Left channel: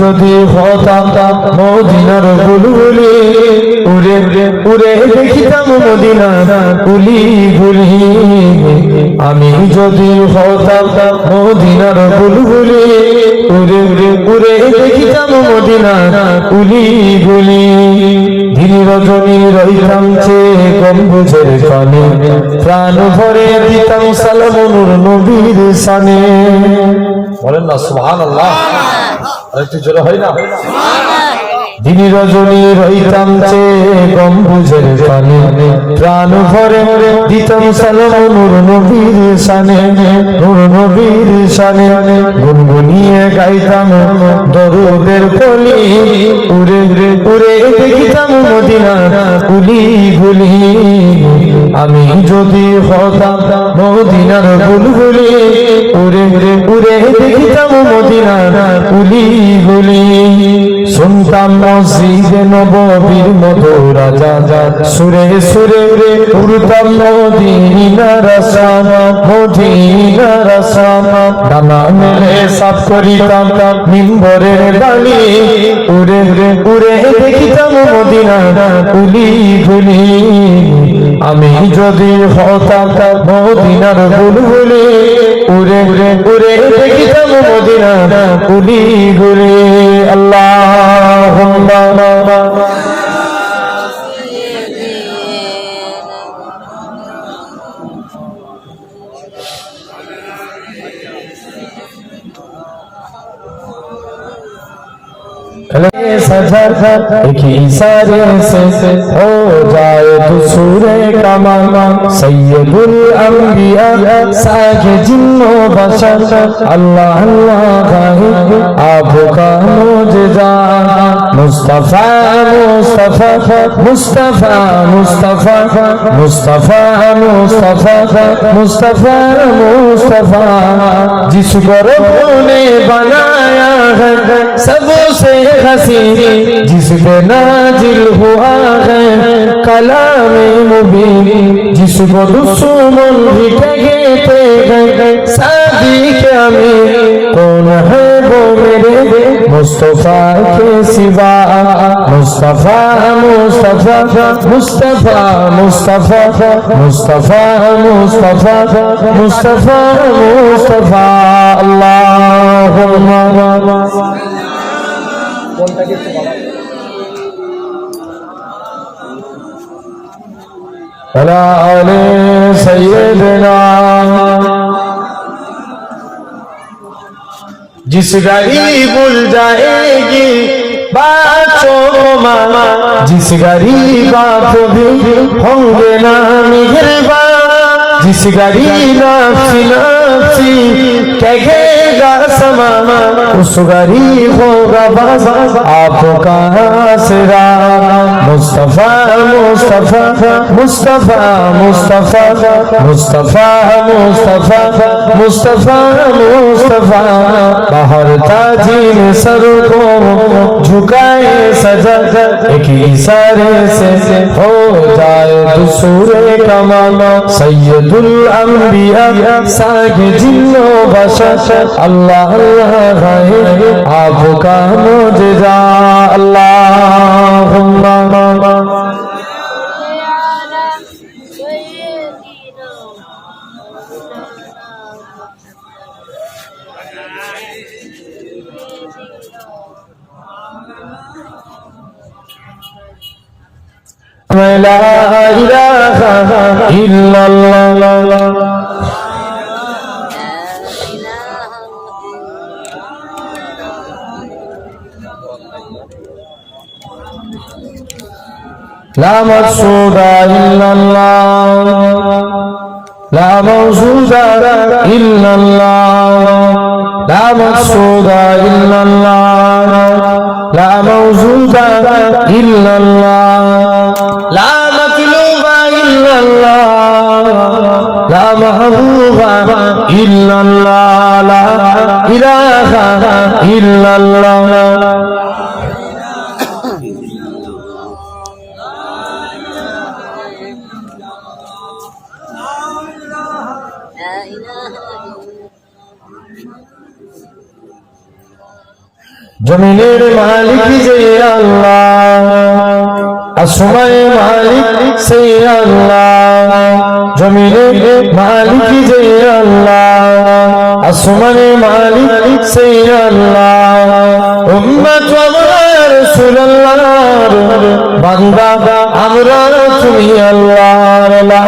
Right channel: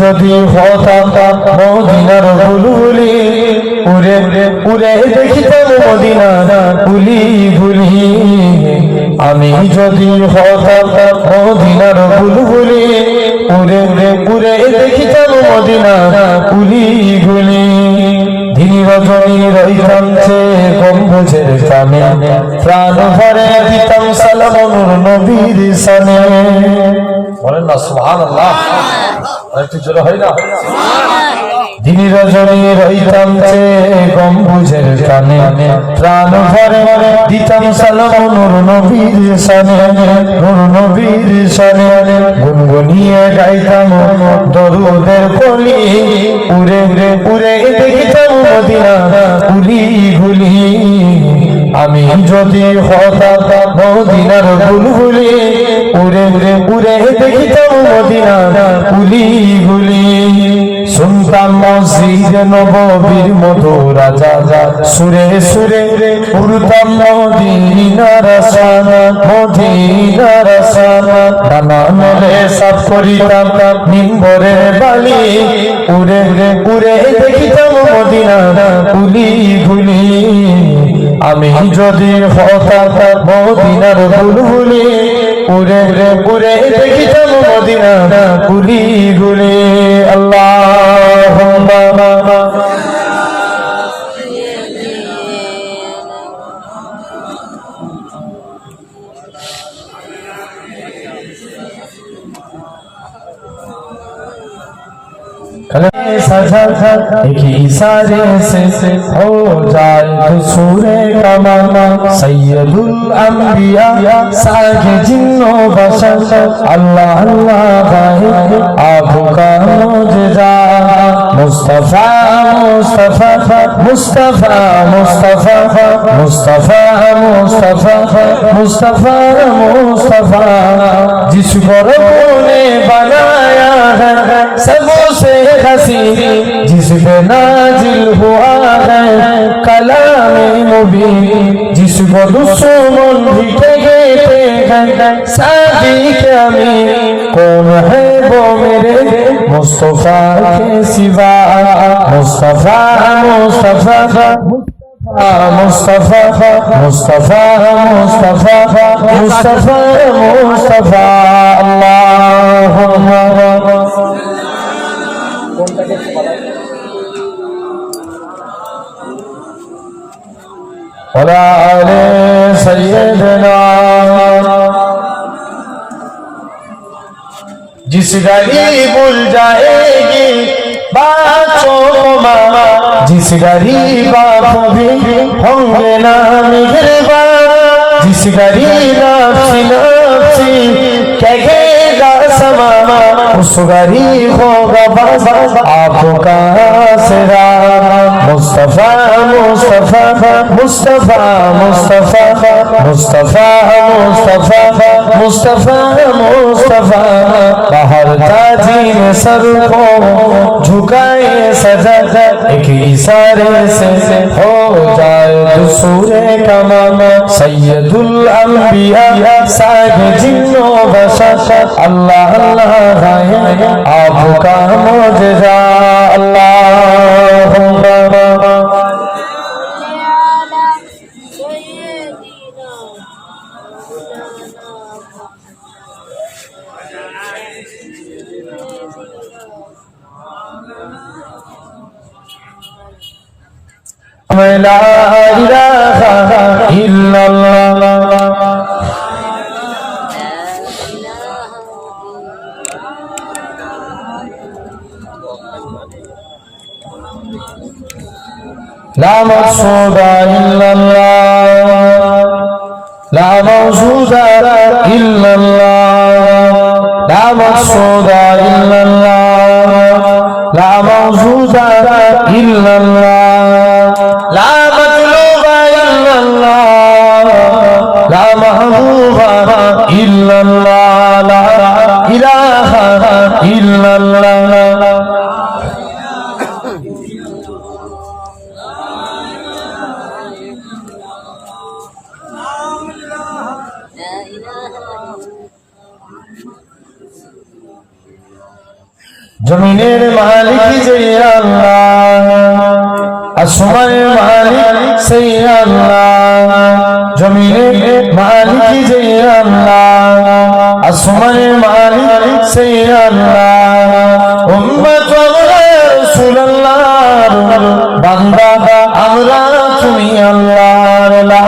যদি হতাম মদিনার বুলবুলি উড়ে উড়ে দেখিতাম মদিনা গুলি গুলি আমি যদি হতাম মদিনার বুলবুলি উড়ে উড়ে দেখিতাম মদিনা গুলি গুলি দিন রজনী রইতাম চেয়ে গম্বুজের কানে প্রাণ ভরে দিতাম সালাম নবীর সানে বলেন না সুবহানাল্লাহ একটু জোরে হয় না দিন রজনী রইতাম চেয়ে গম্বুজের কানে প্রাণ ভরে দিতাম সালাম নবীর সানে নবীর সানে গুনগুনিয়ে গাইতাম দরুদের কলি উড়ে উড়ে দেখিতাম মদিনা গুলি গুলি আমি যদি হতাম মদিনার বুলবুলি উড়ে উড়ে উড়ে দেখিতাম মদিনা গুলি গুলি শুনতাম মসজিদ নববীর মধুর রাজা সুরে সুরে উড়তাম মদিনার আসানা মদিনার আসানা নানা মেলে সাফ করিতাম মিম্বরের বাণী উড়ে উড়ে দেখিতাম মদিনা গুলি গুলি আমি যদি হতাম মদিনার বুলবুলি উড়ে উড়ে দেখিতাম মদিনা গুলি গুলি আল্লাহুম্মা सजा एक इशारे से हो जाए तू सूरे कमाना सैयदुल अंबिया सागे जिन्नो बशर अल्लाह अल्लाह आपका मोजजा मुस्तफा मुस्तफा मुस्तफा मुस्तफा मुस्तफा मुस्तफा मुस्तफा मुस्तफा जिसको रब ने बनाया है सबसे हसीन जिसपे नाजिल हुआ है कलाम मुबीन जिसको दुश्मन भी कहते हैं सादिक अमीन कौन है वो मेरे मुस्तफा के सिवा मुस्तफा मुस्तफा मुस्तफा मुस्तफा मुस्तफा मुस्तफा मुस्तफा मुस्तफा अल्लाहुम्मा अला आले सैयदना जिस घड़ी भूल जाएगी बातों को मामा जिस घड़ी बाप भी होंगे ना मेहरबान जिस घड़ी नफ्सी नफ्सी कहेगा समामा उस घड़ी होगा बस आपका आसरा मुस्तफा मुस्तफा मुस्तफा मुस्तफा मुस्तफा मुस्तफा मुस्तफा मुस्तफा बाहर ताजीर सर को झुकाए सजा एक इशारे से हो जाए दूसरे का मामा सैयदुल अंबिया सागे जिन्नो बशर अल्लाह अल्लाह है आपका मोजजा अल्लाहुम्मा لا إله إلا الله لا مقصود إلا الله لا موجود إلا الله لا مقصود إلا الله لا موجود إلا الله لا مطلوب إلا الله لا محبوب إلا الله لا إله إلا الله জমিনের মালিক যে আল্লাহ, আসমানের মালিক সেই আল্লাহ। জমিনের মালিক যে আল্লাহ, আসমানের মালিক সেই আল্লাহ। উম্মত আমরা রাসূলুল্লাহর বান্দা, আমরা তুমি আল্লাহর লা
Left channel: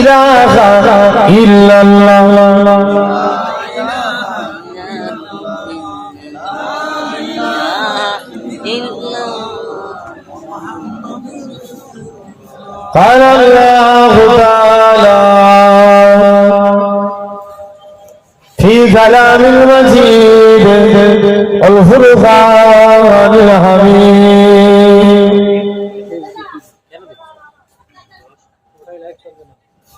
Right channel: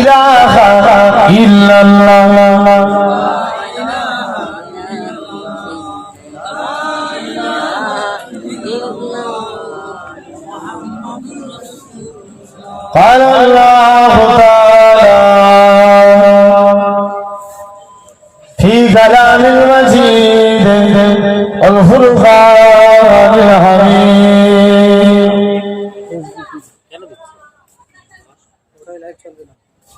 ইলাহা ইল্লাল্লাহ। قال الله تعالى في كلام المجيد الفرقان الحميد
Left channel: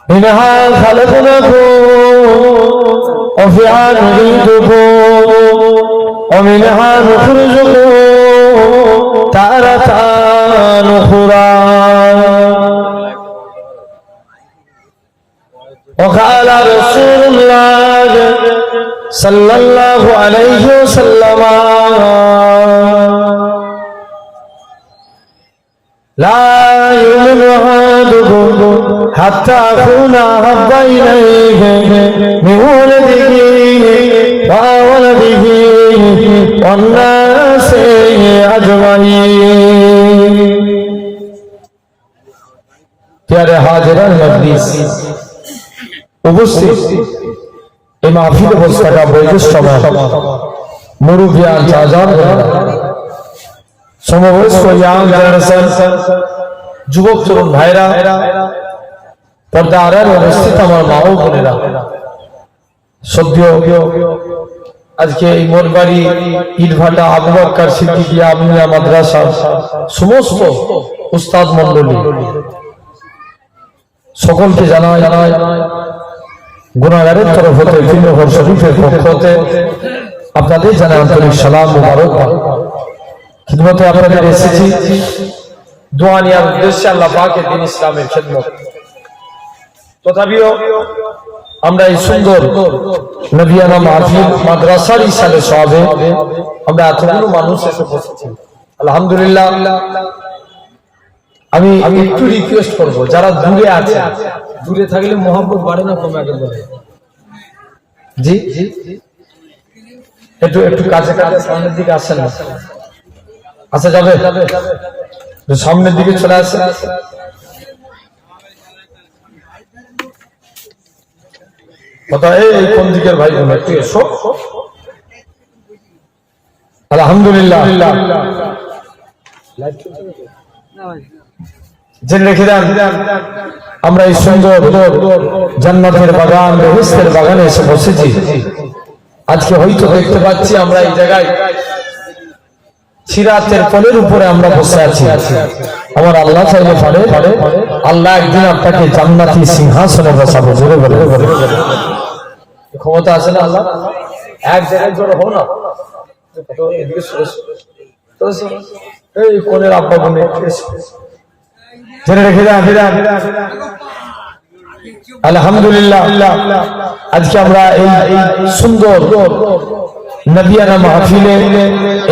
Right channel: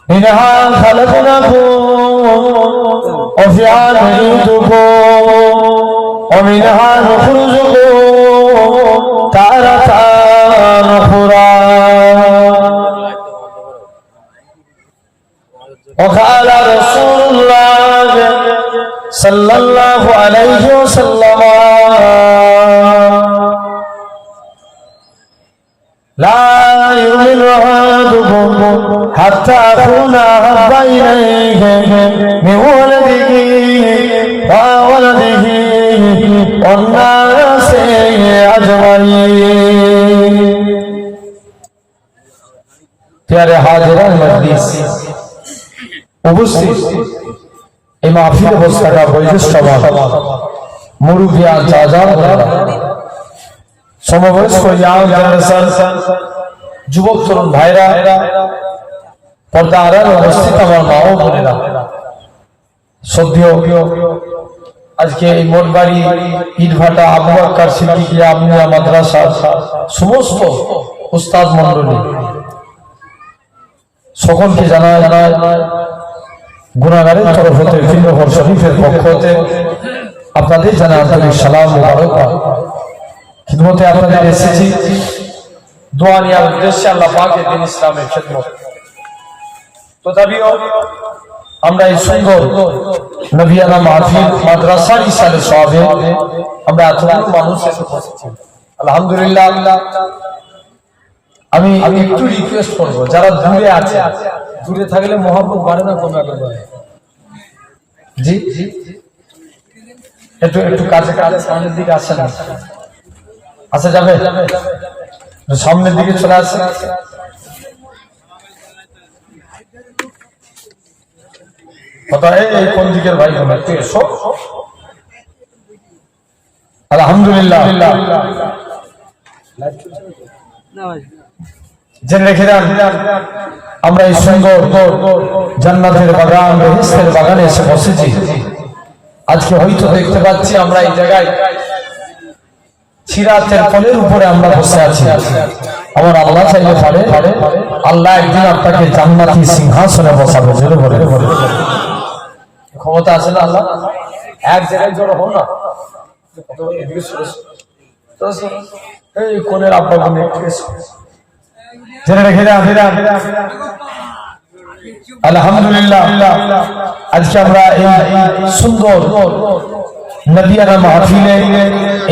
منها خلقناكم وفيها نعيدكم ومنها نخرجكم تارة أخرى وقال رسول الله صلى الله عليه وسلم لا يؤمن أحدكم حتى أكون أحب إليه من ولده وولده والناس أجمعين। प्यारे हाजिरान मजलिस, উপস্থিত এই মাহফিলে বসে থাকা বয়োজ্যেষ্ঠ মুরুব্বিয়ান চাচার সমবয়স্ক ইয়াং জেনারেশন যুবক তরুণ ভাইরা, পর্দা আড়ালে উপস্থিত আমার মা ও বোনেরা, সদ্য আজকে এই মনবাড়ি ইটভাটা আবু বকর সিদ্দিকী আমিনিয়া মাদ্রাসা সমস্ত উস্তাদ মণ্ডলী সকলকে জানায় গুনাহগারের তরফ হতে ফিল্মঘর শরীফের পক্ষ হতে আপনাদের জানাই আন্তরিক সালাম মুবারক। খিদমতে আপনাদের এসেছি দোয়া নেওয়ার উদ্দেশ্যে, আল্লাহ পাকের দ্বীন ইসলামের খিদমত। তথাপিও আমরা এই সুন্দর নবিয়ানা মাহফিল মাদ্রাসার ইশারে সবে আমরা এতগুলো মানুষ এসে বসেছি, আলহামদুলিল্লাহ। আমি একটু রিকোয়েস্ট করবো, যারা দূরে আছে, দূরে থাকলে মহব্বত বাড়ে না কমে, আগে বলে জি একটু একটু কাছে কাছে সামনের দিকে আসেন, আসা যাবে? সামনের দিকে চলে আসেন। এই কোন দিকের ভাই বোন একটু এসো। আলহামদুলিল্লাহ, জেনে রেখে দেন আমরা এই সুন্দর জান্নাতের বাগান, বেহেশতের বাগানে এসে বসেছি। আজকে হয়তো দেখতে পাচ্ছি আমরা এই জায়গায় সিরাতের কোলের উপরে আমরা বসে আছি। আমার আল্লাহ চাইলে পারে আল্লাহ একদিন আপনাকে জান্নাতি সিংহাসনে বসাবো, জোরে বলে ক্ষমতা আছে না আল্লাহ? এক জায়গায় জোর হো না, এই কোলের আব্বা বোনে জেনে রেখে দেন। আলহামদুলিল্লাহ, আজকে আমরা এই সুন্দর নবিয়ানা মাহফিলে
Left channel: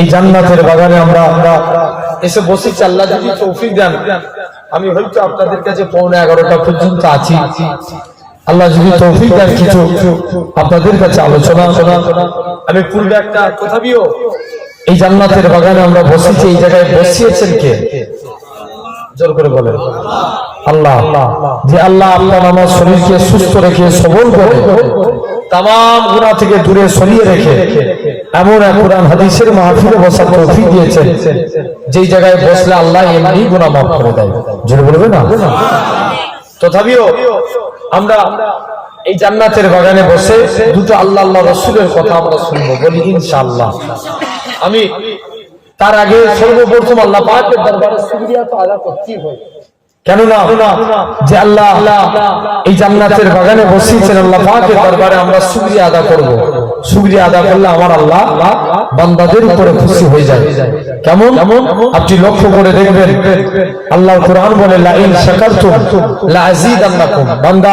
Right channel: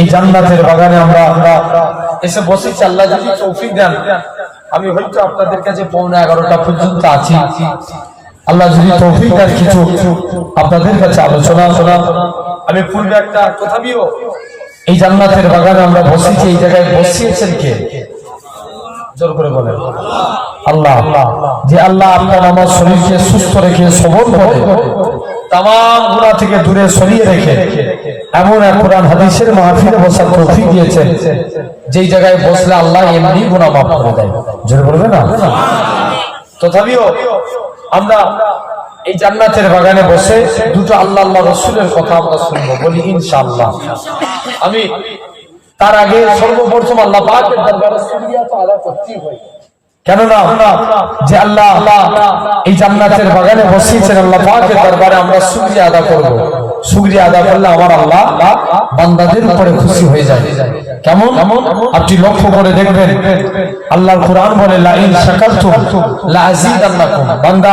এই জান্নাতের বাগানে আমরা এসে বসেছি। আল্লাহ যদি তৌফিক দেন, আমি হয়তো আপনাদের কাছে 11:15 পর্যন্ত আছি। আল্লাহ যদি তৌফিক দেন কিছু আপনাদের কাছে আলোচনা আমি পূর্বে একটা তথাপিও এই জান্নাতের বাগানে আমরা বসেছি। এই জায়গায় বসিয়েছেন কে? জোর করে বলেন আল্লাহ। যে আল্লাহ আপনার আমার শরীরকে সুস্থ রেখে সবল করে তামাম গুনাহ থেকে দূরে সরিয়ে রেখে এমন এক কোরআন হাদিসের মাহফিলে বসার তৌফিক দিয়েছেন, যেই জায়গায় বসলে আল্লাহ এমনি গুনাহ মাফ করে দেয়। জোরে বলবেন না? তথাপিও আমরা এই জান্নাতের বাগানে বসে দুটো আল্লাহ আল্লাহ রাসূলের কথা আমরা শুনবো, বলি ইনশাআল্লাহ। আমি তার আগে সর্বপ্রথম আল্লাহ পাকের দরবারে শুকরিয়া তো আদা করতেই হয়, কেননা যে আল্লাহ এই জান্নাতের বাগানে বসিয়েছেন, আল্লাহ পাকের দরবারে আমরা শুকরিয়া আদা করব। শুকরিয়া আদা করলে আমার আল্লাহ বান্দাদের উপরে খুশি হয়ে যায়। কেমন? আপনি লক্ষ্য করে দেখবেন আল্লাহর কোরআন বলে লা ইন শাকারতুম লা আযীদান্নাকুম, বান্দা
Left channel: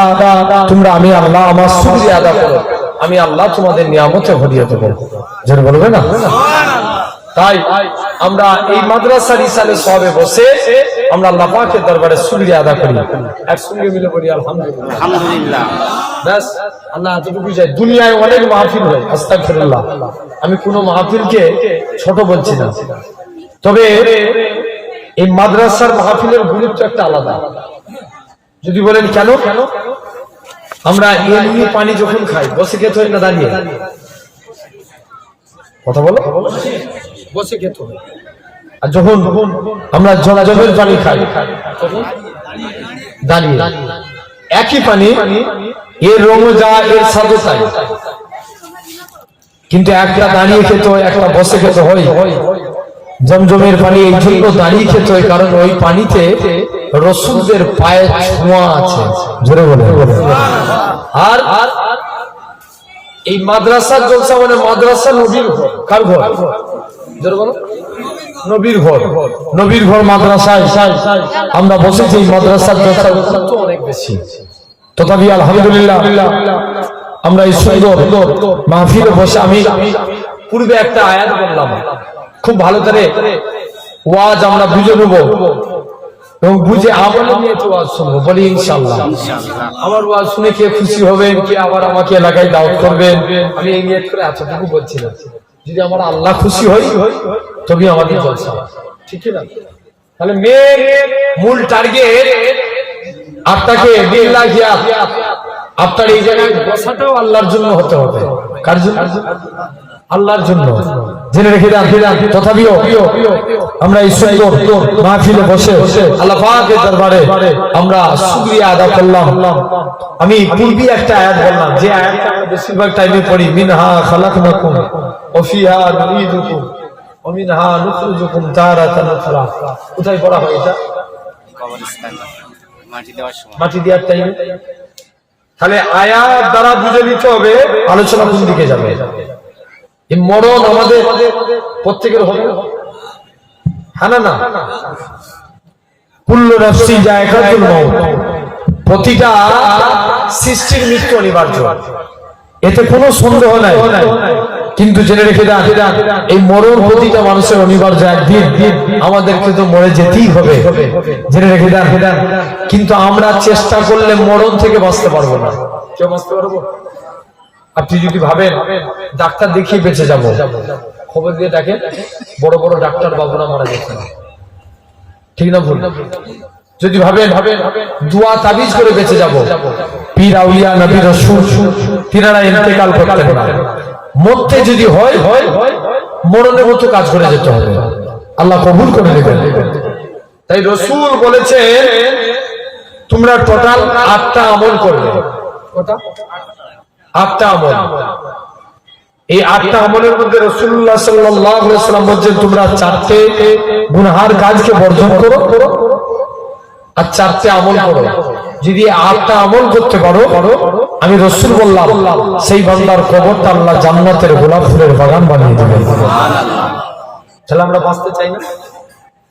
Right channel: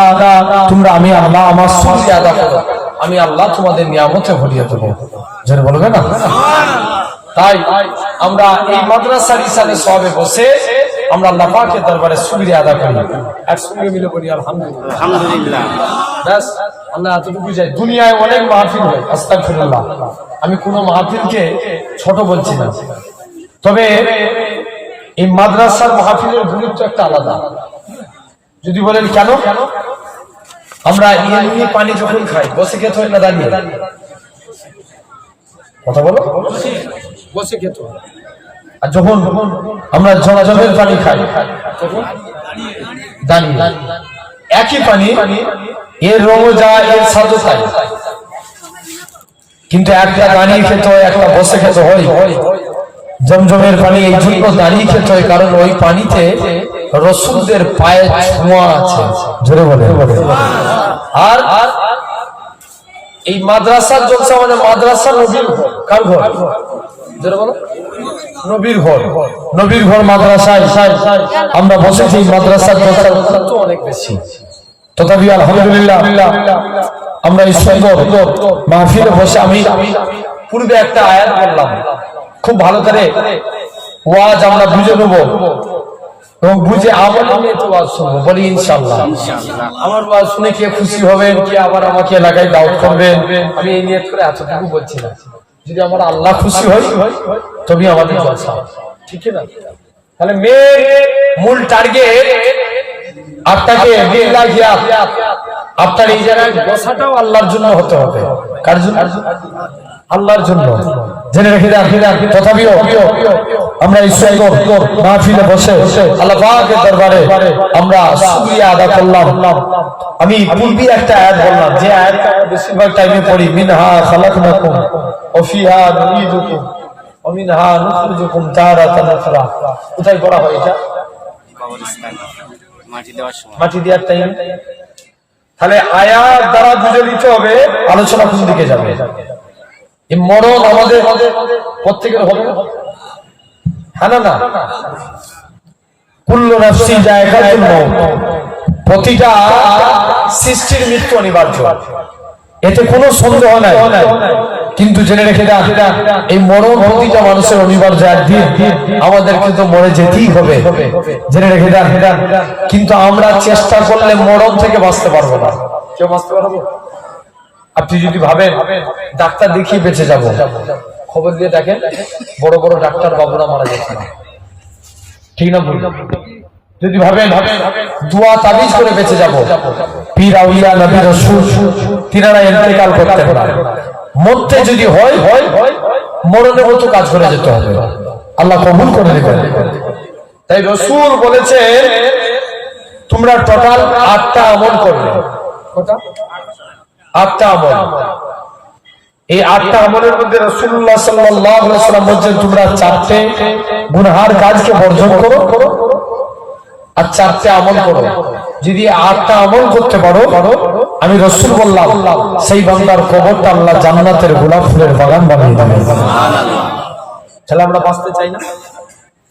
তোমরা আমি আল্লাহ আমার শুকরিয়া আদা করো, আমি আল্লাহ তোমাদের নিয়ামতে ভরিয়ে দেব। জোরে বলবেন না? তাই আমরা এই মাদ্রাসার ইসালে সবে বসে আমরা আল্লাহ পাকের দরবারে শুকরিয়া আদা করি, একসঙ্গে মিলে বলি আলহামদুলিল্লাহ। আলহামদুলিল্লাহ। ব্যাস আল্লাহ এতটুকু যায়। দুনিয়ায় অনেক মাহফিল হয়, আস্তাগফিরুল্লাহ, আমি কোনো মাহফিলকে ছোট বলছি না, তবে এই মাদ্রাসার মাহফিলের গুরুত্ব একটা আলাদা। যদি বলেন কেন, আমরা এমনি পানি যখন খাই বসে খেতে হয় না দাঁড়িয়ে? কথা বলো, বসে খেতে হয়। আর যখন আমরা জলের পানি খাই তখন দাঁড়িয়ে। একই পানি, এর রঙও যা, এর স্বাদও তাই, কিন্তু একটা দাঁড়িয়ে খেতে হয়, একটা বসে খেতে হয়। জমজমের পানি এই জন্য দাঁড়িয়ে খেতে হয় কারণ ওই পানিতে রসুলদের পায়ের ছোঁয়া আছে, জোরে বলে। আর এই মাদ্রাসার জলসা মানে মাদ্রাসা নবীর ঘর। কার ঘর? জোরে বলো। নবীর ঘর, নবীর ঘর মাদ্রাসায় আমরা বসেছি। মাদ্রাসার জলসা তো অনেক বেশি, তথাপি আলহামদুলিল্লাহ আমরা এই সুন্দর মাহফিলে বসে, আমি পূর্বে একটা আয়াত বললাম, খুব ভালো করে ওয়াজ আমরা বুঝে নেব এবং বুঝে আমল নিয়ে তো ওয়াজ শুনবো, বলি ইনশাআল্লাহ। আমার ওয়াজ শুনে কে খুশি হবেন, কে আবার আমাকে এলাকায় দাওয়াত করবেন, আমি এই নিয়ে করে এতটুকু বলছি না। যদি আমরা আল্লাহ খুশি হই তবে আমাদের জলসা, ঠিক না? তাহলে মূল টার্গেট আপনাকে আপনার এই জায়গায় বসাটাও আল্লাহর জন্য হতে হবে। কার জন্য? আল্লাহর জন্য। জেনে রেখে দেন। তথাপিও আমরা এই সুন্দর মাহফিলে বসে আল্লাহ পাকের দরবারে আমরা শুকরিয়া আদা করলাম। আমি পূর্বে একটা আয়াত বললাম, যে আয়াতটা আমরা বেশিরভাগ টাইমে পড়ি, মিনহা খালাকনাকুম ওয়া ফিহা নুঈদুকুম ওয়া মিনহা নুখরিজুকুম তারাতান উখরা। কোথায় পড়া হয় এটা? কবরস্থান, মাটি দেওয়ার সময়, মাটি দেওয়ার টাইমে। তাহলে আয়াত দ্বারা বুঝে নিতে হবে আলোচনা কোন দিকে যাবে। এই মরণ আমাদের প্রত্যেকের হবে, হ্যাঁ না? কুল্লু নাফসিন যায়কাতুল মাউত, প্রতিটা সৃষ্টির মৃত্যু অনিবার্য, এতে কোনো সন্দেহ নাই। কিন্তু জেনে রেখে দেন, এই মরণ প্রতিটা মানুষের অনিবার্য, একদিন আমাদেরকে তো মরে যেতেই হবে, জেনে রেখে দেন। কিন্তু আমরা চেষ্টা করলে মরণ থেকে বাঁচতে পারবো না। কেউ বাঁচতে পারবো? আপনি যদি ভাবেন ডাক্তার দেখিয়ে বেঁচে যাবো, খবর দিয়ে দেখেন বড় বড় ডাক্তার বাবুরা মারা যাচ্ছে, ঠিক না ভুল? যদি ভাবেন দোয়া তাবিজ করে বেঁচে যাবো, পীর আউলিয়া নবী রাসূল তিনারা ইন্তেকাল করতে হবে, মরতে যদি হয় মরণের মতো কাজ করে যেতে হবে, আল্লাহ কবুল করে নেবেন। তাই রাসূল বলেছেন তোমরা টোটাল 8টা আমল করবে। কটা? 8টা আমল। এই 8টা আমলের মধ্যে রাসূলুল্লাহ সাল্লাল্লাহু আলাইহি ওয়াসাল্লাম বলেছেন তোমরা 4টে গুনাহের কাজকে বর্জন করো আর 4টে আমল করো। যদি 8টা আমল করতে পারো, আমি রাসূল বললাম সেই বান্দার কবরটা আল্লাহ জান্নাতের গোলাপ ফুলের বাগান বানিয়ে দেবে। সুবহানাল্লাহ। তাহলে আমরা বাঁচতে চাই না?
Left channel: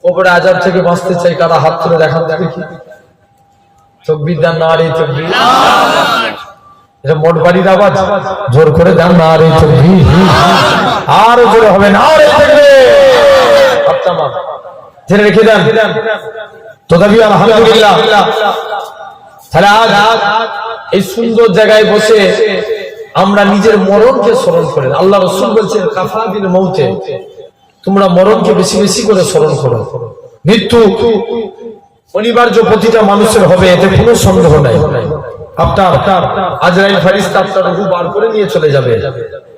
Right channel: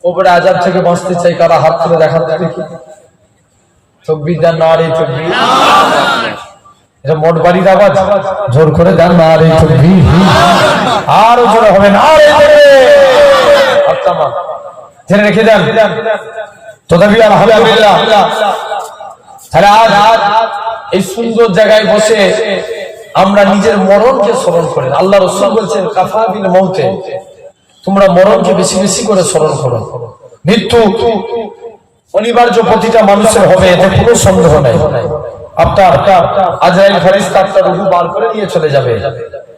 কবরের আযাব থেকে বাঁচতে চাই, কারা হাত তুলে দেখান দেখি। তাকবীর দেন, নারে তাকবীর। এটা মোট বাড়ির আওয়াজ, জোর করে দেন নারে তাকবীর। আরো জোরে হবে নারে তাকবীর। আচ্ছা মা জেনে রেখে দেন। তথাপি আলহামদুলিল্লাহ, তাহলে আজ এই সুন্দর জায়গায় বসে আমরা নিজের মরণকে স্মরণ করি। আল্লাহ রাসূল বলেছেন কাফা বিল মউতে, তোমরা মরণকে বেশি বেশি করে স্মরণ করো। মৃত্যু অনিবার্য, প্রতিটা মানুষের হবে, এতে কোনো সন্দেহ নাই। আপনার আজরাইল ফেরেশতা আপনার রূহ বার করে নিয়ে চলে যাবে।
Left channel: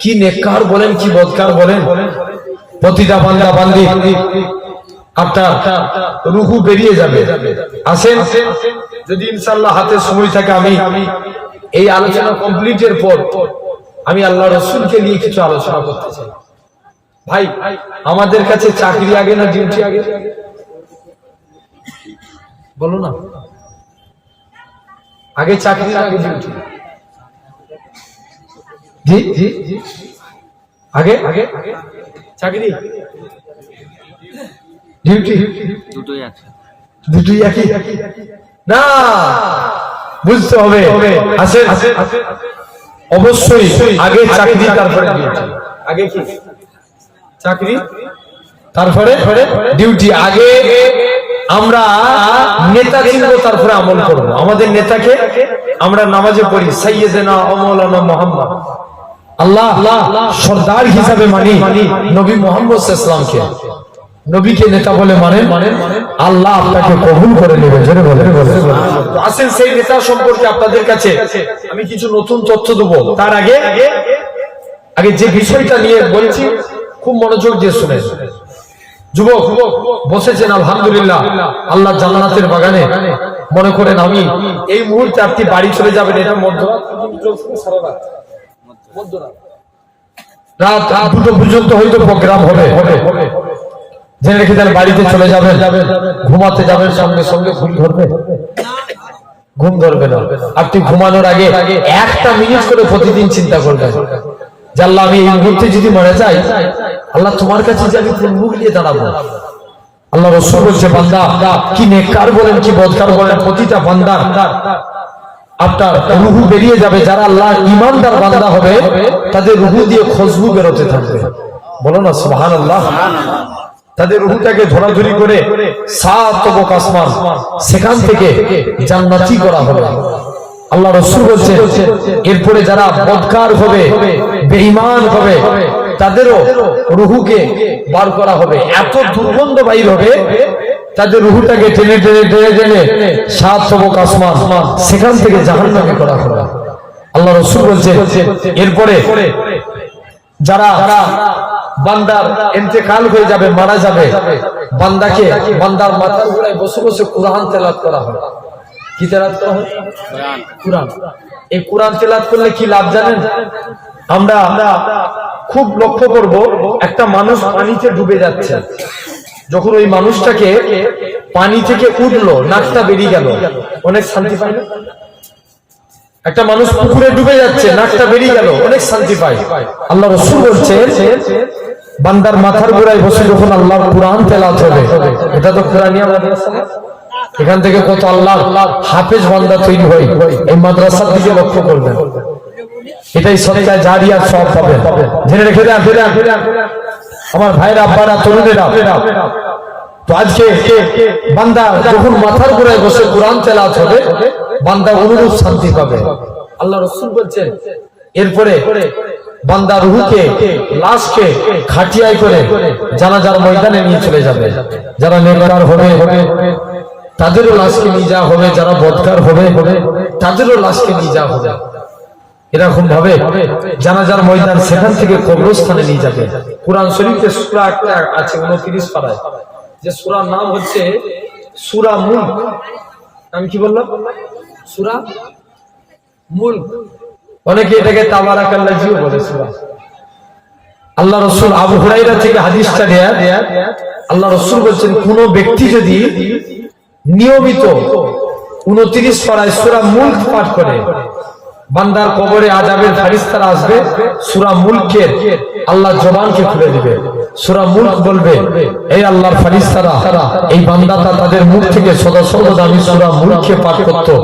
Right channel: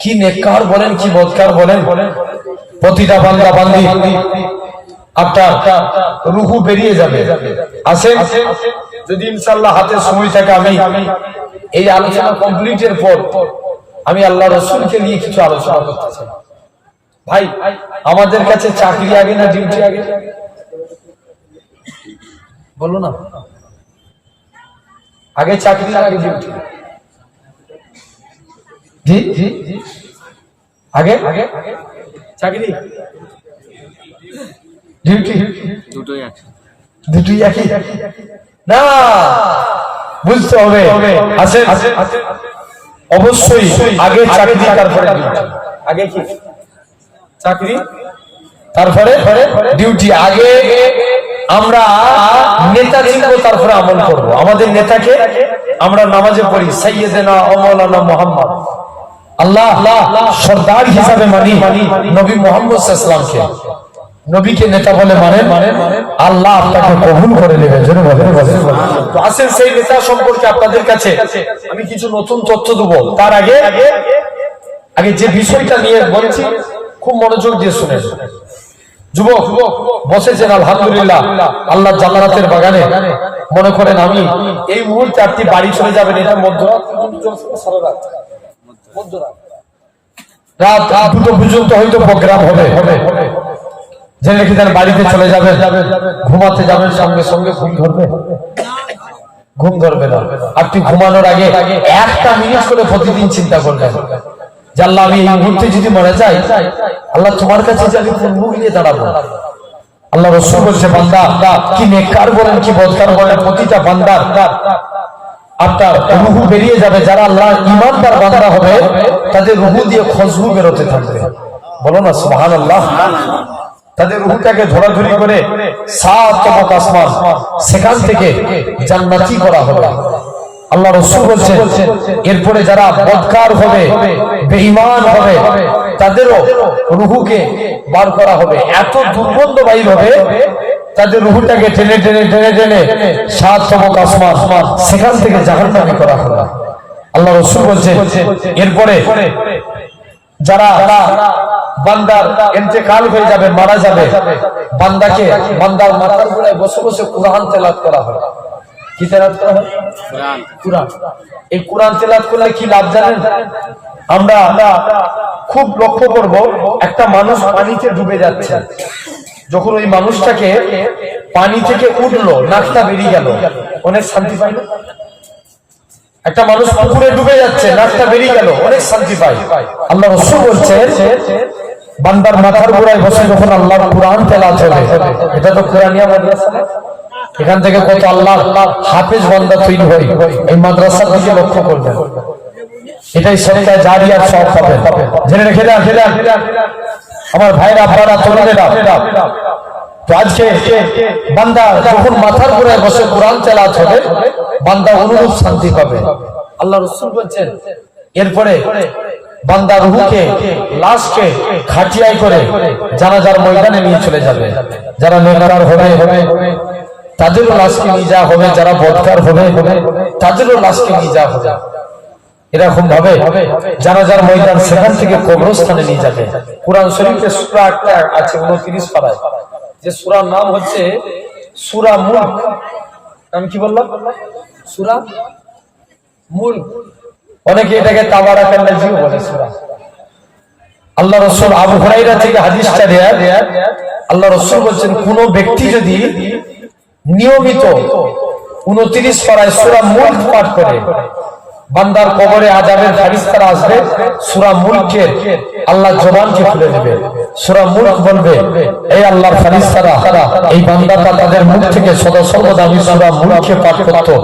কি নেককার বলেন, কি বদকার বলেন, প্রতিটা বান্দা বান্দি আপনার রূহ বেরিয়ে যাবে। আসেন, যদি ইনশাআল্লাহ হাতে সময় থাকে, আমি এই আলোচনা কমপ্লিটের পর আমি আল্লাহ রাসূলকে নিয়ে কিছু আলোচনা করতে চাই। ভাই, আমাদের কাছে চাকরি আগে না ডিউটি আগে? বলো না, আগে চাকরি না আগে ডিউটি? জি জি জি, আগে চাকরি ডিউটি দুটোই আছে। দুটোই একই না, বুঝতে হবে। আসেন, অবশ্যই আগে চাকরি তারপরে ডিউটি। আগে কি চাকরি তারপরে ডিউটি। আগে আমরা নেতা চিনবো, তারপরে আমল করবো। আমাদের নেতাকে আমরা নামাজে পড়ি সাইয়্যিদানা ওয়া মাওলানা মুহাম্মদ, আল্লাহ সরদার হিসাবে মানি নবী মুহাম্মদ সাল্লাল্লাহু আলাইহি ওয়াসাল্লামকে। নবীকে নেতা বলে মানেন, আল্লাহ আপনাকে কবুল করে নেবে। জোরে বলেন। তো আসেন সেই নেতা সম্পর্কে আপনাদের কাছে আমি কিছু নতুন তথ্য দেবো। তার আগে যে বিষয়টা নিয়ে বলছি খুব মনোযোগ দিয়ে শুনেন। যুবক বসেছেন আলহামদুলিল্লাহ আল্লাহ জান্নাতের বাগানে, মনে করেন আমি এই মুহূর্তে আপনি বাড়ি চলে যাবেন, এটা মধ্যরাত রাত 2টা পর্যন্ত হয়তো প্রোগ্রাম হবে, জেনে রেখে দেন। বাড়িতে চলে যাবেন, ঘুমাতে যাবেন, সঙ্গে সঙ্গে ঘুম ধরবে না। আপনি ঘুমানোর আগে 1টা মিনিট করে প্রতিদিন চিন্তা করবেন যে আল্লাহ আমি এই মুহূর্তে যদি মরে যাই, আল্লাহ তোমার কাছে যে আমি মুখ নিয়ে দাঁড়াবো। আল্লাহ রাসূল বলছে বান্দা কি নেককার বলেন কি বদকার বলেন, প্রতিটা বান্দা আপনার রূহ বেরিয়ে যাবে। যারা আল্লাহর ঈমানদার বান্দা হবে তাদের রূহ দিয়ে খুশবু বেরোতে থাকবে। বলো না সুবহানাল্লাহ। তাদের রূহটাকে ধরাধরি করে 7 তবক আসমান, সেখান থেকে জান্নাতি করা হবে। আল্লাহ রাসূল বলছেন এরপরে যারা বদকার হবে, বেঈমান হবে, তাদেরও রূহকে বার করা হবে। এত দুর্গন্ধ বাইর হবে, তাদের রূহটাকে টেনে টেনে টেনে টেনে 7 তবক আসমান, সেখান থেকে জাহান্নামে করা হবে। আল্লাহ রাসূল বলছেন এরপরে যারা বান্দা ইন্তেকাল হয়ে যাবে, মারা যাবে, বান্দার মাথার গোড়ায় বসে বসে কোরআন তেলাওয়াত করা হয়। কি তেলাওয়াত করা হয়? কোরআন। এই কোরআন তেলাওয়াত করলে কি লাভ জানেন? আমরা খুব লক্ষ্য করব, একটা মানুষ পানিতে ডুবে যাচ্ছে, যখন ওই মানুষটাকে পানি থেকে উঠলো, নাকটা বেরিয়ে গেল, অনেক শান্তি পায় না? একটা মানুষ পুকুরে ডুবে যাচ্ছে, নাকটা বেরিয়ে গেল, অনেক শান্তি পায়। আল্লাহ রাসূল বলছেন বান্দার মাথার গোড়ায় বসে যখন আল্লাহর কোরআন তেলাওয়াত হবে, এটা তো কোরআনিয়া মাদ্রাসা, এখান থেকে কত আল্লাহ হাফেজ বান্দা তৈরি হয়। এই মাদ্রাসার দিকে লক্ষ্য করবেন, এটাই সদকা জারিয়ার সওয়াব পাবে। জেনে রেখে দেন আমার ভাইরা, আব্বারা, তরুণেরা। তো আজকে বান্দা যখন মাথার গোড়ায় বসে কোরআন তেলাওয়াত হবে, বান্দা অনুরূপ শান্তি পাবে। আল্লাহ রাসূল বলছেন এরপরে বান্দা রূহকে, লাশকে খাটিয়ায় করে জানাজার ময়দানে নিয়ে চলে যাবে। যারা নেককার হবে তাদেরও লাশকে নিয়ে যাওয়া হবে, যারা বদকার হবে তাদেরও লাশকে নিয়ে যাওয়া হবে। এরকম ভাবে জানাজার ময়দান, সেখান থেকে কবরস্থানে নিয়ে যাবে। কোরআন শরীফে সূরা একটা আছে 29 পারায়, যে সূরার নাম হচ্ছে সূরা মুলক। নাম কি বললাম? সূরা মুলক। অনেকে এটাকে তাবারাকাল্লাযীও বলে সূরা। আল্লাহ রাসূল আবু হুরায়রা থেকে হাদিসটা রিওয়ায়াত, আল্লাহ রাসূল বলেন কোন ব্যক্তি যদি নিয়মিত 29 পারায় সূরা মুলক পাঠ করে, বান্দার কবরে আযাবের ফেরেশতারা আসবে, সূরা মুলকের আল্লাহ জবানকে খুলে দেবে। সূরা মুলক বলবে, এই আল্লাহর ফেরেশতারা এই বান্দাটা তাদের মুখ থেকে সদা সর্বদা আমি সূরা মুলকে পাঠ করতো,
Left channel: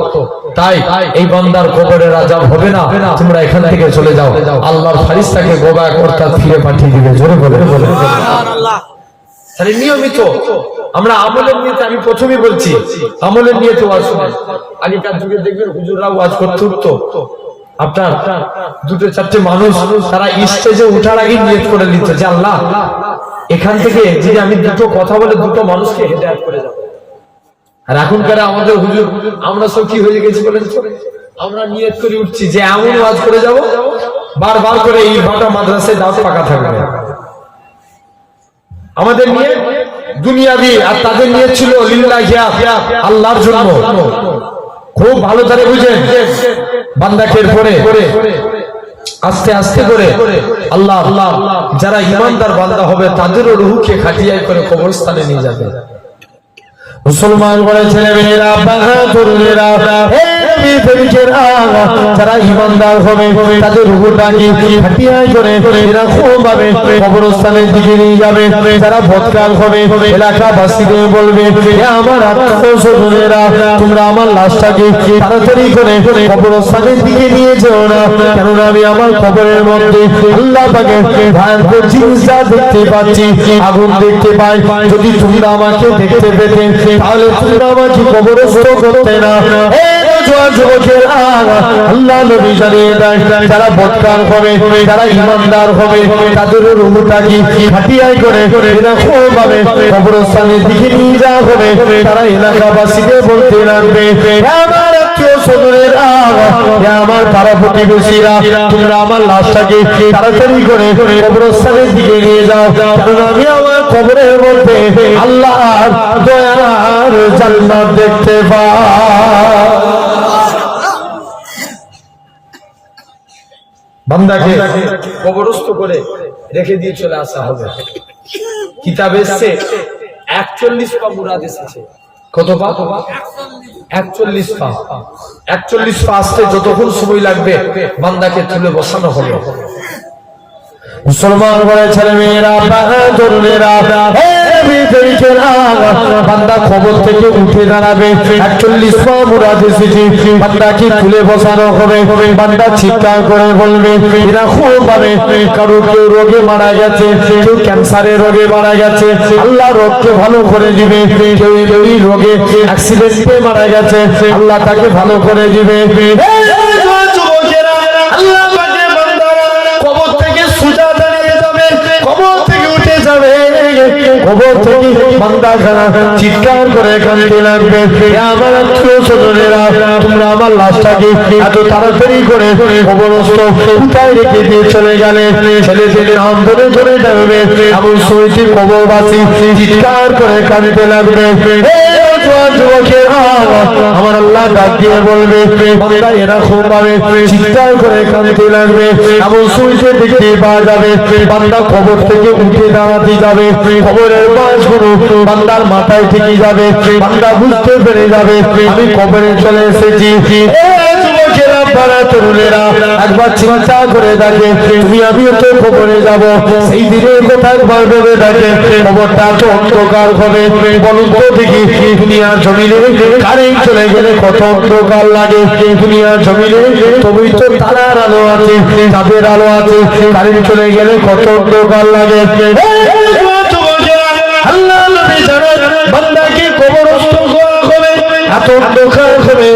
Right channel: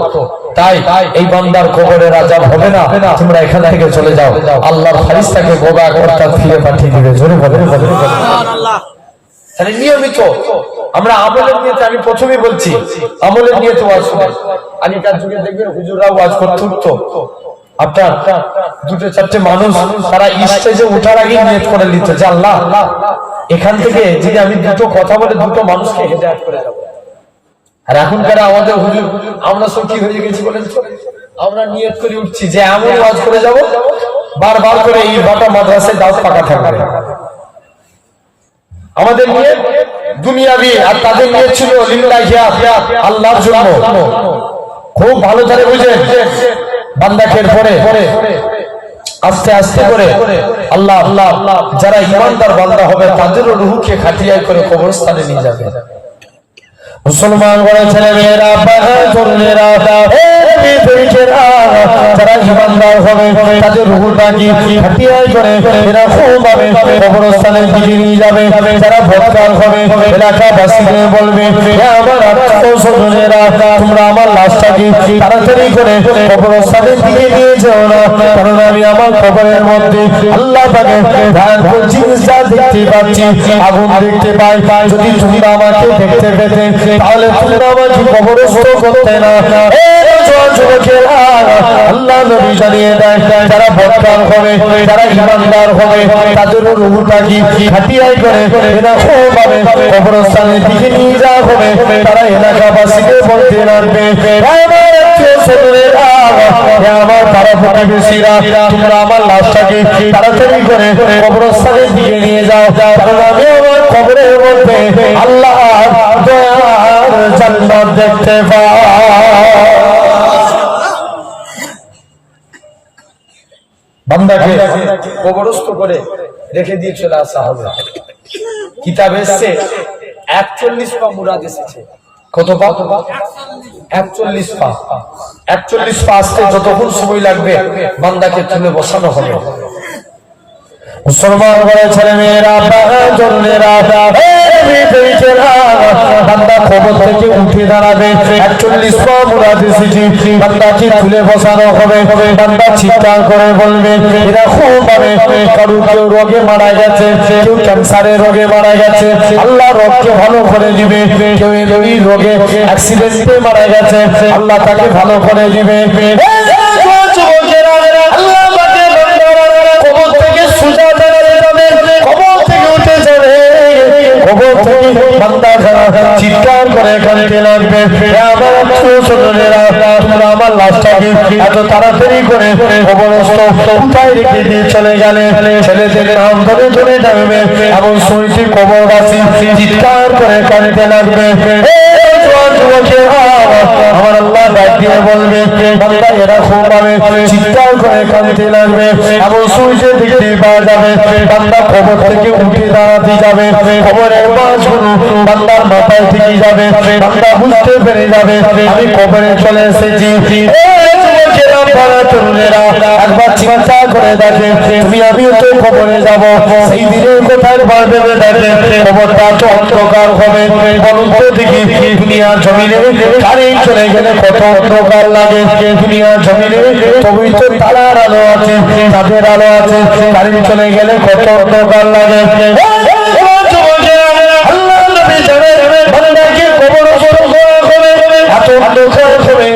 তাই এই বান্দার কবরের আযাব হবে না, তোমরা এখান থেকে চলে যাও। আল্লাহর ফেরেশতাকে বোবা করতে ফিরে পাঠিয়ে দিবে। জোরে বলেন সুবহানাল্লাহ। তাহলে নিয়মিত আমরা আমলের নিয়তে, আমি প্রথমেই বলছি আমলের নিয়তে ওয়াজ শুনেন। আগেকার যুগে দেখবেন হুজুররা ওয়াজ করতে উঠতো, আপনার 2-4টে মানুষ তারা স্টেজে উঠার আগে নিয়ত করে নিত যে আল্লাহ এখান থেকে যদি আমি 2টো কথা বলে 2টো মানুষকে হেদায়েত করে যাব। আর এখনকার আমাদের হুজুর আমরা সব কি হয়ে গেছি বলেন, আমরা নিয়ত করে উঠছি যে এমন ওয়াজ করে যাব, বারবার করে এই বাটা মাদ্রাসায় দাওয়াত পাকা থাকবে। আমাদের নিয়ে দুনিয়াবি, আর তাদের নিয়ে ছিল লিল্লাহি, আল্লাহর জন্য। খুব ভালো করে বুঝেন, বান্দাকে পরে আস্তে আস্তে করে আল্লাহ যারা ঈমানদার বান্দা হবে তাদেরও রূহকে খাটিয়ায় করে কবরস্থানে নিয়ে যাবে। মুসলমান করে ছেলে মেয়েরা, বাবা, ছোটরা, যারা ইমানদার হবে তাদের রূহটাকে হাতিয়ায় করে এরকম ভাবে কবরস্থানের দিকে নিয়ে যাবে। যারা বদকার হবে এলাকাবাসীকে বলবে, হে আমার আত্মীয়-স্বজনেরা, তোমরা আমার লাশটাকে তাড়াতাড়ি করে কবরস্থানের দিকে নিয়ে যাও না, কারণ আমি আমার কবরের মধ্যে আল্লাহ পাকে ভয়ঙ্কর জিনিস দেখতে পাচ্ছি, আগুন দেখতে পাই। যদি তোমরা আমাকে দেখতে পেতে তাহলে তোমরা আমাকে কবরস্থ করতে না। আল্লাহ নবী জানিয়ে দেয়, যারা বদকার হবে, যারা ইমানদার হবে তাদের রূহটাকে হাতিয়ায় করে কবরস্থানের দিকে নিয়ে যাওয়া হবে। তারা এলাকাবাসীকে বলতে লাগবে, আমার আত্মীয়-স্বজনেরা, আমার পাড়া প্রতিবেশীরা, তোমরা আমার লাশটাকে তাড়াতাড়ি করে কবরস্থানের দিকে নিয়ে যাও, কারণ আমি আমার কবরের মধ্যে আল্লাহ দয়ার জান্নাত দেখতে পাই। বান্দাকে কবরস্থ করে রেখে দিয়ে চলে আসা হবে। কিতাব এসছে 41 পা মুরাদ এসেছে। কত পা? 41 পা। 41 পা আসতে যতক্ষণ সময় লাগবে বান্দাকে তুলে বসানো হবে। মুসলমান বলে ছেলে মেয়েরা, জনেরা, বান্দা কবর থেকে উঠে দাঁড়াবে। 41 পা মুরাদ এসেছে, বান্দাকে তুলে বসানো হবে। বান্দা চিৎকার করে বলবে, এরকম ভাবে কারো কারো রোগে মারা গেছে, কেউ ক্যান্সারের রোগে মারা গেছে, আল্লাহ রোগকে ভালো করে দিবে। কেউ এই রোগে অ্যাক্সিডেন্টে মারা গেছে, আল্লাহ তাকে ভালো করে দিবে। আল্লাহ কবর থেকে সোজা বেরিয়ে যাবে, কবর থেকে উঠে যাবে। কবর থেকে বান্দা চিৎকার করে কাঁদতে লাগবে, আমার আত্মীয়-স্বজনেরা, তোমরা আমার লাশটাকে এত তাড়াতাড়ি করে কবরস্থ কোথায় রেখে দিয়ে চলে গেলে। ছেলে ছেলে অন্তরে চলে যাবে, এমন শুনেছি কবরবাসী চিৎকার করে কাঁদতে লাগবে। আমার আল্লাহ ডাক দিয়ে বলবে, বান্দা এরকম ভাবে চিৎকার করে কাঁদতে লাগবে, এমন শুনতে দেখতে পাওয়া যাবে। বান্দা কবর থেকে উঠে দাঁড়াতে যাবে, খবরের মাছগুলো বান্দার মাথায় থেকে যাবে। বান্দা বুঝতে পেরে যাবে আমি কবরে চলে এসেছি। একবার চিন্তা করে দেখে, তুমি আমি তো কবরে যাব, সেই দিনে কোথায় একবার ভেবে দেখে কবরটা তো অন্ধকার হবে। বলুন তো দেখি, দুনিয়ার জমিনে কারেন্ট চলে গেলে কত অন্ধকার লাগে। দুনিয়ার জমিনে তবে তো তারার আলো আছে, তাদের আলো আছে, কারেন্ট চলে গেলে কত অন্ধকার লাগে। আল্লাহ নবী জানেন বান্দাকে কবরস্থ করা হবে, এত অন্ধকার হবে।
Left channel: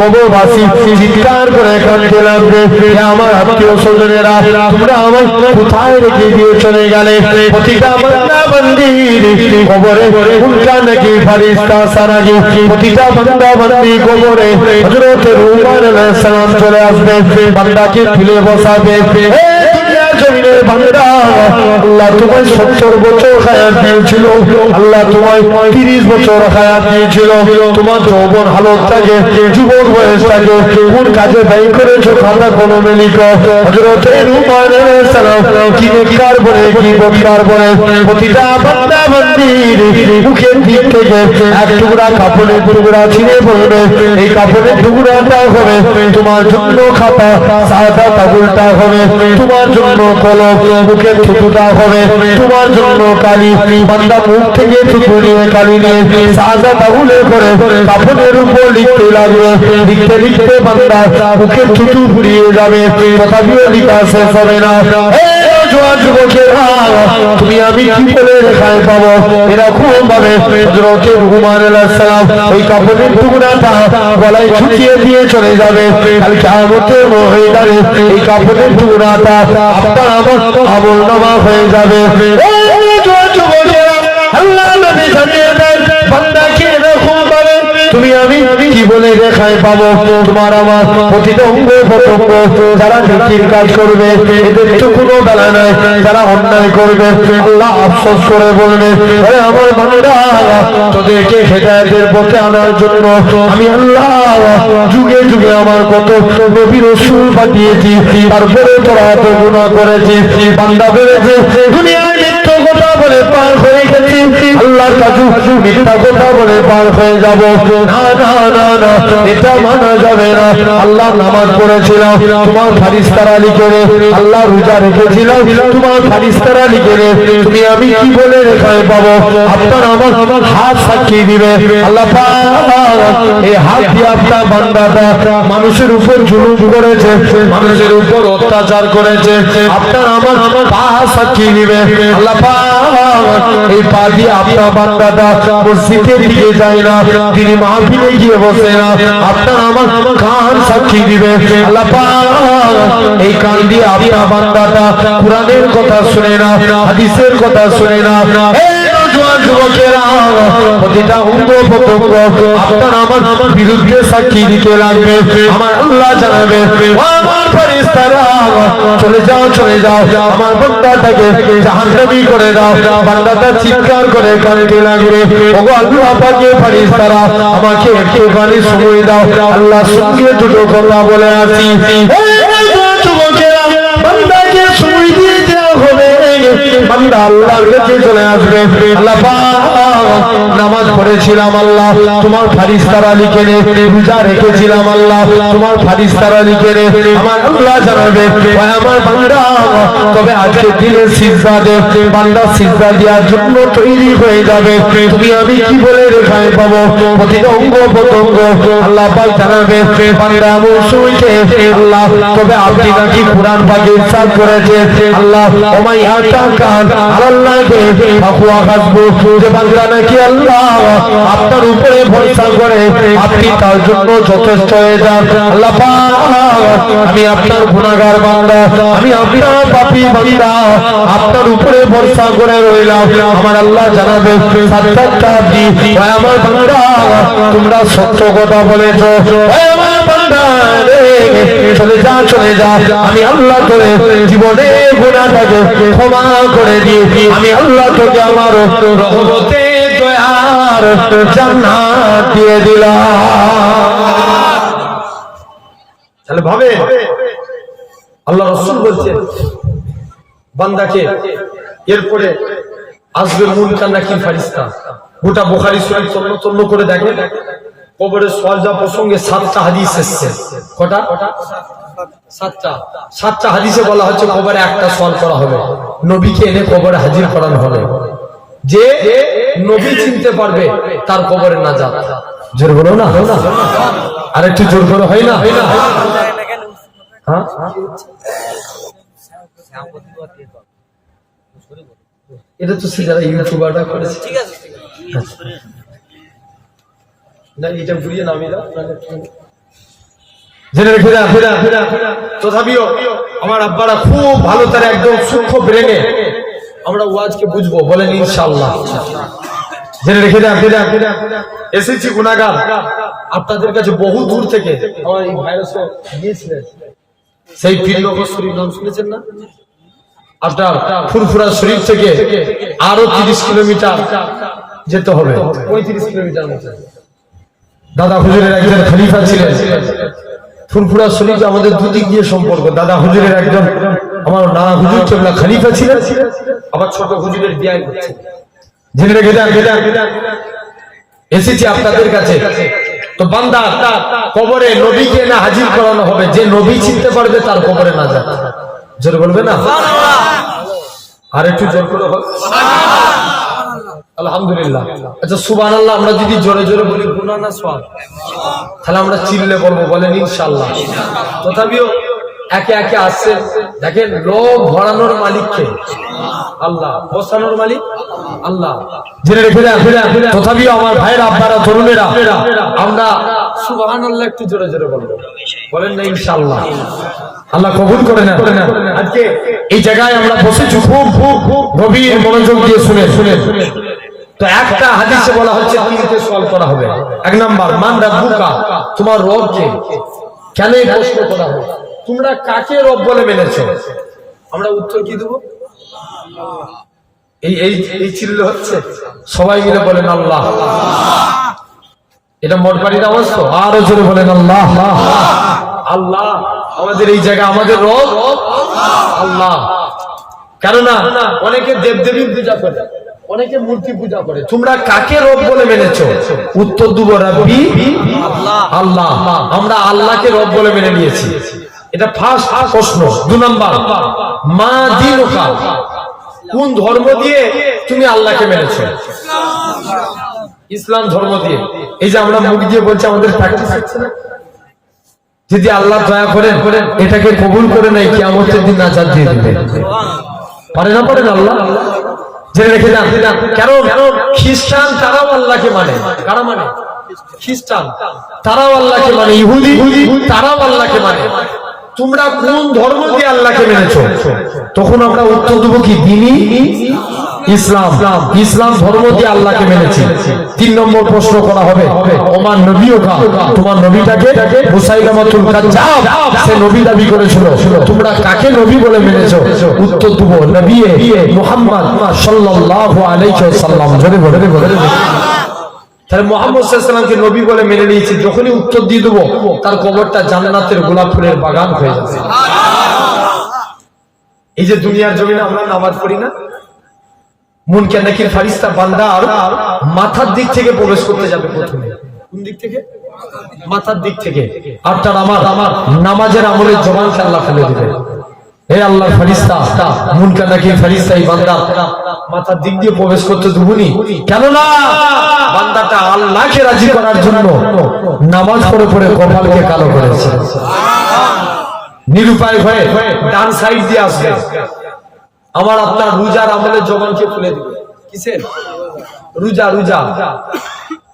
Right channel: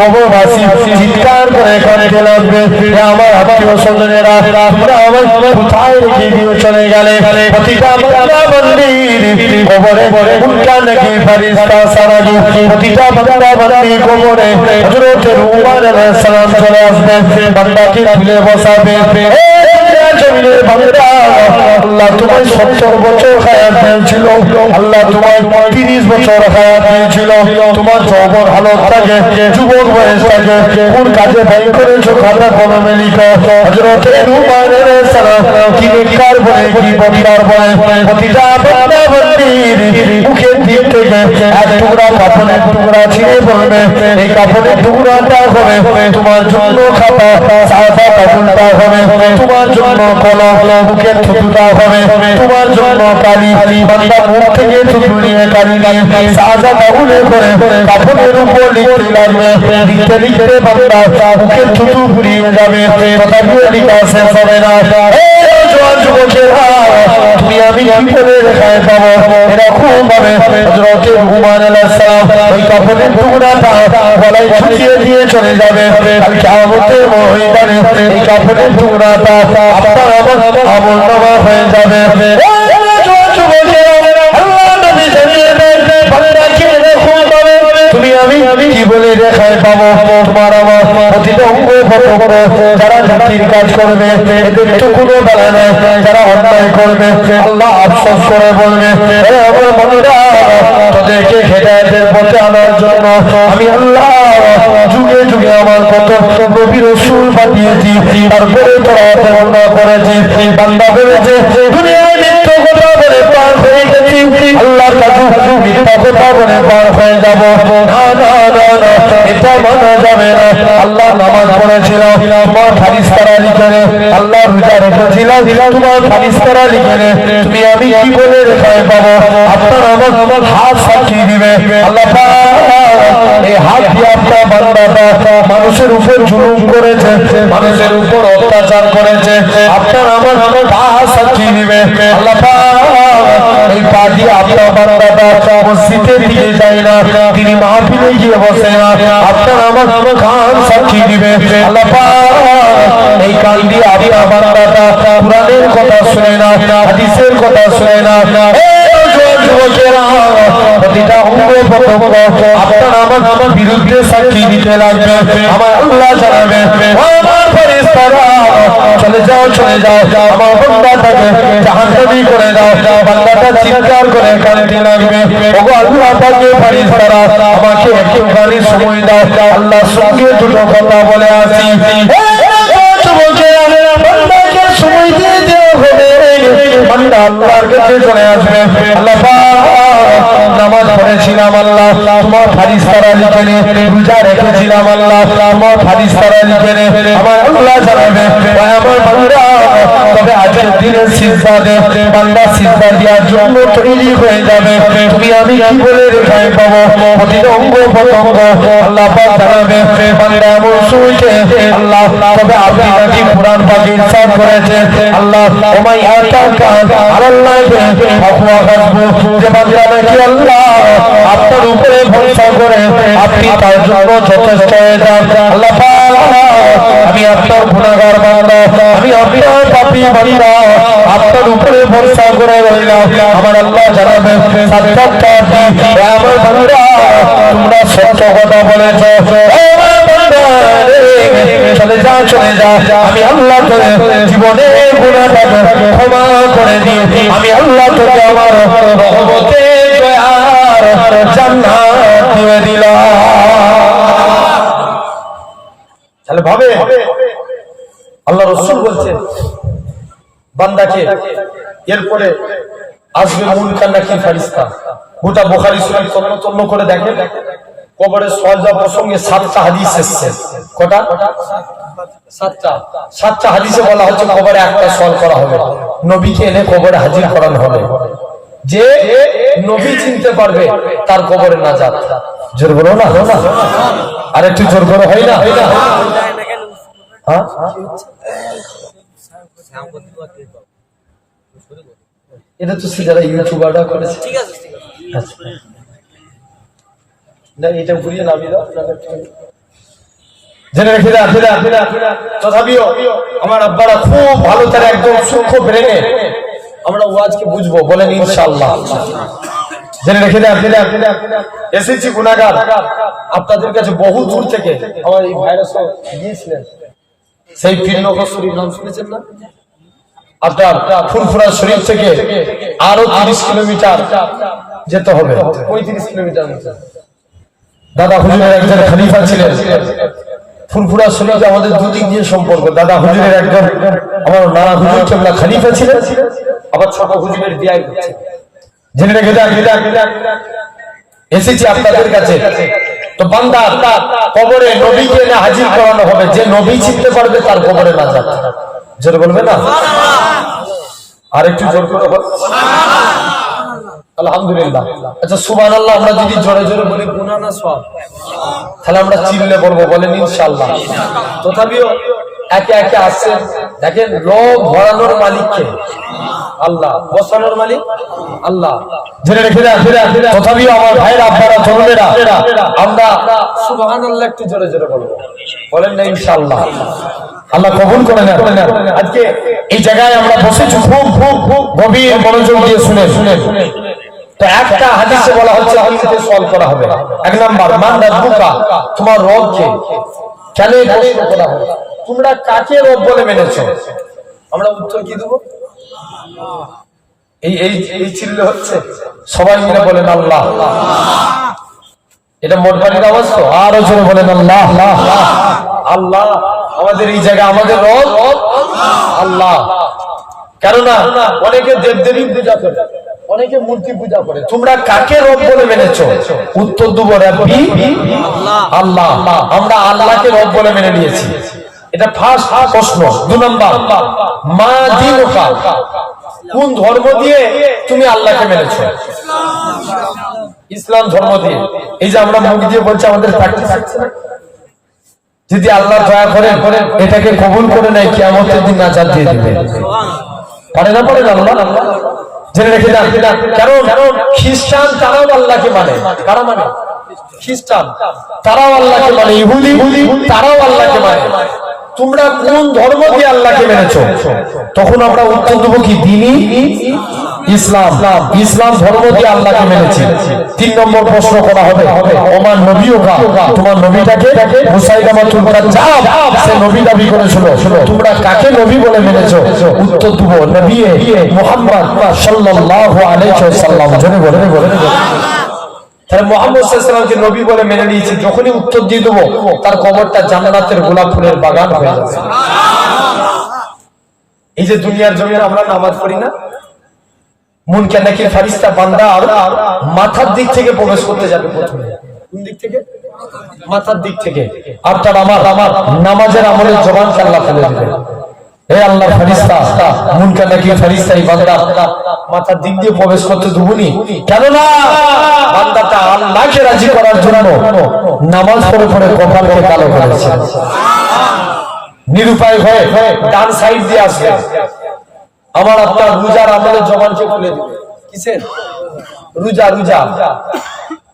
কবরবাসী চিৎকার করে কাঁদতে লাগবে, আমার আত্মীয়-স্বজনেরা, তোমরা আমার কোথায় রেখে দিয়ে চলে গেলে। প্রতিটা বান্দা বান্দির কবরে উল্টা নাকি ফেরেশতা সারাজি, প্রতিটা বান্দা বান্দি কবরে হযরত উমর আলাইহিস সালাম চলে আসবে, বান্দাকে তুলে বসাবে। জমিনের বান্দা, আল্লাহ তোমায় 70 বছর হায়াত দিয়েছিল, আল্লাহ তোমায় 30 বছর হায়াত দিয়েছিল। তোমার যৌবন হালত থাকে, যুবক বয়স থাকে, কোন কাজে ব্যয় করেছো খাতা কলমে লিখো। হযরত উমর আলাইহিস সালাম কি নেককার বলে, কি বদকার বলে, প্রতিটা বান্দা বান্দির মুখের দিক থেকে এক টুকরা কাপড়ের টুকরা ছিঁড়ে পড়বে। এই কাপড়ের টুকরাটা হবে তোমার জন্য খাতা, সাদা কাপড়টা হবে তোমার জন্য কলম, মুখের থুতুটা হবে তোমার জন্য কালি। বান্দা মুখ থেকে থুতু নিয়ে কালি নিয়ে সাদা কাপড়ে করে কাপড়ের উপর লিখতে লাগবে। লিখতে লিখতে বান্দা মুখের থুতু ফুরিয়ে যাবে, তথাপিও লিখা শেষ হবে না। তুমি আমি কি করে রেখায় পাবো? এরকম ভাবে হযরত উমর আলাইহিস সালাম ওই কাপড়ের টুকরাটা গলায় ঝুলিয়ে দিয়ে চলে যাবে। কাল কিয়ামতের ময়দানে এই কাপড়ের টুকরাটা আপনার আমার আমলনামা হয়ে যাবে। আল্লাহ নবী জানিয়ে দেন, বান্দাকে এরকম ভাবে তুমি আমি কি বলে রেখায় পাবো? তোমার আমার প্রতিটা অঙ্গ প্রত্যঙ্গ যারা নেকির কাজ করবে এদের তো কোনো বেলা নাই, যারা অন্যায় করবে আল্লাহ আফসোস করে বলবে, আমার বান্দা তোদেরকে হেদায়েতের পথে আনার জন্য আমি আল্লাহ যুগে যুগে আমার কত নবী রাসূল পাঠিয়েছি, তারপরে তো এত গুনাহ করেছি। বান্দা বলেছে দুনিয়ায় মিথ্যা কথা বলে পার হয়ে গেছি, আল্লাহ কাজু মিথ্যা কথা বলে পার হয়ে যাব। না না না না, এটা মানা যাবে করেছিল তোমার ফারিস্তারা লিখে আল্লাহ রোজা রেখেছিল তোমার ফারিস্তারা লিখে তুমি আমি কি বলে রেখায় পাবো আপনার আমার হাত সাক্ষী দিবে আল্লাহ এই হাত দিয়ে আপনার বান্দাটা মানুষের উপর জুলুম করেছে মানুষের উপর অত্যাচার করেছে আপনার আমার পা সাক্ষী দিবে আল্লাহ এই পা দিয়ে আপনার বান্দাটা মসজিদের দিকে যায় না তিনি মাহফিলে গিয়ে বসে না আপনার আমার কান সাক্ষী দিবে আল্লাহ এই কান দিয়ে আপনার বান্দাটা কোরআনের কথা শুনে না হাদিসের কথা শুনে না প্রতিটা অঙ্গ প্রত্যঙ্গ আপনার আমার বিরুদ্ধে সাক্ষী দিতে লাগবে আমার আল্লাহ জানাবে আমার ফেরেশতারা চলে যাও আমার বান্দাটাকে জাহান্নামী করে দাও বান্দাটা চিৎকার করে কাঁদতে লাগবে ওগো আল্লাহ পাকের ফেরেশতারা আমাকে একটুখানি সময় দাও আল্লাহ সঙ্গে দুটো কথা বলে আসি বান্দাকে সময় দিয়ে দেওয়া হবে বান্দা আল্লাহর কাছে চলে আসবে আল্লাহ নামাজ পড়েছিলাম আল্লাহ তোমার ফারিস্তারা লিখে রোজা রেখেছিলাম আল্লাহ তোমার ফারিস্তারা লিখে আমার আল্লাহ জানাবে আমার বান্দা তবে আজকের দিনে সিজদা দে বান্দা সিজদা দেওয়ার জন্য তৈরি হয়ে যাবে তুমি আমি কি বলে রেখায় পাবো প্রতিটা অঙ্গ প্রত্যঙ্গ আল্লাহ পাক জানাবে বান্দা আমল শুনছে আল্লাহ তবে আপনি নাকি কুরআন পাকে ইরশাদ করেছে আল্লাহ তোমায় আতাকান আল্লাহ বে আকুয়া হাসবো যে বান্দা নাকি আল্লাহ আপনার উপরে ভরসা করে আপনি তার জন্য যথেষ্ট হয়ে যান আল্লাহ আমি আপনার গুনাহগার বান্দা আমি আপনার পাপী বান্দা আপনার উপরে ভরসা করে রইলাম আমার আল্লাহ জানাবে সাতটা আপনি আমার বান্দা তোমরা সত্য কথা বলেছো আমার বান্দা চলে যা আমি আল্লাহ করে জীবনে গুনাহটাকে ক্ষমা করে দিও আমি আল্লাহ তোকে আমার রহমতে জান্নাত দিয়ে দিলাম তাহলে ভাবে আল্লাহ রাসূল বলছেন বান্দাকে এরপরে আসবে মুনকার নাকির ফেরেশতা গোটা বুখারী শরীফ তন্ন করে দেখেন কবরের সওয়াল প্রসঙ্গে 7টা হাদিস এসেছে কটা 7টা হাদিসে বলা হচ্ছে কবরে একটা সওয়াল করা হবে নবীকে এনে কবরে হাজির করানো হবে যে নবী চিনতে পারবে তার কবরে নাজাত জোর বলো না আর একটু জোর বলো হয় না হ্যাঁ এটা তো যারা ইউটিউবাররা করেছে ঠিক আছে না এটা ঘুরিয়ে নামিয়ে দাও জেনে রেখে তথাপিও আমার আব্বারা খুব ভালো তারা একদম সূক্ষ্ম ব্রেনে আমরা ওয়াজকে বুঝবো বলেন ইনশাআল্লাহ জেনে রেখে এসেছি গুনাহগার আপনাদের কাছে বহু দূর থেকে আমার এই ভাইরাসও গিয়েছিলেন সেই পীরনগর শরীফ নাম শুনেছেন না আপনার ফুরফুরা শরীফ থেকে আরো 30 কিলোমিটার যেতে হবে 35 কিলোমিটার মতো দাদা হুজুরের একজন খলিফা ছিলেন ফুরফুরা শরীফ আমাদের দুদিক দিয়ে সম্পর্ক দাদা হুজুরের একজন আমার নানা হুজুর কেবলা খলিফা ছিলেন আবার ছোট হুজুরের বিয়ে হচ্ছে জেনে রেখে এসেছি আপনাদের কাছে তো বান্দা কবরে নবীকে না হাজির করানো হবে যে নবী চিনতে পারবে তার কবরে না যাবে জোরে বলবে না আর একটু জোর করে বল আলহামদুলিল্লাহ আচ্ছা সুবহানাল্লাহ আমরা যদি জোরে জোরে বলি গুনাহ না সওয়াব তাহলে আমরা চিল্লে বলবো বলেন ইনশাআল্লাহ তথাপিও একে একে আসছে দেখেন লোভ ভরানোর মালিক কে আল্লাহ বসানোর মালিক আল্লাহ জেনে রেখে তথাপিও আমার ভাইয়েরা আপনারা তরুণেরা আমরা সুবহানাল্লাহ একটু জোরে জোরে বলবো বলেন না ইনশাআল্লাহ আল্লাহ কবুল করে নেন আজকে এই জায়গায় আমরা বসেছি খুব গভীর মনোযোগ দিয়ে শুনে তো একটা হাদিসে বলা হচ্ছে কিসে সওয়াল করা হবে এক নাম্বার মান রাব্বুকা তোমার রব কে কেন এই প্রশ্ন করা হবে তোমরা কাকে রব বলে মেনেছো আমরা উত্তর কি দেব এই চিল্লে হচ্ছে সবাই মিলে বলেন আল্লাহ এটা মোটবাড়ির আওয়াজ তো আরো জোরে বলেন আল্লাহ আল্লাহ আমাদের এই জায়গায় আমাদের রব আল্লাহ কেননা অনেকে দেবদেবী পূজা করে অনেকে মূর্তি পূজা করে তোমরা কাকে রব বলে মেনেছো উত্তর দেব রব্বি আল্লাহ আল্লাহ আমরা আল্লাহকে রব বলে মেনে নিয়েছি এটা ফার্স্ট প্রশ্ন। 2 নম্বর, মা দিনুকা, কোন ধর্ম দিয়ে তুমি আল্লাহকে মেনেছো? ইসলাম ধর্ম দিয়ে। এই যে আমরা মুখ দিয়ে বলছি, আমাদের প্র্যাকটিস হচ্ছে না? যদি আল্লাহ দয়া করেন এটাকে কবুল করে নেয়, কিয়ামতের দিন নাজাত দিয়ে দিবে। পারে না পারেন আল্লাহ? জেনে রেখে যান। কারণ খ্রিস্টান তারাও আল্লাহকে মানে। কারা মানে? খ্রিস্টান তারাও আল্লাহকে মানে, ইহুদি তারাও আল্লাহকে মানে। তোমরা কোন ধর্ম দিয়ে আল্লাহকে মেনেছো? তখন আমরা উত্তর দেবো কি? দ্বীনি ইসলাম। ইসলাম ধর্ম দিয়ে আল্লাহকে মেনেছি। 3 নম্বর প্রশ্ন করা হবে, আমার নবীও কা, তোমার নবীটাকে মুসাইলামাতুল কাজ্জাব, সে নবী দাবি করেছিল, তোমরা কাকে নবী বলে মেনেছো? উত্তর দেবো নবী মুহাম্মদ সাল্লাল্লাহু আলাইহি ওয়াসাল্লাম। জোরে বলে। তাহলে মুহাম্মদ সাল্লাল্লাহু আলাইহি ওয়াসাল্লামকে নবী বলে মেনে নিয়েছি। যখনই উত্তর দিয়ে দেবো, তার কবরটা জান্নাতের গোলাপ ফুলের বাগান হয়ে যাবে। এই যে দুনিয়ার জমিনে আমরা নামাজ পড়ি না, মুনকার নাকির ফেরেশতা বান্দার মাথার দিক থেকে প্রবেশ করতে যাবে প্রথমে। কোন দিক থেকে? মাথার দিক থেকে। আর তার আমার নামাজের আমলের জবানকে আল্লাহ খুলে দেবে। হে আল্লাহ, ফেরেশতা মুনকার নাকির ফেরেশতা এই বান্দা মাথার দিক দিয়ে প্রবেশ করতে দেবনি, কেননা বান্দাটা আল্লাহকে রাজি করার জন্য নামাজ পড়ে পড়ে কপালকে কালো করেছে। নিরুপায় হয়ে ডান সাইড দিয়ে আসবে, আমার আপনার রোজার আমলের জবানকে খুলে দিবে। কিসের? রোজা।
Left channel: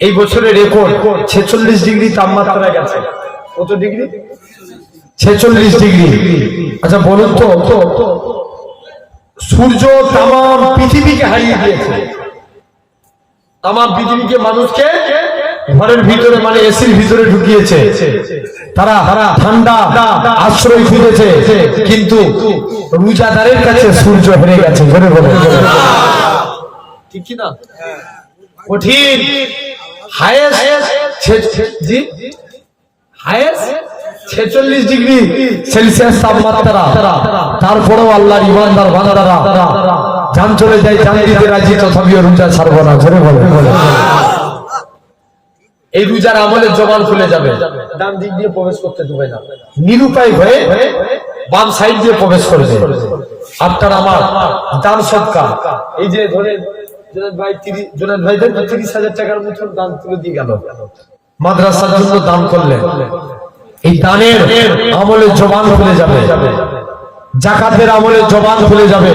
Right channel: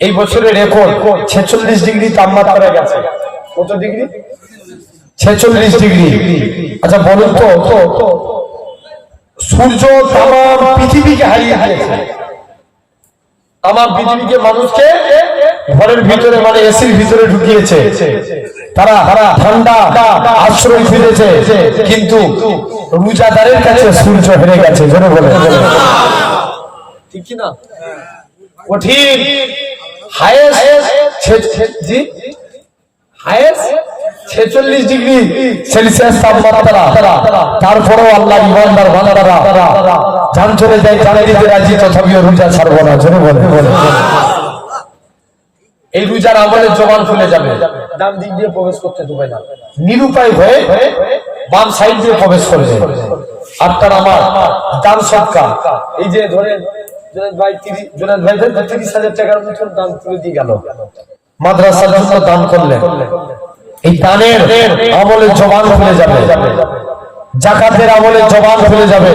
এই বছরের রেকর্ড 46 ডিগ্রি তাপমাত্রা গেছে। কত ডিগ্রি? 46 ডিগ্রি। আচ্ছা বলুন তো, সূর্য তামাম পৃথিবীকে হারিয়ে দিয়েছে। তামাম পৃথিবীকে, মানুষকে ঘরের ভিতরে মানে এসির ভিতরে ঢুকিয়েছে। তারা ঠান্ডা আশ্রয় খুঁজেছে, কিন্তু রোজাদারের কাছে সূর্য হেরে গেছে। ধরে বলে ঠিক কি না? ও ঠিক। হায়েস্ট 46 ডিগ্রি সেলসিয়াস তাপমাত্রা, তারপরেও আল্লাহর ইমানদার বান্দারা জান চলে যায়, জান দিতে রাজি, তথাপিও রোজা ছাড়বে না। ধরে বলে এই রোজার আমলের জবান খুলে যাবে, ডান দিক দিয়ে প্রবেশ করতে দেবে না, নিরুপায় হয়ে বাম সাইড দিয়ে প্রবেশ করবে। আপনার আমার দান সদকা, এই যে ধরেন জুনায়েদ ভাই 30,000 টাকার মতো দান তুলে দিয়ে গেল, মাদ্রাসার জন্য দান করলে, এই দানের আমলের জবান খুলে যাবে, যাকাতের আমলের জবান খুলে যাবে।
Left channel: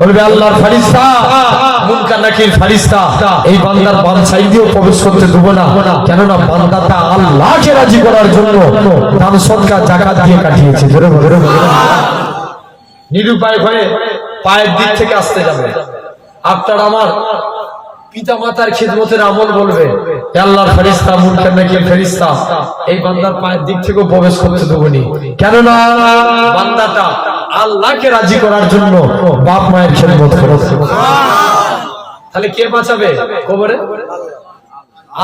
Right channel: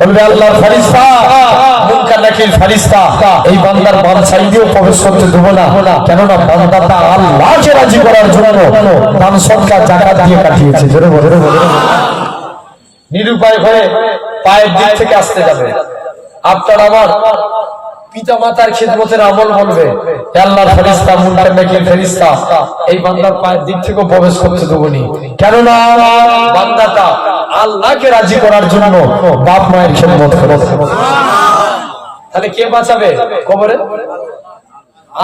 বলবে আল্লাহর ফেরেশতা, মুনকার নাকির ফেরেশতা এই বান্দার বাম সাইড দিয়ে প্রবেশ করতে দেব না, কেননা বান্দাটা আল্লাহকে রাজি করার জন্য দান সদকা যাকাত দিয়ে কাটিয়েছে। জোরে বলে। নিরুপায় হয়ে পায়ের দিক থেকে আসতে যাবে। আপনার আমার পিতা মাতার খিদমতের আমল বলবে, আল্লাহর ফেরেশতা, মুনকার নাকির ফেরেশতা এই বান্দার পায়ের দিক থেকে প্রবেশ করতে দেবনি, কেননা বান্দাটা আল্লাহকে রাজি করার জন্য বাপ মায়ের খিদমত করেছে। তাহলে কে বাঁচাবে কবরে?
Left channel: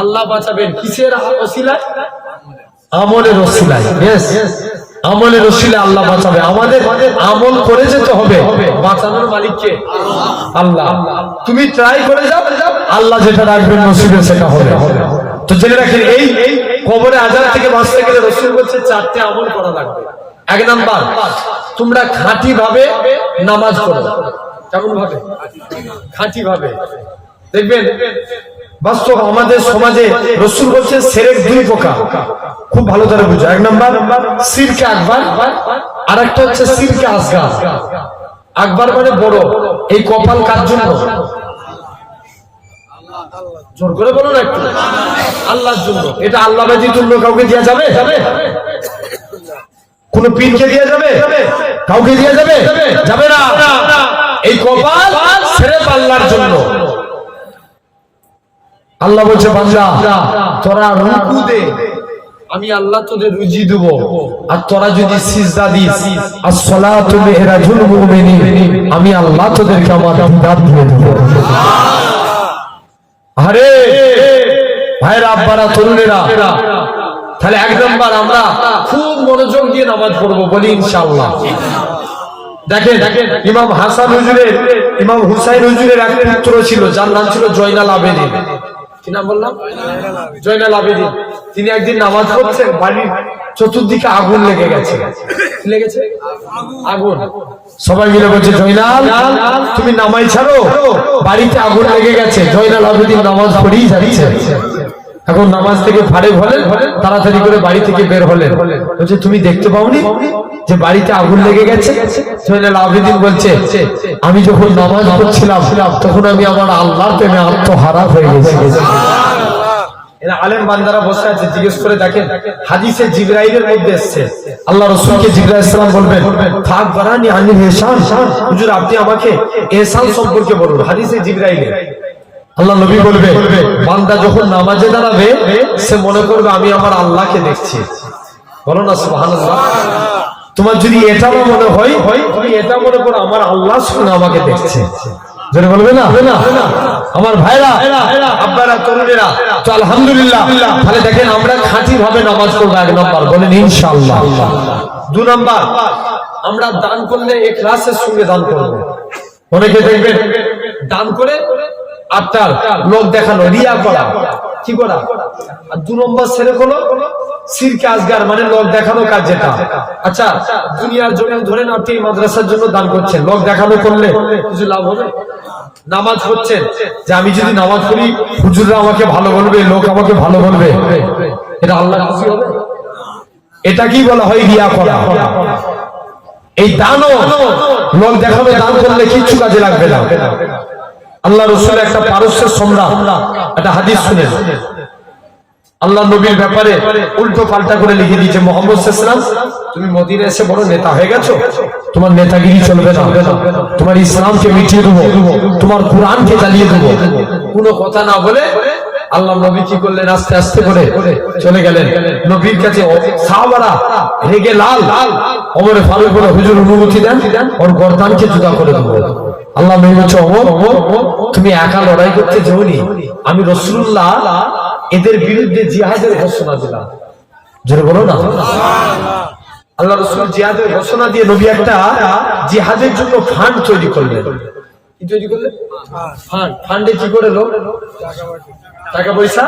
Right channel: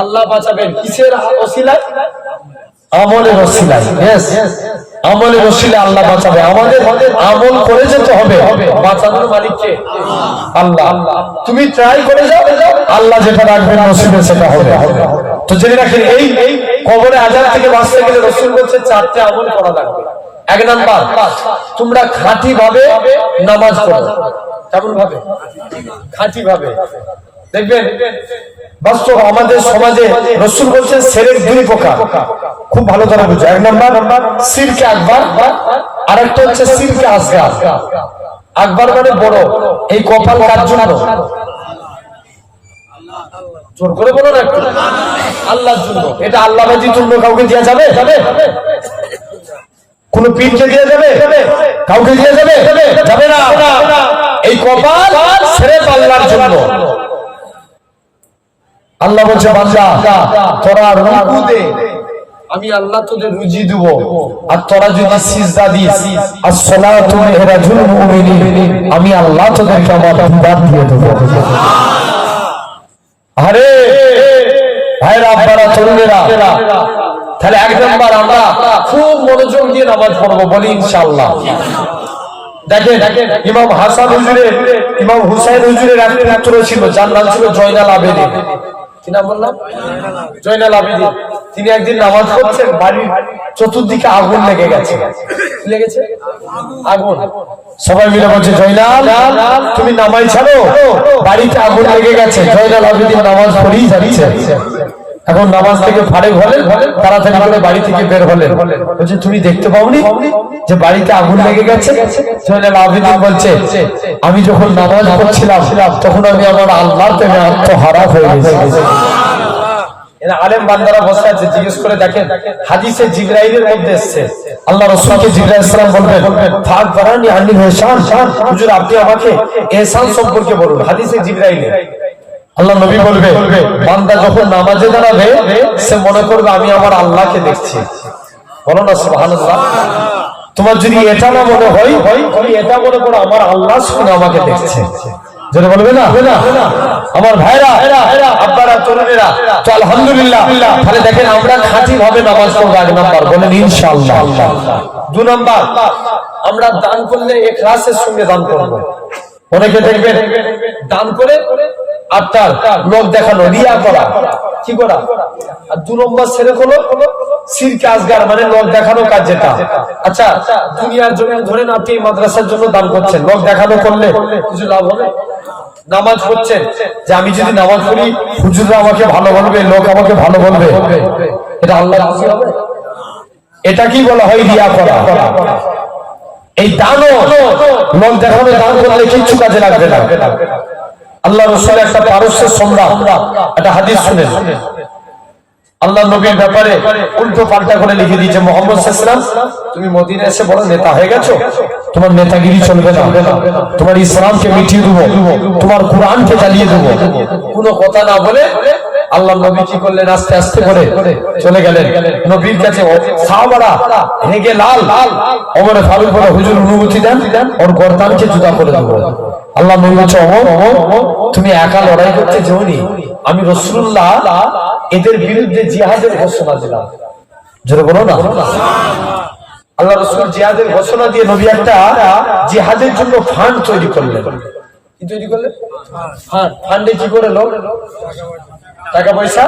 আল্লাহ বাঁচাবেন। কিসের ওসিলায়? আমলের ওসিলায়। ইয়েস, আমলের ওসিলায় আল্লাহ বাঁচাবে। আমাদের আমল করে যেতে হবে, বাঁচানোর মালিক কে? আল্লাহ। তুমি ট্রাই করে যাও, আল্লাহ যেটা রাখবেন নসিবে সেটা হবে। তো জেনে রাখেন, এই কবরে আযাব থেকে বাঁচতে গেলে রাসূল বলেছে 4টে আমল করা লাগবে। 1 নাম্বার, তোমরা খাঁটি ভাবে নামাজ পড়ো। কেমন ভাবে? খাঁটি ভাবে। দেখবেন বাস্তব আমাদের সমাজে রাসূল বলেছেন শিরক 2 প্রকার, খুব ভালো করে বুঝো। 1 নাম্বার শিরক আকবার, আরেকটা হচ্ছে শিরক আসগার। আকবার মানে বড়। এই কপাল কার জন্য? জোর করে বলো না একটু। আল্লাহর জন্য। এটা আল্লাহ ব্যতীত অন্য কাউকে দেয়া যাবে? কোন পীরকে দেয়া যাবে? কাউকে দেয়া যাবে? যাবে না। এই কপাল সিরক আল্লাহর জন্য। আল্লাহ বলছে, বান্দা তোরা রুকু দে, আমি আল্লাহ তোদের রুজি দেব, আর তোরা যদি সিজদা দিস, as-salatu mi'rajul মুমিনিন, আমি আল্লাহ তোদেরকে আমার দিদার দিয়ে দেব। আরে ভাইরা, আব্বারা, তরুণেরা, তাহলে 1 নাম্বার আমরা খুব মনোযোগ দিয়ে নামাজ পড়বো, বলি ইনশাআল্লাহ। দেখেন, ইমাম হাসান হুজুরের, ইমাম হুসাইন হুজুরের এক পুত্র ছিল, যার নাম ছিল জয়নাল আবেদিন। কি নাম বললাম? জয়নাল আবেদিন। তিনি একদিন নামাজ পড়ছেন, বাড়ির চতুর্দিকে আগুন লেগে গেছে। লেগেছে আগুন, সবাই মিলে বলছে জয়নাল তুমি নামাজ ছাড়ো, বাড়িতে আগুন লেগে গেছে। জয়নাল আবেদিন নামাজ পড়েই যাচ্ছে। এখন নামাজ থেকে ফারেক হলেন, তাড়াতাড়ি করে বাড়ি থেকে বের হলেন। বলছে তুমি দেখতে পাওনি যে বাড়িতে আগুন লেগে গেছে? জয়নাল আবেদিন বলছে আমি যখন নামাজ পড়ছিলাম তখন আমি আমার আল্লাহর প্রেমে আত্মহারা হয়ে গেছি। আলেম বান্দারা বসে আছে, জিজ্ঞেস করে দেখেন হাদিসে জিবরাইলের মধ্যে এসেছে আল্লাহ রাসূলকে জিবরাইল সালাম বলবেন ফাক বারানি আনিল ইহসান, হুজুর আপনি আমাকে ইহসান সম্পর্কে বলুন। হাদিসে জিবরাইল আল্লাহ নবী বলবে বান্দা যখন নামাজে দাঁড়াবে সে মনে করবে আমি আমার আল্লাহকে দেখছি। বলো না সুবহানাল্লাহ। তোমার যদি এটা মনে হয় তুমি এটা মনে করো আমার আল্লাহ শুনে আমাকে দেখছে। যেটা বলবে না আমার ভাইরা আপনারা তরুণেরা, তো আলহামদুলিল্লাহ। তাহলে দেখেন আমরা খাঁটি ভাবে নামাজ পড়বো, 1 নাম্বার বলেন ইনশাআল্লাহ। 2 নাম্বার আমরা দান করলে ইখলাসের সঙ্গে দান করব। অনেকে দেখবেন দান করে আপনার লোক দেখানো, রিয়া করা, কি করা। আর 2 নম্বর ছেলে হলো শিরকে আসগার, মানে লোক দেখানো কাজ। যেটা আচ্ছা দুনিয়ার জন্য ধরেন আপনি মাদ্রাসার জন্য দান করছেন, লোক দেখানো করলে কিছু লাভ হবে? নামাজ পড়ছেন যে আমি যদি নামাজ পড়ি হুজুররা আমাকে ভালো বলবে, লোক আমাকে ভালো বলবে, এটা আল্লাহ রাজি হবে? এটা কি বলা হয় রিয়া করা। এই দানও লোক দেখানো দান করলে কিচ্ছু কাজে লাগবে না। আল্লাহ রাসূলের একটা পারস্যের সম্রাট একটা হাদিস শুনেন, আল্লাহ নবীর ব্যাপারে উল্টো পাল্টা করে লিখে দিয়েছে মুহাম্মদ সাল্লাল্লাহু আলাইহি ওয়াসাল্লাম তুমি মদিনা এসে বড় নেতা হয়ে গেছো, তোমার নেতাগিরি চলবে না, তোমার ইসলামকে মিটিয়ে দেবো, তোমার কোরআনকে জ্বালিয়ে দেবো। কোনো কথা না বলে আল্লাহ নবী কি করলেন, আস্তে আস্তে করে চলে গেলেন নবীর কাছে। সাহাবারা রেগে লাল, ওমরে ফারুক বলে হুজুর অনুমতি দেন, ওর গর্দানকে জুদা করে দেবো। আল্লাহ নবী বলছে তুমি একা লড়াই করতে যাওনি, আমি রাসূলুল্লাহ এদের বিরুদ্ধে জিহাদের ঘোষণা দিলাম। জোরে বলো না। আল্লাহ রাসূল জিহাদের ঘোষণা দিয়ে নবী একটা জিহাদের জন্য ফান্ড তৈরি করলেন। কি তৈরি করলেন? ফান্ড। ফান্ডে কি করে লোক টাকা পয়সা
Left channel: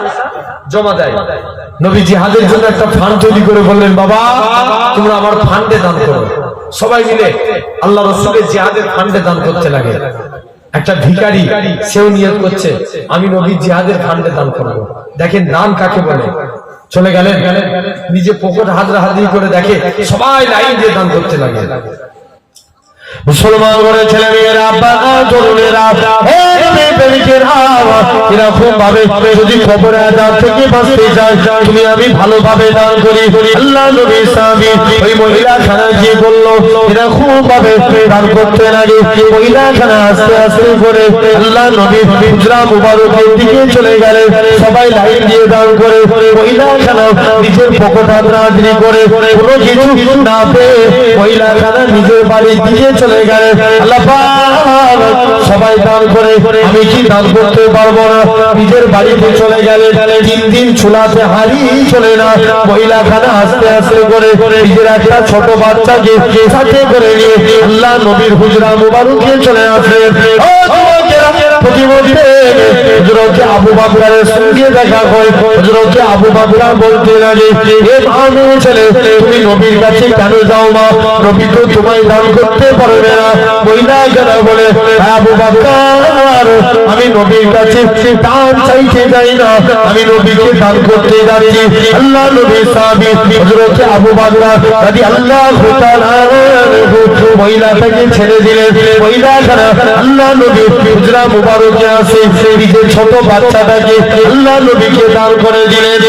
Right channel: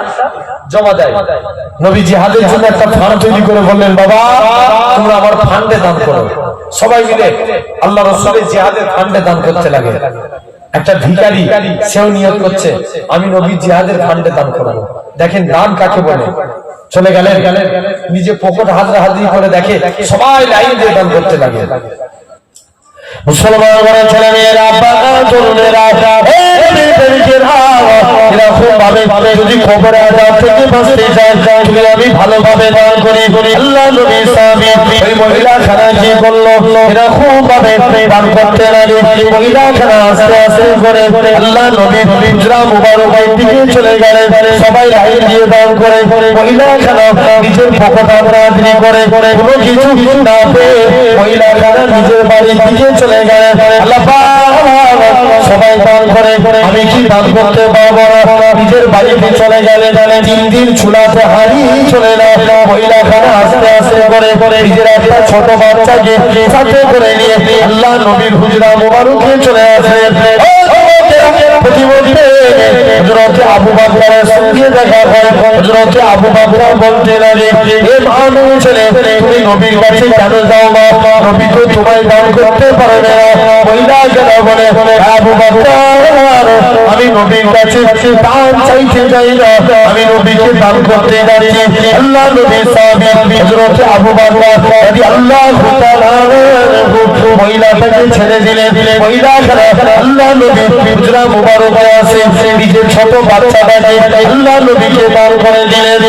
জমা দেয়। নবী জিহাদের জন্য একটা ফান্ড তৈরি করে বললেন বাবা তোমরা আমার ফান্ডে দান করো। সবাই মিলে আল্লাহ রাসূলের জিহাদের ফান্ডে দান করতে লাগে। একটা ভিখারি সেও নিয়ত করছে আমি নবী জিহাদের ফান্ডে দান করব। দেখেন দান কাকে বলে। চলে গেলেন নিজে পকেট হাতড়াহাতড়ি করে দেখে সবাই লাইন দিয়ে দান করতে লাগে। মুসলমান ঘরে ছেলে মেয়েরা, তরুণেরা, এরকম ভাবে যদি খবর আজাব থেকে বাঁচতে চাই তুমি আমি ভালোভাবে দান করি। আল্লাহ নবী সাহাবী ওই মহিলা খানা গিয়ে বললো এরকম ভাবে দান করতে লাগে। মহিলা খানা আস্তে আস্তে করে আল্লাহ নবী হুজরা মুবারকের দিকে চলে গেলেন। সবাই লাইন দিয়ে দান করে মহিলা খানা নিজের পকেট হাতড়াহাতড়ি করে কোনো কিছু না পেয়ে মহিলা খানা নিজের বাড়ির দিকে চলে গেলেন। আল্লাহ সবাই দান করে আমি কি দান করতে পারবো না, নিজের বাড়িতে চলে গেলেন। 3 দিন চুলাতে হাড়ি চলে না। মহিলা খানা আস্তে আস্তে করে নিজের একটা ছোট বাচ্চাকে সাথে করে নিয়ে আল্লাহ নবীর হুজরা মুবারকে চলে আসে। হযরতে আবু বকরের সঙ্গে দেখা করে হযরতে আবু বকর বলতে লাগে এ ভালো ছেলে তুমি নবীর কাছে কেন যাও মা, নবী তো তোমায় দান করতে পারবে না। মহিলা কেন বলে আবু বকর আমি নবীর কাছে দান চাইতে যাই না, আমি নবীকে দান করতে যাচ্ছি। আল্লাহ নবী সাহাবী হযরতে আবু বকর রাদিয়াল্লাহু তাআলা মহিলাটাকে ছেড়ে দিলেন। মহিলা আল্লাহ নবী হুজরা মুবারকে আসে নিজের ছোট বাচ্চাটাকে আল্লাহ নবীকে দান করে দিলেন।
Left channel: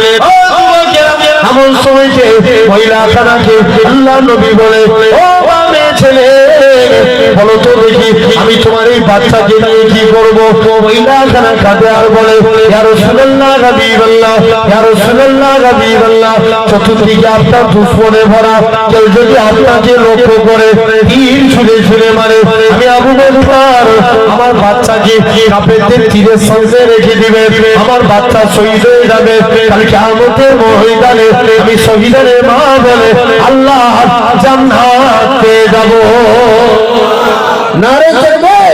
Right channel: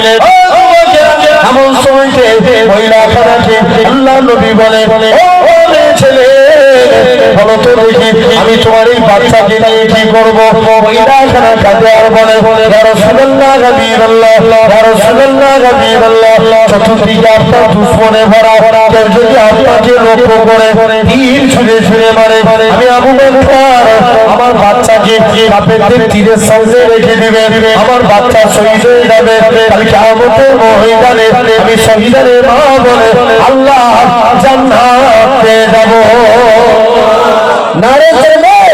এমন সময়তে মহিলা খানাকে আল্লাহ নবী বলে ছেলে বলো তো দেখি আমি তোমার এই বাচ্চাকে নিয়ে কি করবো। মহিলা খানা কাঁদে আর বলে ইয়া রাসূলুল্লাহ হাবিবাল্লাহ, ইয়া রাসূলুল্লাহ হাবিবাল্লাহ, চতুর্দিকে আপনার দুশমনে ভরা, কেউ যদি আপনাকে লক্ষ্য করে তীর ছুঁড়ে ছুঁড়ে মারে আমি আবু বকর আমার বাচ্চাকে কাফেরদের তীরের সঙ্গে রেখে দিবে, আমার বাচ্চা শহীদ হয়ে যাবে। কাল কিয়ামতের ময়দানে আমি শহীদের মা বলে আল্লাহ জান্নাত পেয়ে যাব। নারে তাকবীর,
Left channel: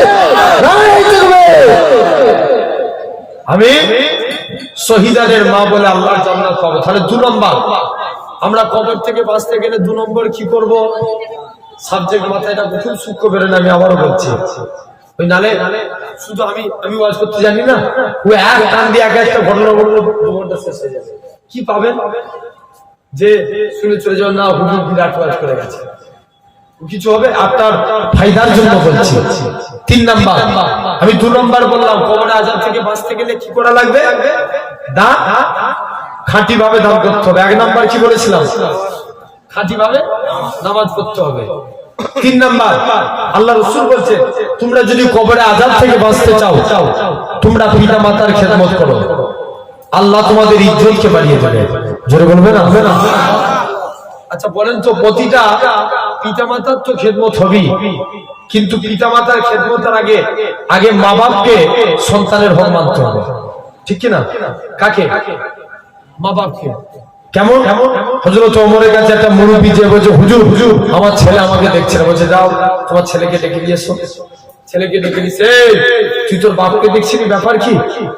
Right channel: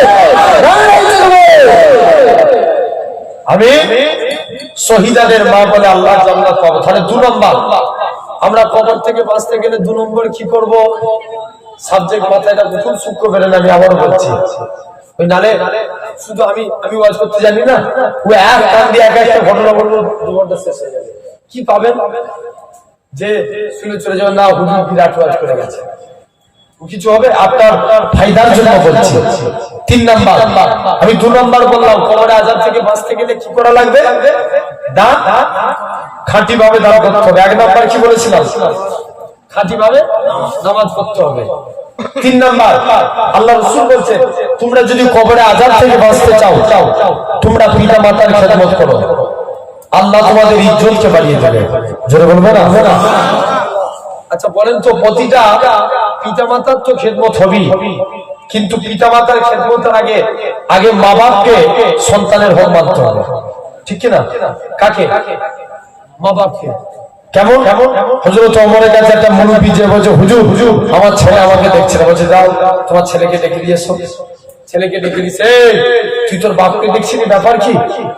নারে তাকবীর। আমি শহীদাদের মা বলে আল্লাহ জান্নাত পাবো। তাহলে 2 নম্বর, আমরা কবর থেকে বাঁচতে গেলে 2 নম্বর কি করব? সাবজেক্ট মাথায় এটা খুব সূক্ষ্ম বেরেন, আমি আবার বলছি। ওই নালে শুধু আমি ওয়াজ করতে জানি না, ও এক টান দিয়ে এক একটা ঘটনা বললে 2 ঘন্টা শেষ হয়ে যাবে। কি পাবেন? যে শুনে চলে যাবেন, না হুজুর বিরাট ওয়াজ করে গেছে, কিছু হবে? আপনার ফায়দার জন্য বলছি। 3 নাম্বার, আমি 2 নাম্বার বললাম, কবরে আযাব থেকে বাঁচতে গেলে কি করা লাগবে? দান খাঁটি ভাবে দান করতে হবে। 1 নাম্বার কি বলেছিলাম? খাঁটি ভাবে নামাজ পড়তে হবে। 3 নাম্বার, আল্লাহ রাসূল বলেছেন, তোমরা যদি কবরে আযাব থেকে বাঁচতে চাও, তোমরা পিতা মাতার খেদমত করো, আল্লাহ তোমাদের ইজ্জতকে বাড়িয়ে দেবে। জোরে বলবেন না? আচ্ছা বলেন তো, প্রতিটা পিতামাতার তো খেদমত হবেই, কিন্তু পিতামাতার খেদমতের আগে মা বাপকে সন্তানের হক মানতে হবে, ঠিক কি না? কাকে? মা বাপকে। কেমন? হযরত ওমরের কাছে একটা মুরব্বি যে বলছে, হুজুর আমার ছেলে আমাকে দেখছে না, বলছে যাও তোমার ছেলেকে ডেকে নিয়ে এসো। ছেলেকে ডেকে দিছে, তুই তোর বাপকে দেখছিস, ব্যাপার কি?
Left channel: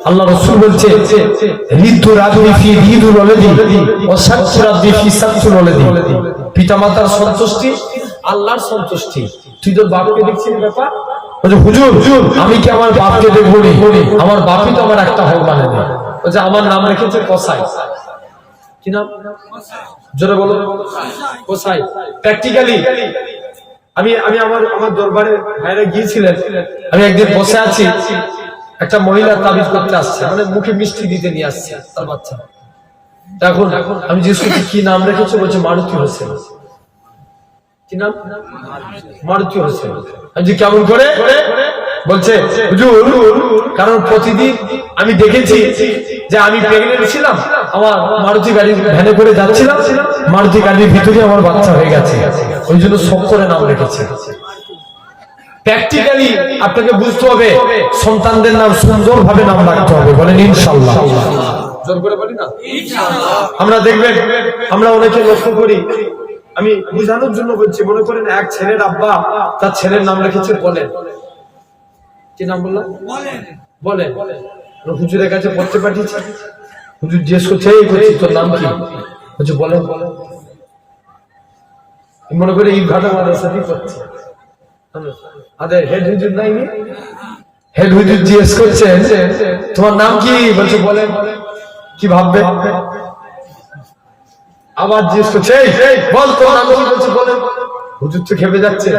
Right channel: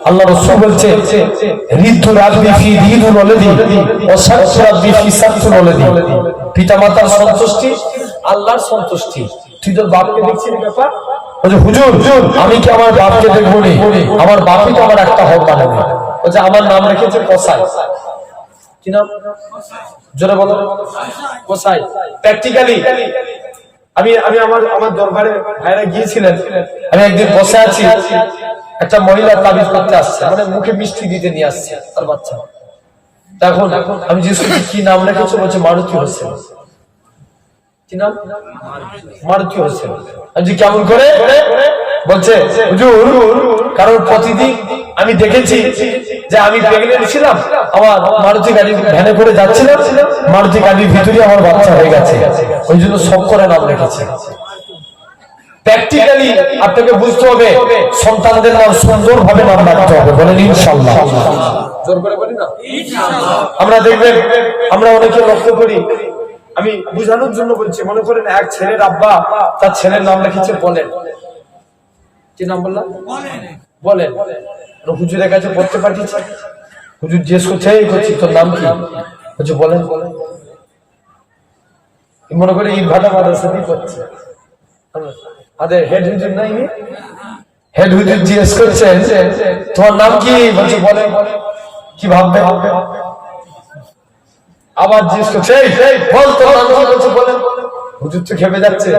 আল্লাহ রাসূল বলছে, রিদু রাব্বি ফি রিদুল ওয়ালাদি ওয়া সাকতু রাব্বি ফি সাকতুল ওয়ালাদি। পিতামাতার সন্তুষ্টি আল্লাহর সন্তুষ্টি, তুই তোর বাপকে দেখছিস, ব্যাপার? বলছে হুজুর আমি কি আমার বাপকে দেখবো নি? আমার বাপই তো আমার একটা হক মানে না। বলছে আমার নাম রেখেছে কসাই। কি নাম? জোরে বলো। কসাই। প্র্যাকটিক্যালি আমি আমার দরবারে ভাইরা গিয়েছিলেন, আমি একদিন বসে আছি, একটা মহিলা তাবিজ করতে আসছে, মানে মুখে মিষ্টি দিতে নিয়ে আসছে তার বাচ্চা। তখন আমি জিজ্ঞেস করছি কি নাম রেখেছো? বলছে মারুতি হোসেন। কি নাম? মারুতি হোসেন। আমি যে কেমন করে? বলছে হুজুর কারণ প্রতিদিন আমি দেখেছি যে আমি প্রেগনেন্ট ছিলাম, আমার মারুতি গাড়ি ভ্যানে করে যাচ্ছিলাম, মারুতি গাড়ির ভিতরে আমার বাচ্চা হয়ে গেছে, ওই জন্য সব করে নাম রেখেছে। প্র্যাকটিক্যালি আপনাকে বুঝতে হবে, সন্তানদের নাম সুন্দরভাবে নাম রাখতে হবে। বলেন ইনশাআল্লাহ। জোর করে বলি না ইনশাআল্লাহ। আমরা দেখবেন, আমরা অনেকে লক্ষ্য করি, আমি বুঝানোর জন্য বলছি, মনে করেন এক ছেলের আব্বা তার ছেলের নাম রেখেছে বলেন। কি নাম বললাম? বলেন। হুজুরের কাছে পড়তে পাঠিয়েছে, হুজুর জিজ্ঞেস করছে, এই করছি তোর নাম কি? বলছে বলেন। মনে করে এই ভাটা মাদ্রাসা দিয়ে করছে, হেড হুজুর নাই, হেড হুজুর জিজ্ঞেস করছে তোমার নাম কি? বলছে বলেন। কি ভাববে? আবার জিজ্ঞেস করছে, বল তোর নাম কি? বলছে বলেন। হুজুর তো খেপে যাচ্ছে,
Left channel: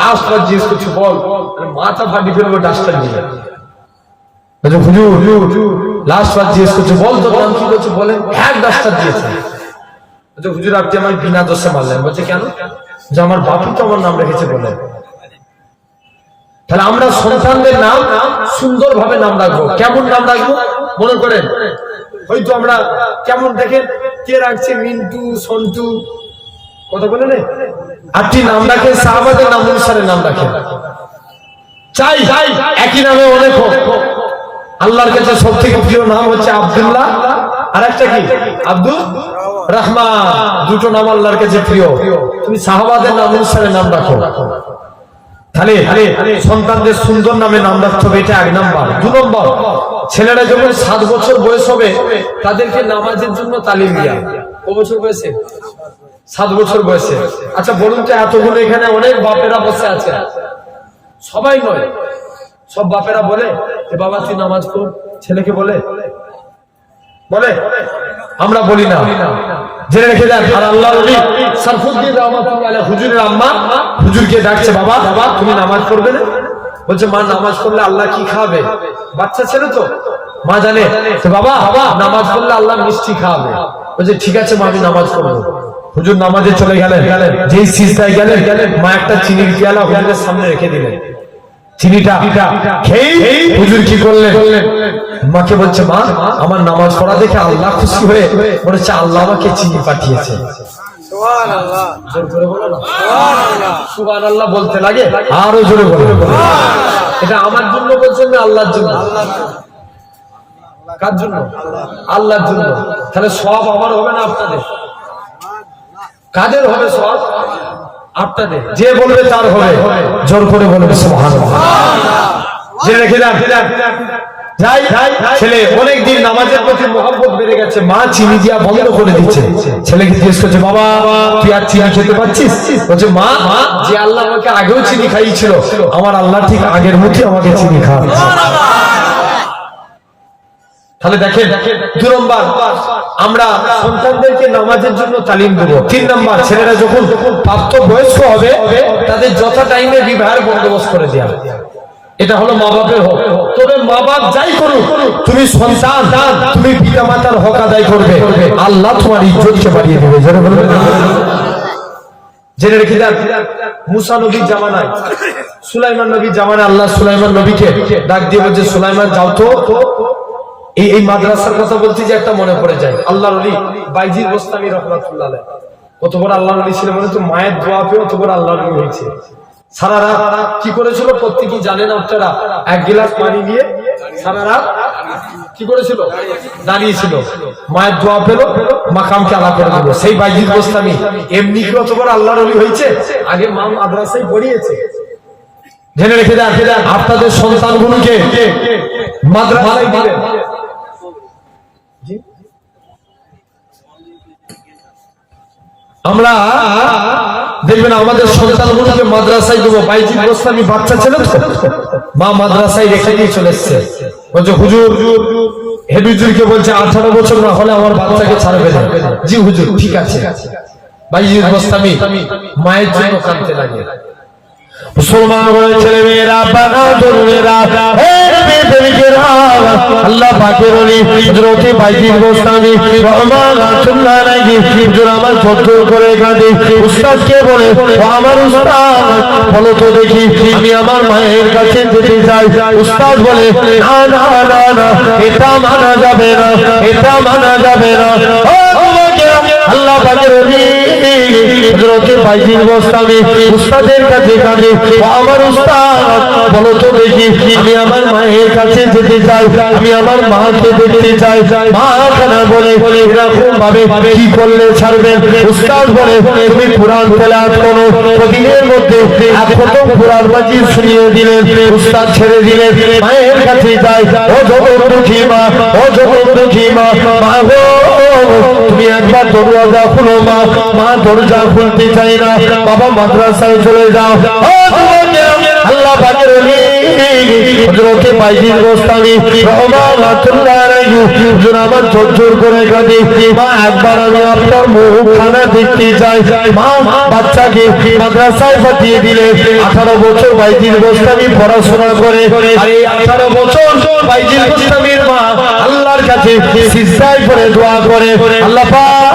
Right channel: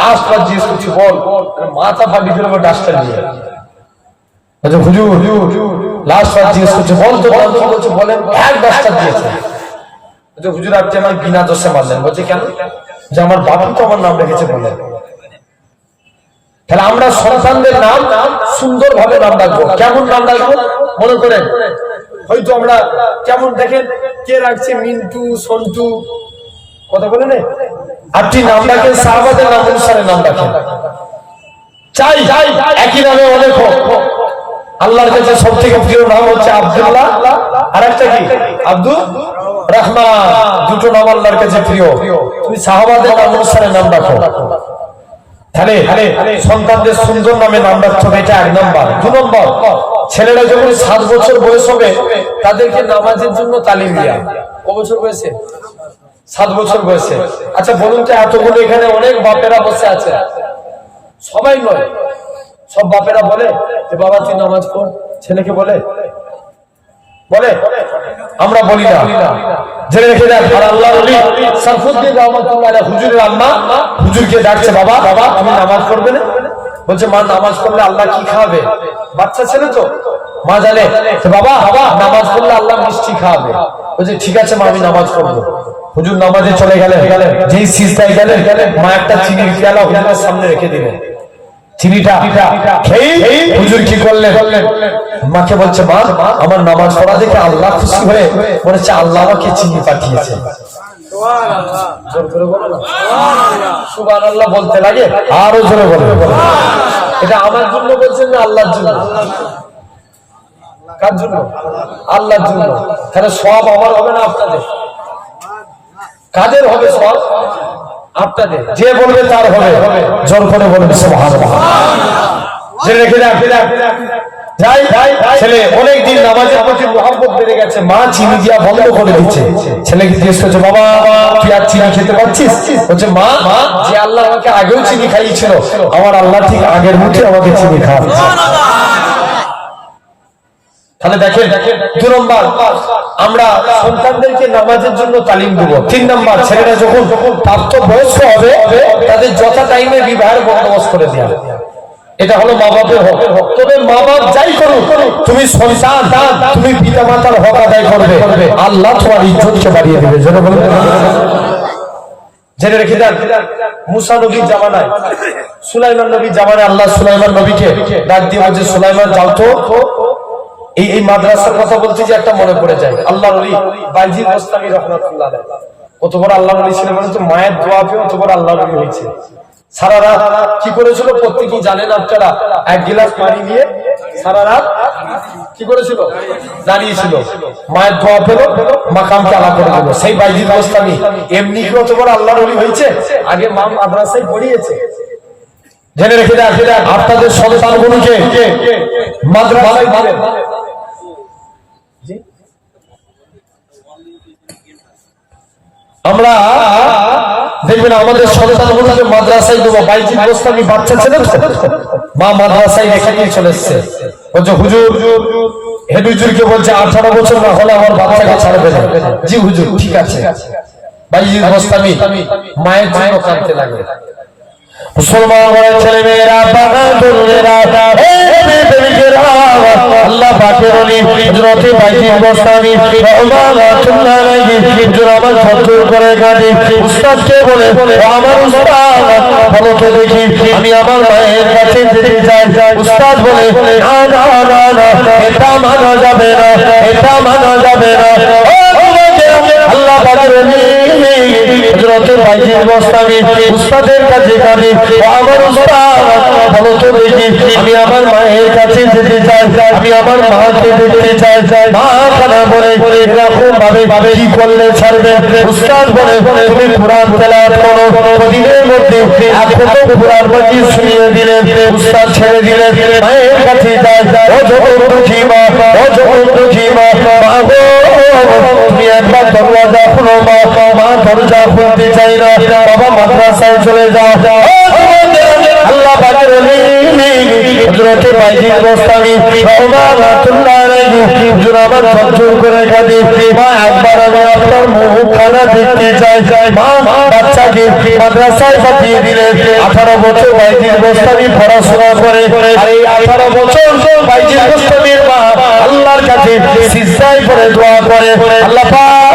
লাস্ট বার জিজ্ঞেস করছি বল, মাথা ফাটি ফেলবো ডাস্টার নিয়ে। আচ্ছা হুজুর লাস্ট বার জিজ্ঞেস করছে বল তোর নাম কি? বলছে বলেন। হ্যাঁ ডাস্টার দিয়েছে। আচ্ছা হুজুর আপনি আমার বিনা দোষে মারলেন। বলছে কেন? যে আমার বাবা তো আমার নাম রেখেছে বলে। তাহলে আমরা সন্তানদের নাম সুন্দরভাবে নাম রাখবো। কেমন নাম রাখবো? মনে করেন হয়তো আমরা কেমন দেখেন, কে রাখছে মিন্টু, সন্টু, কথা বলে না, আপনি নাম রাখেন সাহাবাদের নাম অনুসারে নাম রাখেন। চাই একই নামে অনেক হোক। আল্লাহর কাছে সবথেকে প্রিয় নাম হচ্ছে আব্দুল্লাহ, আর একটা কি আব্দুর রহমান। দুটো নাম আল্লাহর কাছে প্রিয়। তুমি সাহাবাদের নাম অনুসারে নাম রাখো। তাহলে সন্তানদের সুন্দর নামে নাম রাখতে হবে, এটা 1 নম্বর। 2 নম্বর, ছেলেরা যখন 7 বছর বয়স হবে তাদেরকে নামাজের জন্য তালিম দেয়া। ক বছর বয়সে? 7 বছর বয়সে। আচ্ছা বলুন তো, এতগুলো এখানে অনেক বাপেরা বসে আছে, সবাই নয়, সব বাপেরা বলে যে বাবা তুই নামাজ পড়, ছেলেকে বলে? আমরা বলি না। জেনে রেখে দেন। আর আল্লাহ নবী সাইফুদ্দিন রাহমাতুল্লাহ আলাইহি হুজুরের আম্মা হুজুরকে ডাকছে, বাবা তুমি নামাজ পড়বে না? বলছে মা নামাজ পড়লে আল্লাহ কি খাবে? বাচ্চা ছেলে তো, মা জানে বাবা নামাজ পড়লে আল্লাহ মিষ্টি খাওয়াবে। বলছে ঠিক আছে মা আমি নামাজ পড়বো। হুজুর নামাজে চলে গেলেন, যেই সিজদায় গেলেন মা একটা চিনির পেয়ালা হুজুরের সামনে রেখে দিলেন। চিনিটা খেয়ে হুজুর কি করলেন? মাকে বলছে মা আমার নামাজ পড়া দেখে আল্লাহ খুশি হয়ে বলেছে আল্লাহ আমাকে চিনি পাঠিয়েছে। জোর করে বলো না সুবহানাল্লাহ বলতে লাগে, আরো জোরে বলো। এটা আমার জন্য বলছেন না আল্লাহর জন্য? কার জন্য? আল্লাহর জন্য। তাহলে সব আমার হবে না আপনাদের? কাদের হবে সব? আপনাদের। যে বলবে তার হবে। জোর করে বলবে সুবহানাল্লাহ। জেনে রেখে দাও। যাই ছেলে অনেকদিন নামাজের প্রতি মহব্বত বেড়ে গেছে, মা চিনি দিয়া বন্ধ করে দিচ্ছে। ছেলেকে জিজ্ঞেস করছে, বাবা তুই আর চিনি খেতে পারছিস? বলছে, মা যে আল্লাহ আমাকে আগেও চিনি খাইয়েছিল, আমার আল্লাহ ঠিক আগের মতো আমাকে চিনি খাওয়াচ্ছে। তাহলে দেখেন, 2 নম্বর আমরা সন্তানদেরকে নামাজের জন্য তালিম দেব। 3 নম্বর ছেলেরা যখন প্রাপ্ত বয়স্ক হবে তাদের যথা টাইমে বিবাহের বন্দোবস্ত করে দেওয়া। এটা হলো মা বাপের হক। তবে মা বাপ যাই করুক, তুমি সন্তান, তুমি পিতা মাতার হক আদায় করবে, আল্লাহ তোমার ইজ্জতকে বাড়িয়ে দেবে। জেনে রেখে দেন, মুসা নবীর জামানায়, সুলাইমান নবীর জামানায় আল্লাহ সুলাইমান নবীকে ডাক দিয়ে বলছে, সুলাইমান যাও তো। এই মাদ্রাসার কথা বলতে যে একটা মনে পড়ে যায়, আল্লাহর ওলি বাইজির বোস্তামি রহমাতুল্লাহ আলাইহি কত বড় আল্লাহর ওলি ছিলেন, মানে তো মায়ের দোয়া পেয়ে কত বড় আল্লাহর ওলি হয়েছে। সারা রাত কি করেছিল প্রত্যেকেই জানেন আপনারা, 1 গিলাস পানি নিয়ে সারা রাত কি করেছিল, দাঁড়িয়েছিল। মায়ের দোয়া পেল, মাকামকে আলা করে দিল। সেই বাইজির বোস্তামি এমনি কি কত বড় আল্লাহর ওলি হয়েছে, আগে মা মাদ্রাসায় পড়িয়েছে। জেনে রেখে দেন, আপনাদের সন্তানগুলোকে মাদ্রাসায় দিবেন। আমরা দেখবেন আমাদের সন্তানগুলোকে মাদ্রাসায় দেবো। বাইজির বোস্তামি বাচ্চা ছেলে তো, মা মাদ্রাসায় রেখে দিয়ে চলে এসছে। বলছে, হুজুর হেড হুজুরকে বলছে 18 বছর না হলে আমার বাচ্চাকে ছাড়বে না। জি হুজুর ঠিক আছে। বাইজির বোস্তামি মায়ের জন্য কাঁদতে লাগে। মুসলমান ছেলে মেয়েরা, আল্লাহ পাকের ওলি হযরত বাইজির বোস্তামি রাহমাতুল্লাহ আলাইহি হুজুর আমার ফতোয়া করে কাঁদে। উস্তাদকে বলে, আমার উস্তাদ বলো তো দেখি, আমি আমার মায়ের কাছে যেতে চাই। উস্তাদ বলে, না না না না, এটা মানা যাবে না, এটা মানা যাবে না। আল্লাহ পাকের ওলি হযরত বাইজির বোস্তামি উস্তাদের কাছে কাঁদে, আমার উস্তাদ বলো তো দেখি, আমি আমার মায়ের কাছে যেতে চাই, আমি আমার মাকে দেখতে চাই। মা খানা বলে, এরকম ভাবে কি করলে ছাড়বে? উস্তাদ বলে, তুমি কুরআন তেলাওয়াত করো। প্রতিদিনের মধ্যে এখন কুরআন মাজিদ শুনিয়ে দিলেন, উস্তাদ ছেড়ে দিলেন, মায়ের কাছে যায়। ও দুঃখী মা, ও দুঃখী মা, তুমি একবার দরজা খুলো মা। মা দরজা খুলতে চাই না, বাবা মাদ্রাসায় চলে যাও। আল্লাহ পাকের ওলি হযরত বাইজির বোস্তামি রাহমাতুল্লাহ আলাইহি হুজুর আমার জোর করে কাঁদে, মা একবার আমি আপনার মুখখানা দেখতে চাই। মা বাচ্চাকে মাদ্রাসায় পাঠিয়ে দিলে। 18 বছর বাইজির বোস্তামি পড়াশোনা করে, আর এই 18 বছর বাইজির বোস্তামির মা আল্লাহর কাছে সিজদায় পড়ে দোয়া করে, আল্লাহ পাক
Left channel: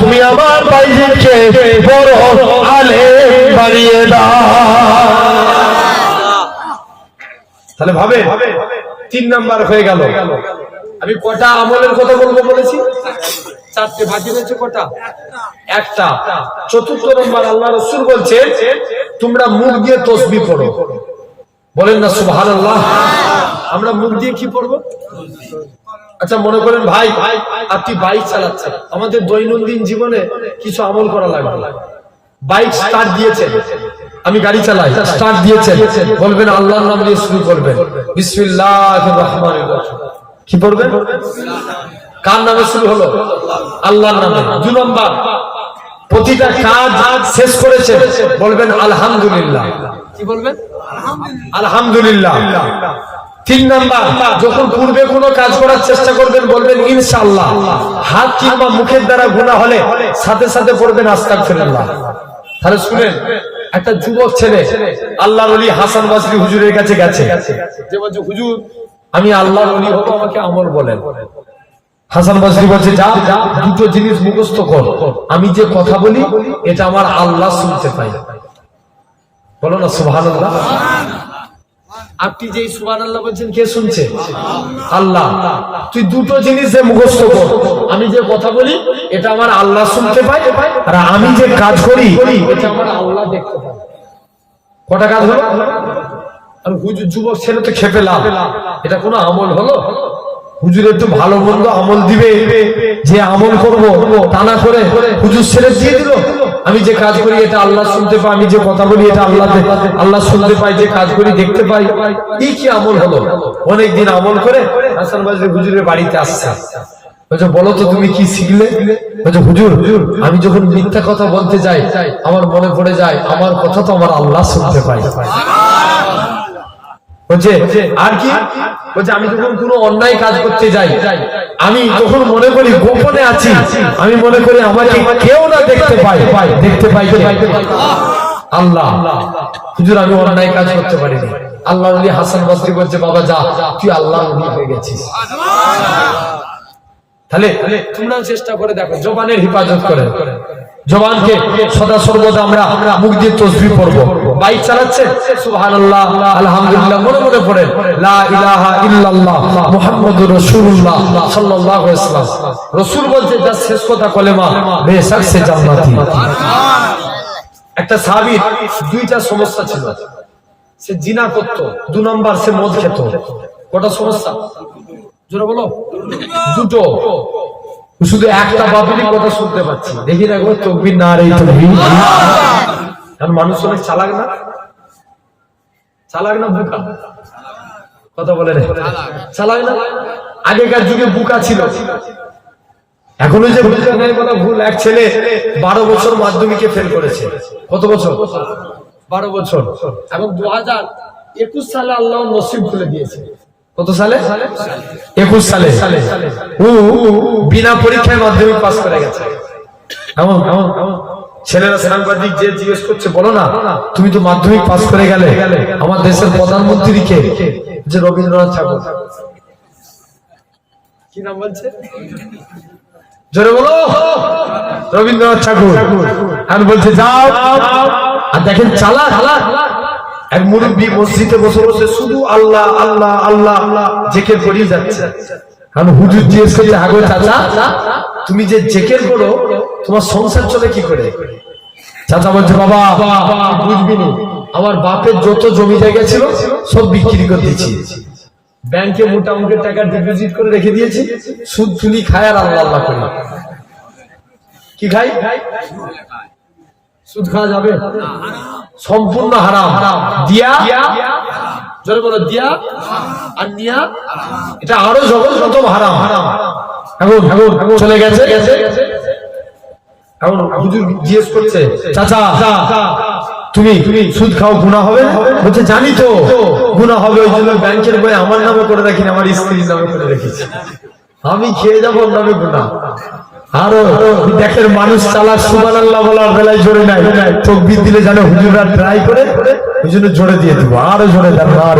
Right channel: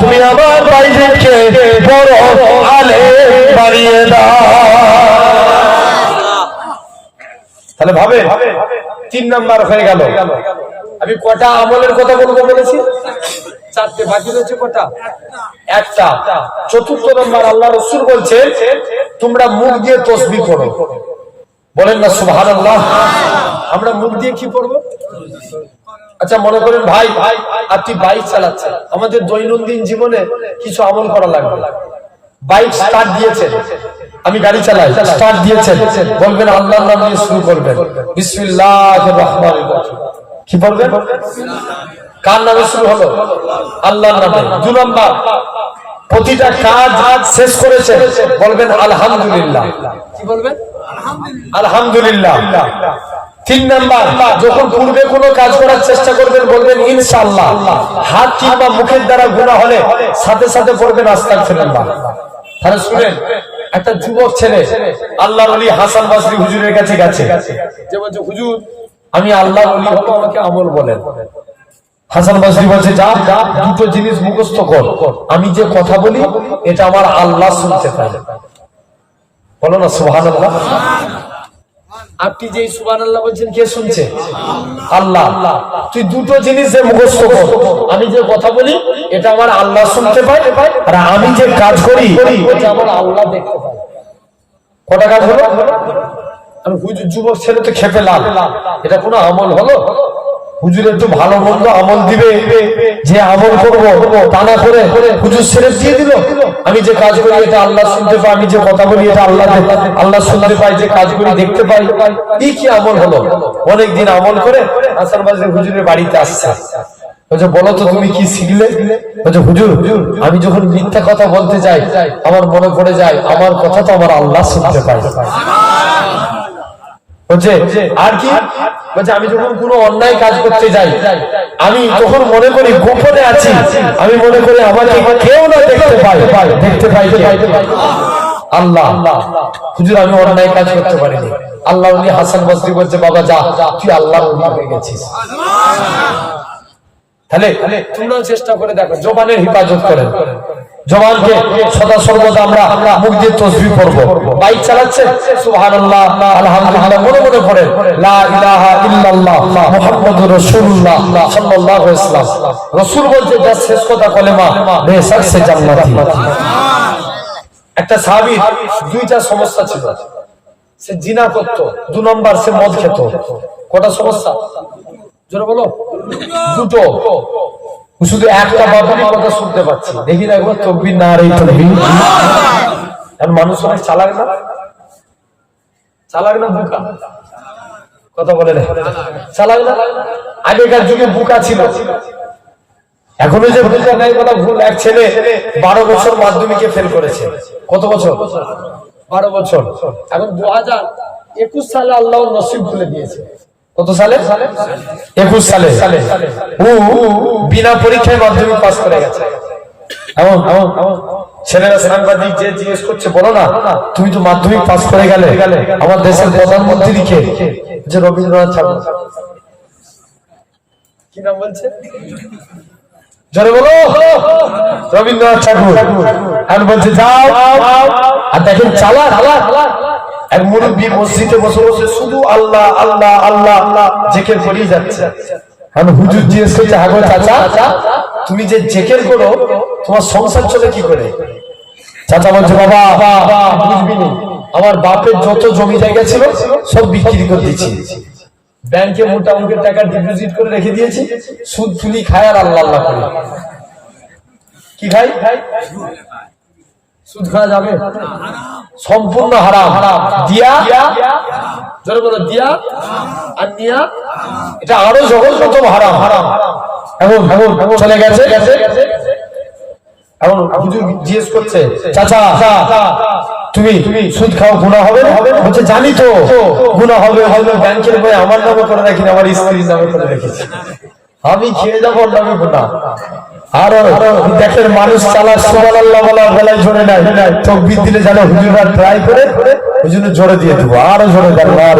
তুমি আমার বাইজিকে বড় আলেম বানিয়ে দাও। তাহলে ভাবে 3 নাম্বার হয়ে গেল। আমি কটা আমলের কথা বলবো বলেছি? 4টে, বাকি রয়েছে কটা? একটা। 4র্থ নাম্বার আল্লাহ রাসূল বলছে, তোমরা মুখ দিয়ে তাসবিহ পড়ো। বলেন না সুবহানাল্লাহ। আমরা মুখ দিয়ে কি পড়বো? আচ্ছা মনে করেন ভাই আপনি বাইক চালাচ্ছেন, আমাদের দৈনন্দিন জীবনে কিছু আমল করা লাগবে। বাইক স্টার্ট দিয়েছেন, আমি গাড়ি চালাই, স্টার্ট দিয়েছেন, বলবেন আল্লাহর নাম নিয়ে শুরু করবেন, বিসমিল্লাহির রহমানির রহিম। কি বলবেন? কার নামে শুরু হলো? আল্লাহর নামে। 2 নাম্বার, প্রতিটা কাজ শেষ করেছেন, বলবেন আলহামদুলিল্লাহ। কি বলবেন? আলহামদুলিল্লাহ। 3 নাম্বার, যখন পূর্বে কোনো কাজ করার চেষ্টা করবেন বলবেন ইনশাআল্লাহ। হাত কিংবা মুখের দ্বারা গুনাহ হলে সাথে সাথে পড়বেন আস্তাগফিরুল্লাহ। তাহলে শুনেন, একটা যুবক ছেলে আল্লাহর ওলি হাসান বসরি হুজুরের কাছে গেছে, যে বলছে হুজুর আমি আল্লাহর ওলি হব, আমাকে আমল বলেন। হাসান বসরি বলছে, যা 2টো জিনিস মুখস্থ কর, আমি যে কথা বলি এটা আমার আল্লাহ শুনতে পায়। বলো না সুবহানাল্লাহ। আপনি যে সুবহানাল্লাহ বলছেন, কে শুনছে? আল্লাহ। তুই 2টো জিনিস যে মুখস্থ কর, আমি যে কথা বলি এটা আমার আল্লাহ শুনতে পায়, আর আমি যে কাজ করি এটা আমার আল্লাহ দেখতে পায়। কটা কাজ হলো? আর হুজুর যুবক ছেলে তো খেপে লাভ, এটা কোনো আমল হলো? হুজুর একটু ভালো মন্দ আমল দিবে, যে আমল করবো তা না করে হুজুর ছেলে দিয়ে দিল। আমি যে কাজ করি এটা আল্লাহ শুনতে পাই, আমি যে কথা বলি এটা আল্লাহ শুনতে পাই, যে কাজ করি দেখতে পাই, এই কি আমল হলো? অনেকদিন আমল করে হাসান বাজার হুজুরের বাড়িতে আসছে। বলছে বলো তো তুমি কি শিখলে? বলছে হুজুর আমি যখন মিথ্যা কথা বলতে যাই আমার মনে পড়ে যায় আমার কথা তো আমার আল্লাহ শুনতে পাই। বলছে আর কি? বলছে আমি যখন কোনো অন্যায় কাজ করতে যাই আমি যখন মনে করি গোপনে আছি, আমি মনে করি আমাকে কেউ না দেখতে পাই আল্লাহ। হুজুর আমি অন্যায় কাজ করতে পারিনি। আল্লাহ হাসান বসরি বলছে বাবা যা, তুই আল্লাহ হয়ে গেছিস। তাহলে তোমরাও চেষ্টা করে দেখো, জবানের হিফাজত করে, জবানকে সদা সর্বদা আমরা মুখ দিয়ে তাসবিহ পড়ব। বাইক চালাচ্ছেন সুবহানাল্লাহ আলহামদুলিল্লাহ মনে মনে পড়েন লা ইলাহা ইল্লাল্লাহ মুহাম্মাদুর রাসূলুল্লাহ সাল্লাল্লাহু আলাইহি ওয়াসাল্লাম। রাসূল বলতে যার শেষ কথা কলেমা বেশক সে জান্নাতি। একটা সাহাবীর দুইটা সমস্যা ছিল, সে জিনা করত, দুই নাম্বার সে মদ খেত। কটা সমস্যা জোরে বলো? দুটো। শুধু একটা বাপেরই কথা শুনতে পাচ্ছি, দেখি না একবার তকবীর না রে তকবীর। মানুষ অনেক চালাক না, চালাক না বুকা? কথা বলে রে চালাক না? আগেকার যুগে বুকা ছিল, এখনো যে বোঝা নেই কথা ভুল। এক ছেলে 12 বছর মাধ্যমিকে ফেল করেছে। কত বছর? 12 বছর। এখন 2021 সালে আল্লাহ নসিব খুলে দিয়েছে। কত সালে? 21 সালে ও বিনা পরীক্ষায় মাধ্যমিক পাস করে গেছে। ছেলেরা সাংবাদিক যে জিজ্ঞেস করছে বলো না তুমি তো মাধ্যমিক পাস করে গেলে, আমার দেশের প্রধানমন্ত্রী কে? যে রবীন্দ্রনাথ ঠাকুর। কি নাম বলছে? জোরে বলো। রবীন্দ্রনাথ ঠাকুর। আমি বলছি যাও, আর দেখেন চালা এক মুরব্বী মসজিদে বসে বসে শুধু আল্লাহ আল্লাহ আল্লাহ আল্লাহ জিকির করেই যাচ্ছে। আমি হুজুর জিজ্ঞেস করছে আগো চাচা তুমি যে জিকির করো তোমার সংসার চলে কি করে? চাচা বলছে বাবা বুঝবি নি, আমার বাপের যত জমি জায়গা ছিল সব বিক্রি করে দিয়েছি, ব্যাংকে মোটামুটি টাকা ডিপোজিট করে রেখে দিয়েছি, সুদ তুলি খায় আর আল্লাহ আল্লাহ করি। কি খাই? সুদ খাওয়া যাবে? সম্পূর্ণ হারাম। দিয়া জোরে বলো, দিয়া আর নিয়া এটা আরো জঘন্যতম হারাম। এখন চলে গেছে। এখন হুজুর জিজ্ঞেস করছে চাচা তুমি সুদ খাও গুনাহ হবে? বলছে জানি তো গুনাহ হবে, ব্যাংকের বই আমার নামে করে রাখি, আমার স্ত্রীর নামে করে রেখেছি, আমি খেয়ে যাবো ওর নামে গুনাহ। আরো দেখেন মানুষ চালাক সুবহানাল্লাহ বলার বেলায় জোরে নাই, তাকবীর দিলে জানে হুজুররা ট্রাই করে ওই জন্য জোরে দিয়ে দেবো, আরো জোরে দেন না আর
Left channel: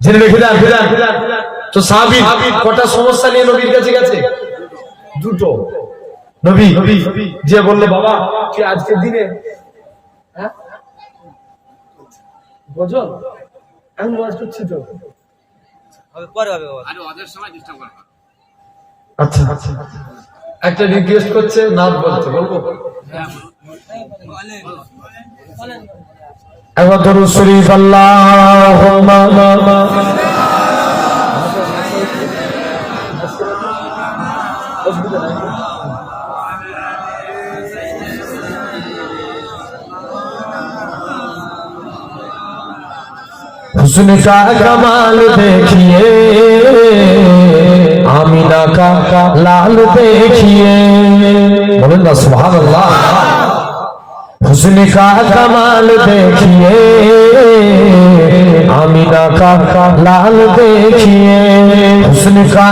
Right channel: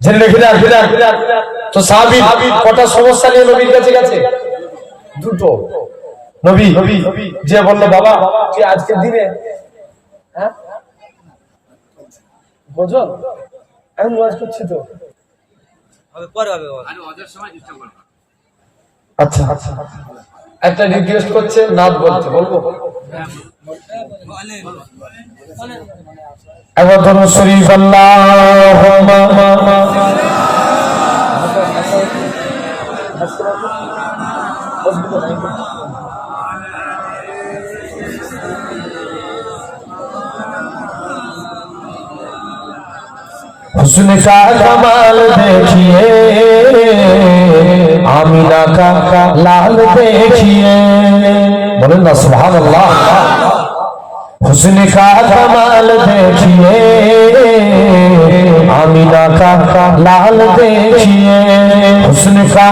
জেনে রেখে দেন। তো সাহাবী কটা সমস্যা নিয়ে নবীর কাছে গেছে? দুটো। নবী যে বললো বাবা কি আজকের দিনে বুঝল আমি ওয়াজ করছি তো পরে হবে, আচ্ছা একটা রিকোয়েস্ট করছে নাচ বলতে, বলবো? একবার দরুদ শরীফ আল্লাহুম্মা हुस्न का कमाल देखिए, आमिना का लाल देखिए, अल्लाह सुभान अल्लाह। हुस्न का कमाल देखिए, आमिना का लाल देखिए, हुस्न का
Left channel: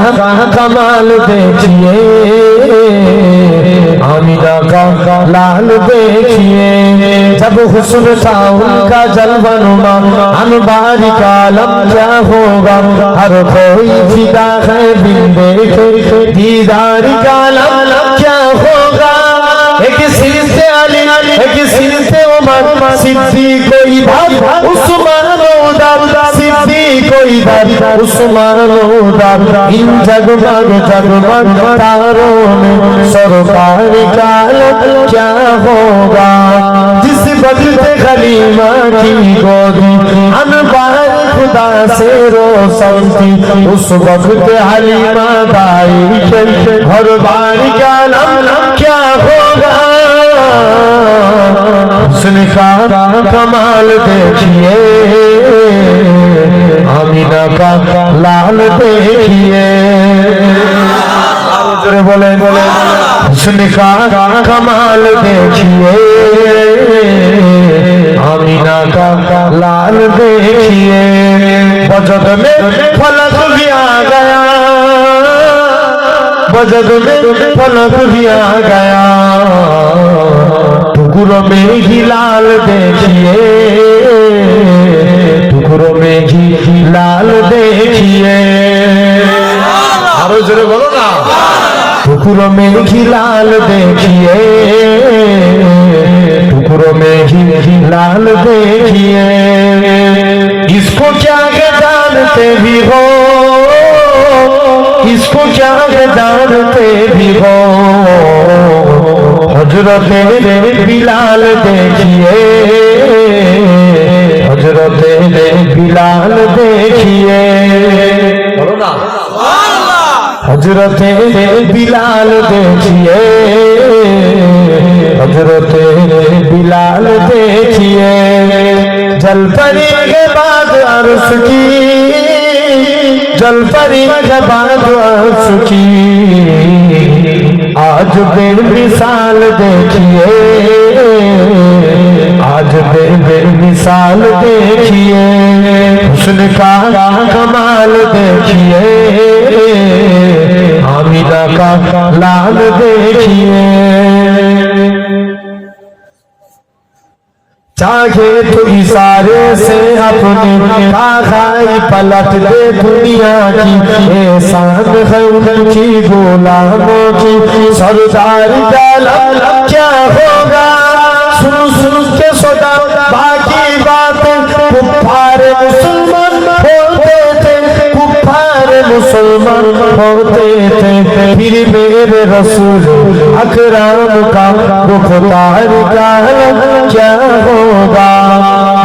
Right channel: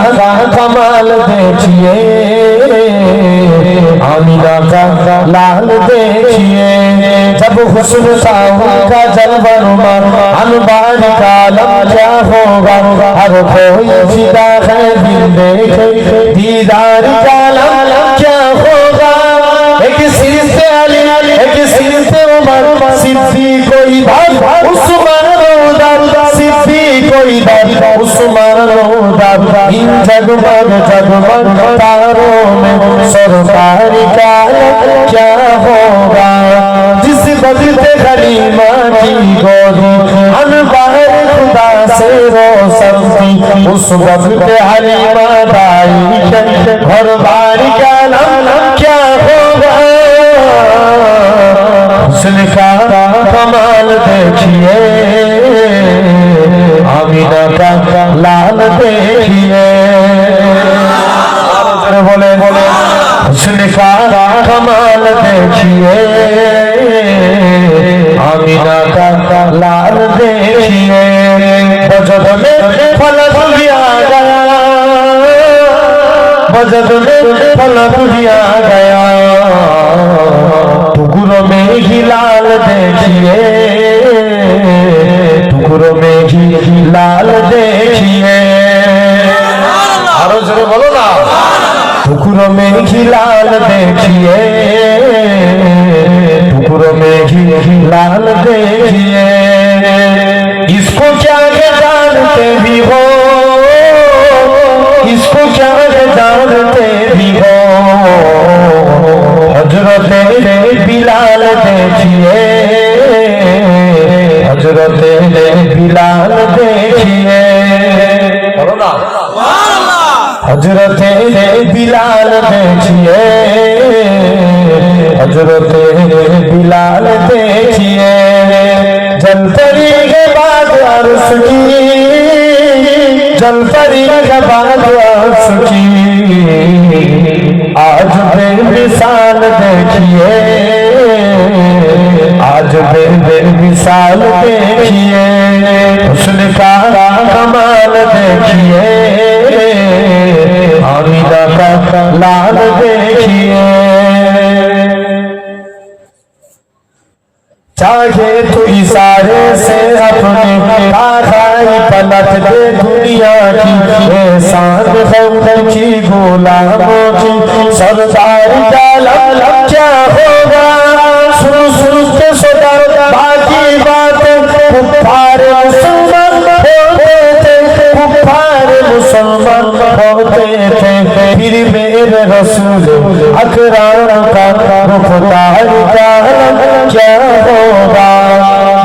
कमाल देखिए, आमिना का लाल देखिए। जब हुस्न का उनका जलवा अनबारी कालम क्या होगा, हर कोई फिदा है बिन देखे दीदार कालम क्या होगा। एक सिर से अली एक सिर से उमर, सिद्दीक इधर उस्मान उधर, सिद्दीक इधर उस्मान उधर, इन जगमग जगमग तारों में सरकार कालम क्या होगा। जिस वक्त खलीमा की गोदी अनबार खुदा से रोशन थी, उस वक्त हलीमा भाई हर बारी का नाम क्या होगा। आमिना का लाल देखिए बोले हुस्न का कमाल देखिए आमिना का लाल देखिए बजट में फलक भी आ गया बजट में फलक भी आ गया टुकड़ों में ही लाल देखिए टुकड़ों में ही लाल देखिए बोलो ना टुकड़ों में ही लाल देखिए टुकड़ों में ही लाल देखिए इसको क्या जानते भी हो इसको क्या जानते भी हो हजरत बिलाल देखिए हजरत बिलाल देखिए हजरत बिलाल देखिए हजरत बिलाल देखिए जलपरी के बाद अर्श की जलपरी के बाद अर्श की आज बेमिसाल देखिए आज बेमिसाल देखिए हुस्न का कमाल देखिए आमिना का लाल देखिए चाहे तो इशारे से अपनी आखाई पलट दे दुनिया की एहसान गौर की गुलामों की सरदार डाला क्या होगा सुन सुन के सोता बाकी बात कुफ्फार मुसलमान होते थे कुफ्फार मुसलमान होते थे फिर मेरे रसूल अकराम का गुफ्तार का क्या होगा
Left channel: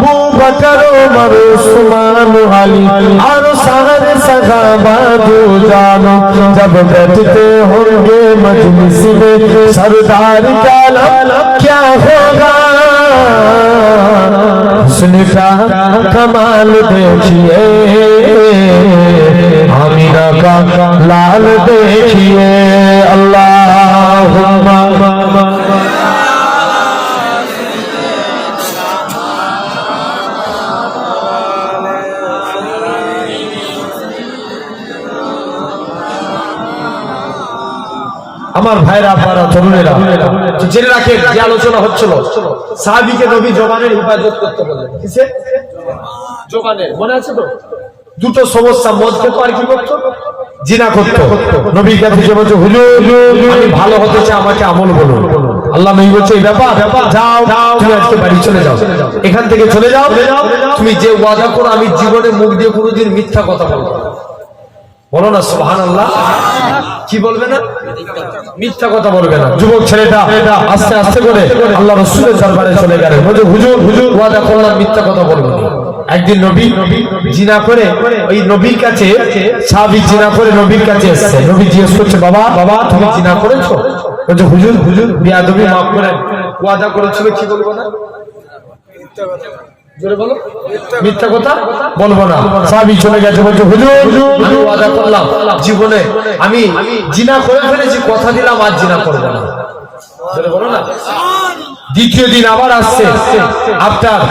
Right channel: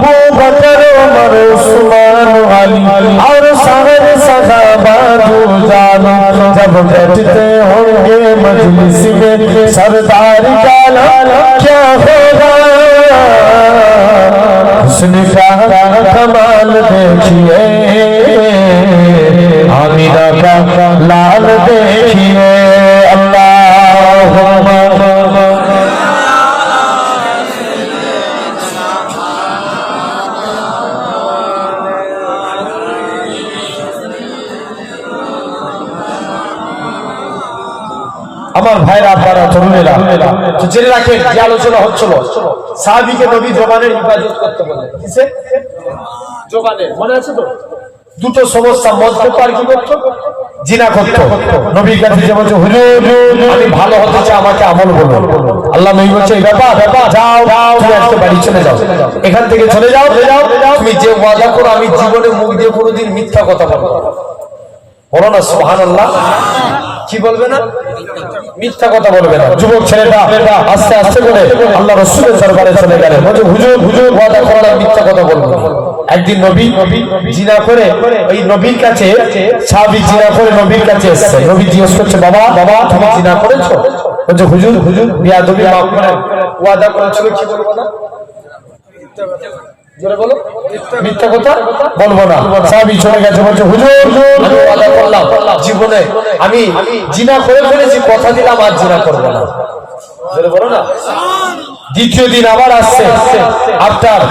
वो बकर उमर उस्मान अली और सारे सहाबा दो जानो जब बैठते होंगे मजलिस में सरदार का क्या होगा हुस्न का कमाल देखिए आमिना का लाल देखिए अल्लाहुम्मा আমার ভাইরা আপনারা তরুণেরা তো জেনে রাখেন যে আলোচনা হচ্ছিল সাহাবীকে নবী জবানের হিফাজত করতে বলে কিসে জবানের মনে আছে তো দুটো সমস্যা মজবুত আর কি করতে জিনা করতে নবীর কাছে যে বলছে হুজুর আমি ভালো হতে চাই আমাকে আমল বলুন আল্লাহ নবী বলছে এই ব্যাপার যাও তুমি আজকে বাড়ি চলে যাও এখান থেকে চলে যাও তুমি যে ওয়াদা করো আমি জীবনে মুখ দিয়ে কোনোদিন মিথ্যা কথা বলবো না বলো না সুবহানাল্লাহ কি বলবে না মিথ্যা কথা বলবে না যুবক ছেলেটা আস্তে আস্তে করে আল্লাহ রাসূলের দরবারে চলে গেল বলে হুজুর ওয়াদা করলাম মিথ্যা কথা বলবো না একদিন নবী জিনা করে ওই নবীর কাছে সাহাবী জিনা করে নবীর কাছে এসেছে নবী জিজ্ঞেস করছে বাবা তুমি জিনা করেছো বলে হুজুর বেয়াদবি মাফ করেন ওয়াদা করেছিল কি বলবো না মিথ্যা কথা জোরে বলো মিথ্যা কথা বলবো না সাহাবী চলে গেছে বলছে হুজুর আমি ওয়াদা করলাম জীবনে আমি জিনা করে ফেলেছি কথা দিলাম আর জিনা করব না জোরে বলো না দ্বিতীয় দিন আবার আসছে আফটার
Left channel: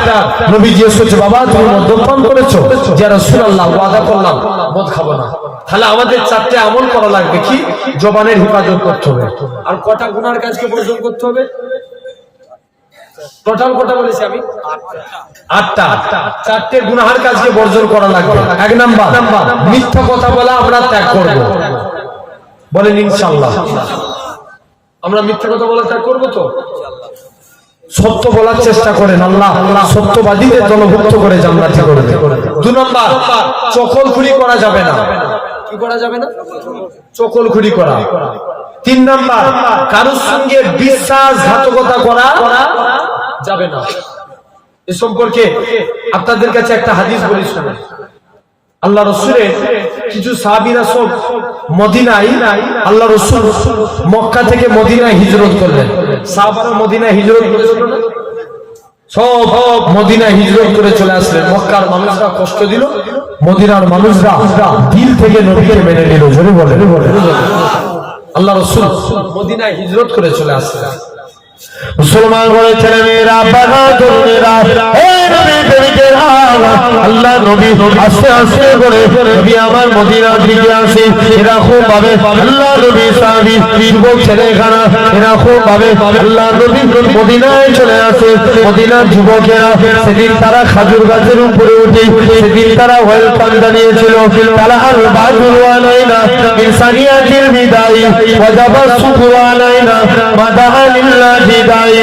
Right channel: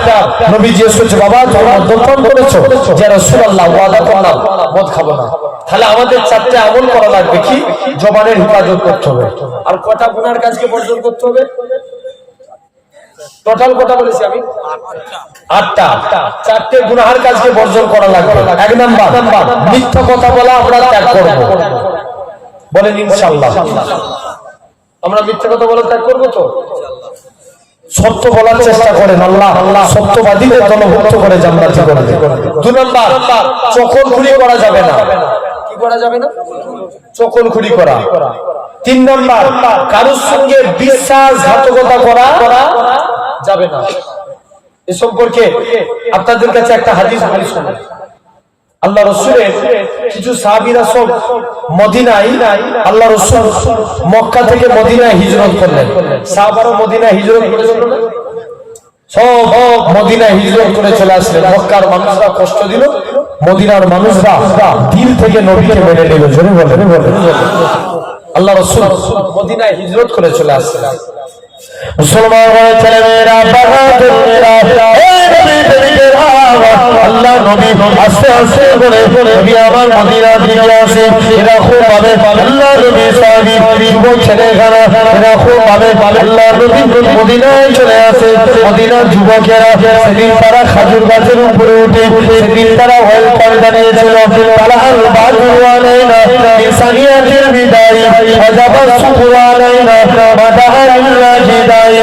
নবী জিজ্ঞেস করছে বাবা তুমি মদ্যপান করেছো যে রাসূলুল্লাহ ওয়াদা করলাম মদ খাবো না তাহলে আমাদের চারটে আমল করা লাগবে কি জবানের হিফাজত করতে হবে আর কটা গুনার কাজকে বর্জন করতে হবে টোটাল কটা বলেছি আমি 8টা চারটে গুনাহের কাজকে বর্জন করা লাগবে এক নাম্বার মিথ্যা কথা বলা আমরা ত্যাগ করব বলেন ইনশাআল্লাহ আমরা মিথ্যা কথা বলা ত্যাগ করব তো ইনশাআল্লাহ সত্য বলার চেষ্টা করেন আল্লাহ সত্যবাদীদের দলভুক্ত করে জান্নাতি করে দেন 2 নাম্বার চকলখুরি করা যাবে না কি করা যাবে না চকলখুরি করা 3 নাম্বার কারোর সঙ্গে বিশ্বাসঘাতকতা করা যাবে না এ সম্পর্কে আপনাদের কাছে একটা হাদিস বলি শুনুন আল্লাহ রাসূলের কিছু সাহাবীরা সব মদিনায় আল্লাহ রাসূল মক্কা থেকে মদিনায় হিজরত করলেন সাহাবারা মদিনায় হিজরত করেছিল না সব মদিনায় হিজরত করে চলে আসলেন। মক্কার মানুষরা কষ্ট দিল, মদিনার মানুষরা দিল থেকে নবীকে মেনে নিল। জোরে বলেন আল্লাহ রাসূল মদিনায় হিজরত করে চলে আসলেন। মুসলমান ছেলেমেয়েরা, বাহাদুরেরা, এই নবীর প্রেমিকেরা, আল্লাহ নবী আস্তে আস্তে করে নবী আমার মদিনার দিকে আসে। এরকম ভাবে আল্লাহ নবী সাহাবী যুবক ছেলেখানা এরকম ভাবে আল্লাহ নবী মদিনায় চলে আসে। মদিনার যুবকেরা সেদিন তারা খাজুর গাছের উপরে উঠে সেদিন তারা ওয়েলকাম জানিয়েছিল। তারা আর বাদুয়া নাই না ইনসানিয়াতের বিদায় ওয়াজাবাত সুখওয়া নাই না মাদাহার বিদায়।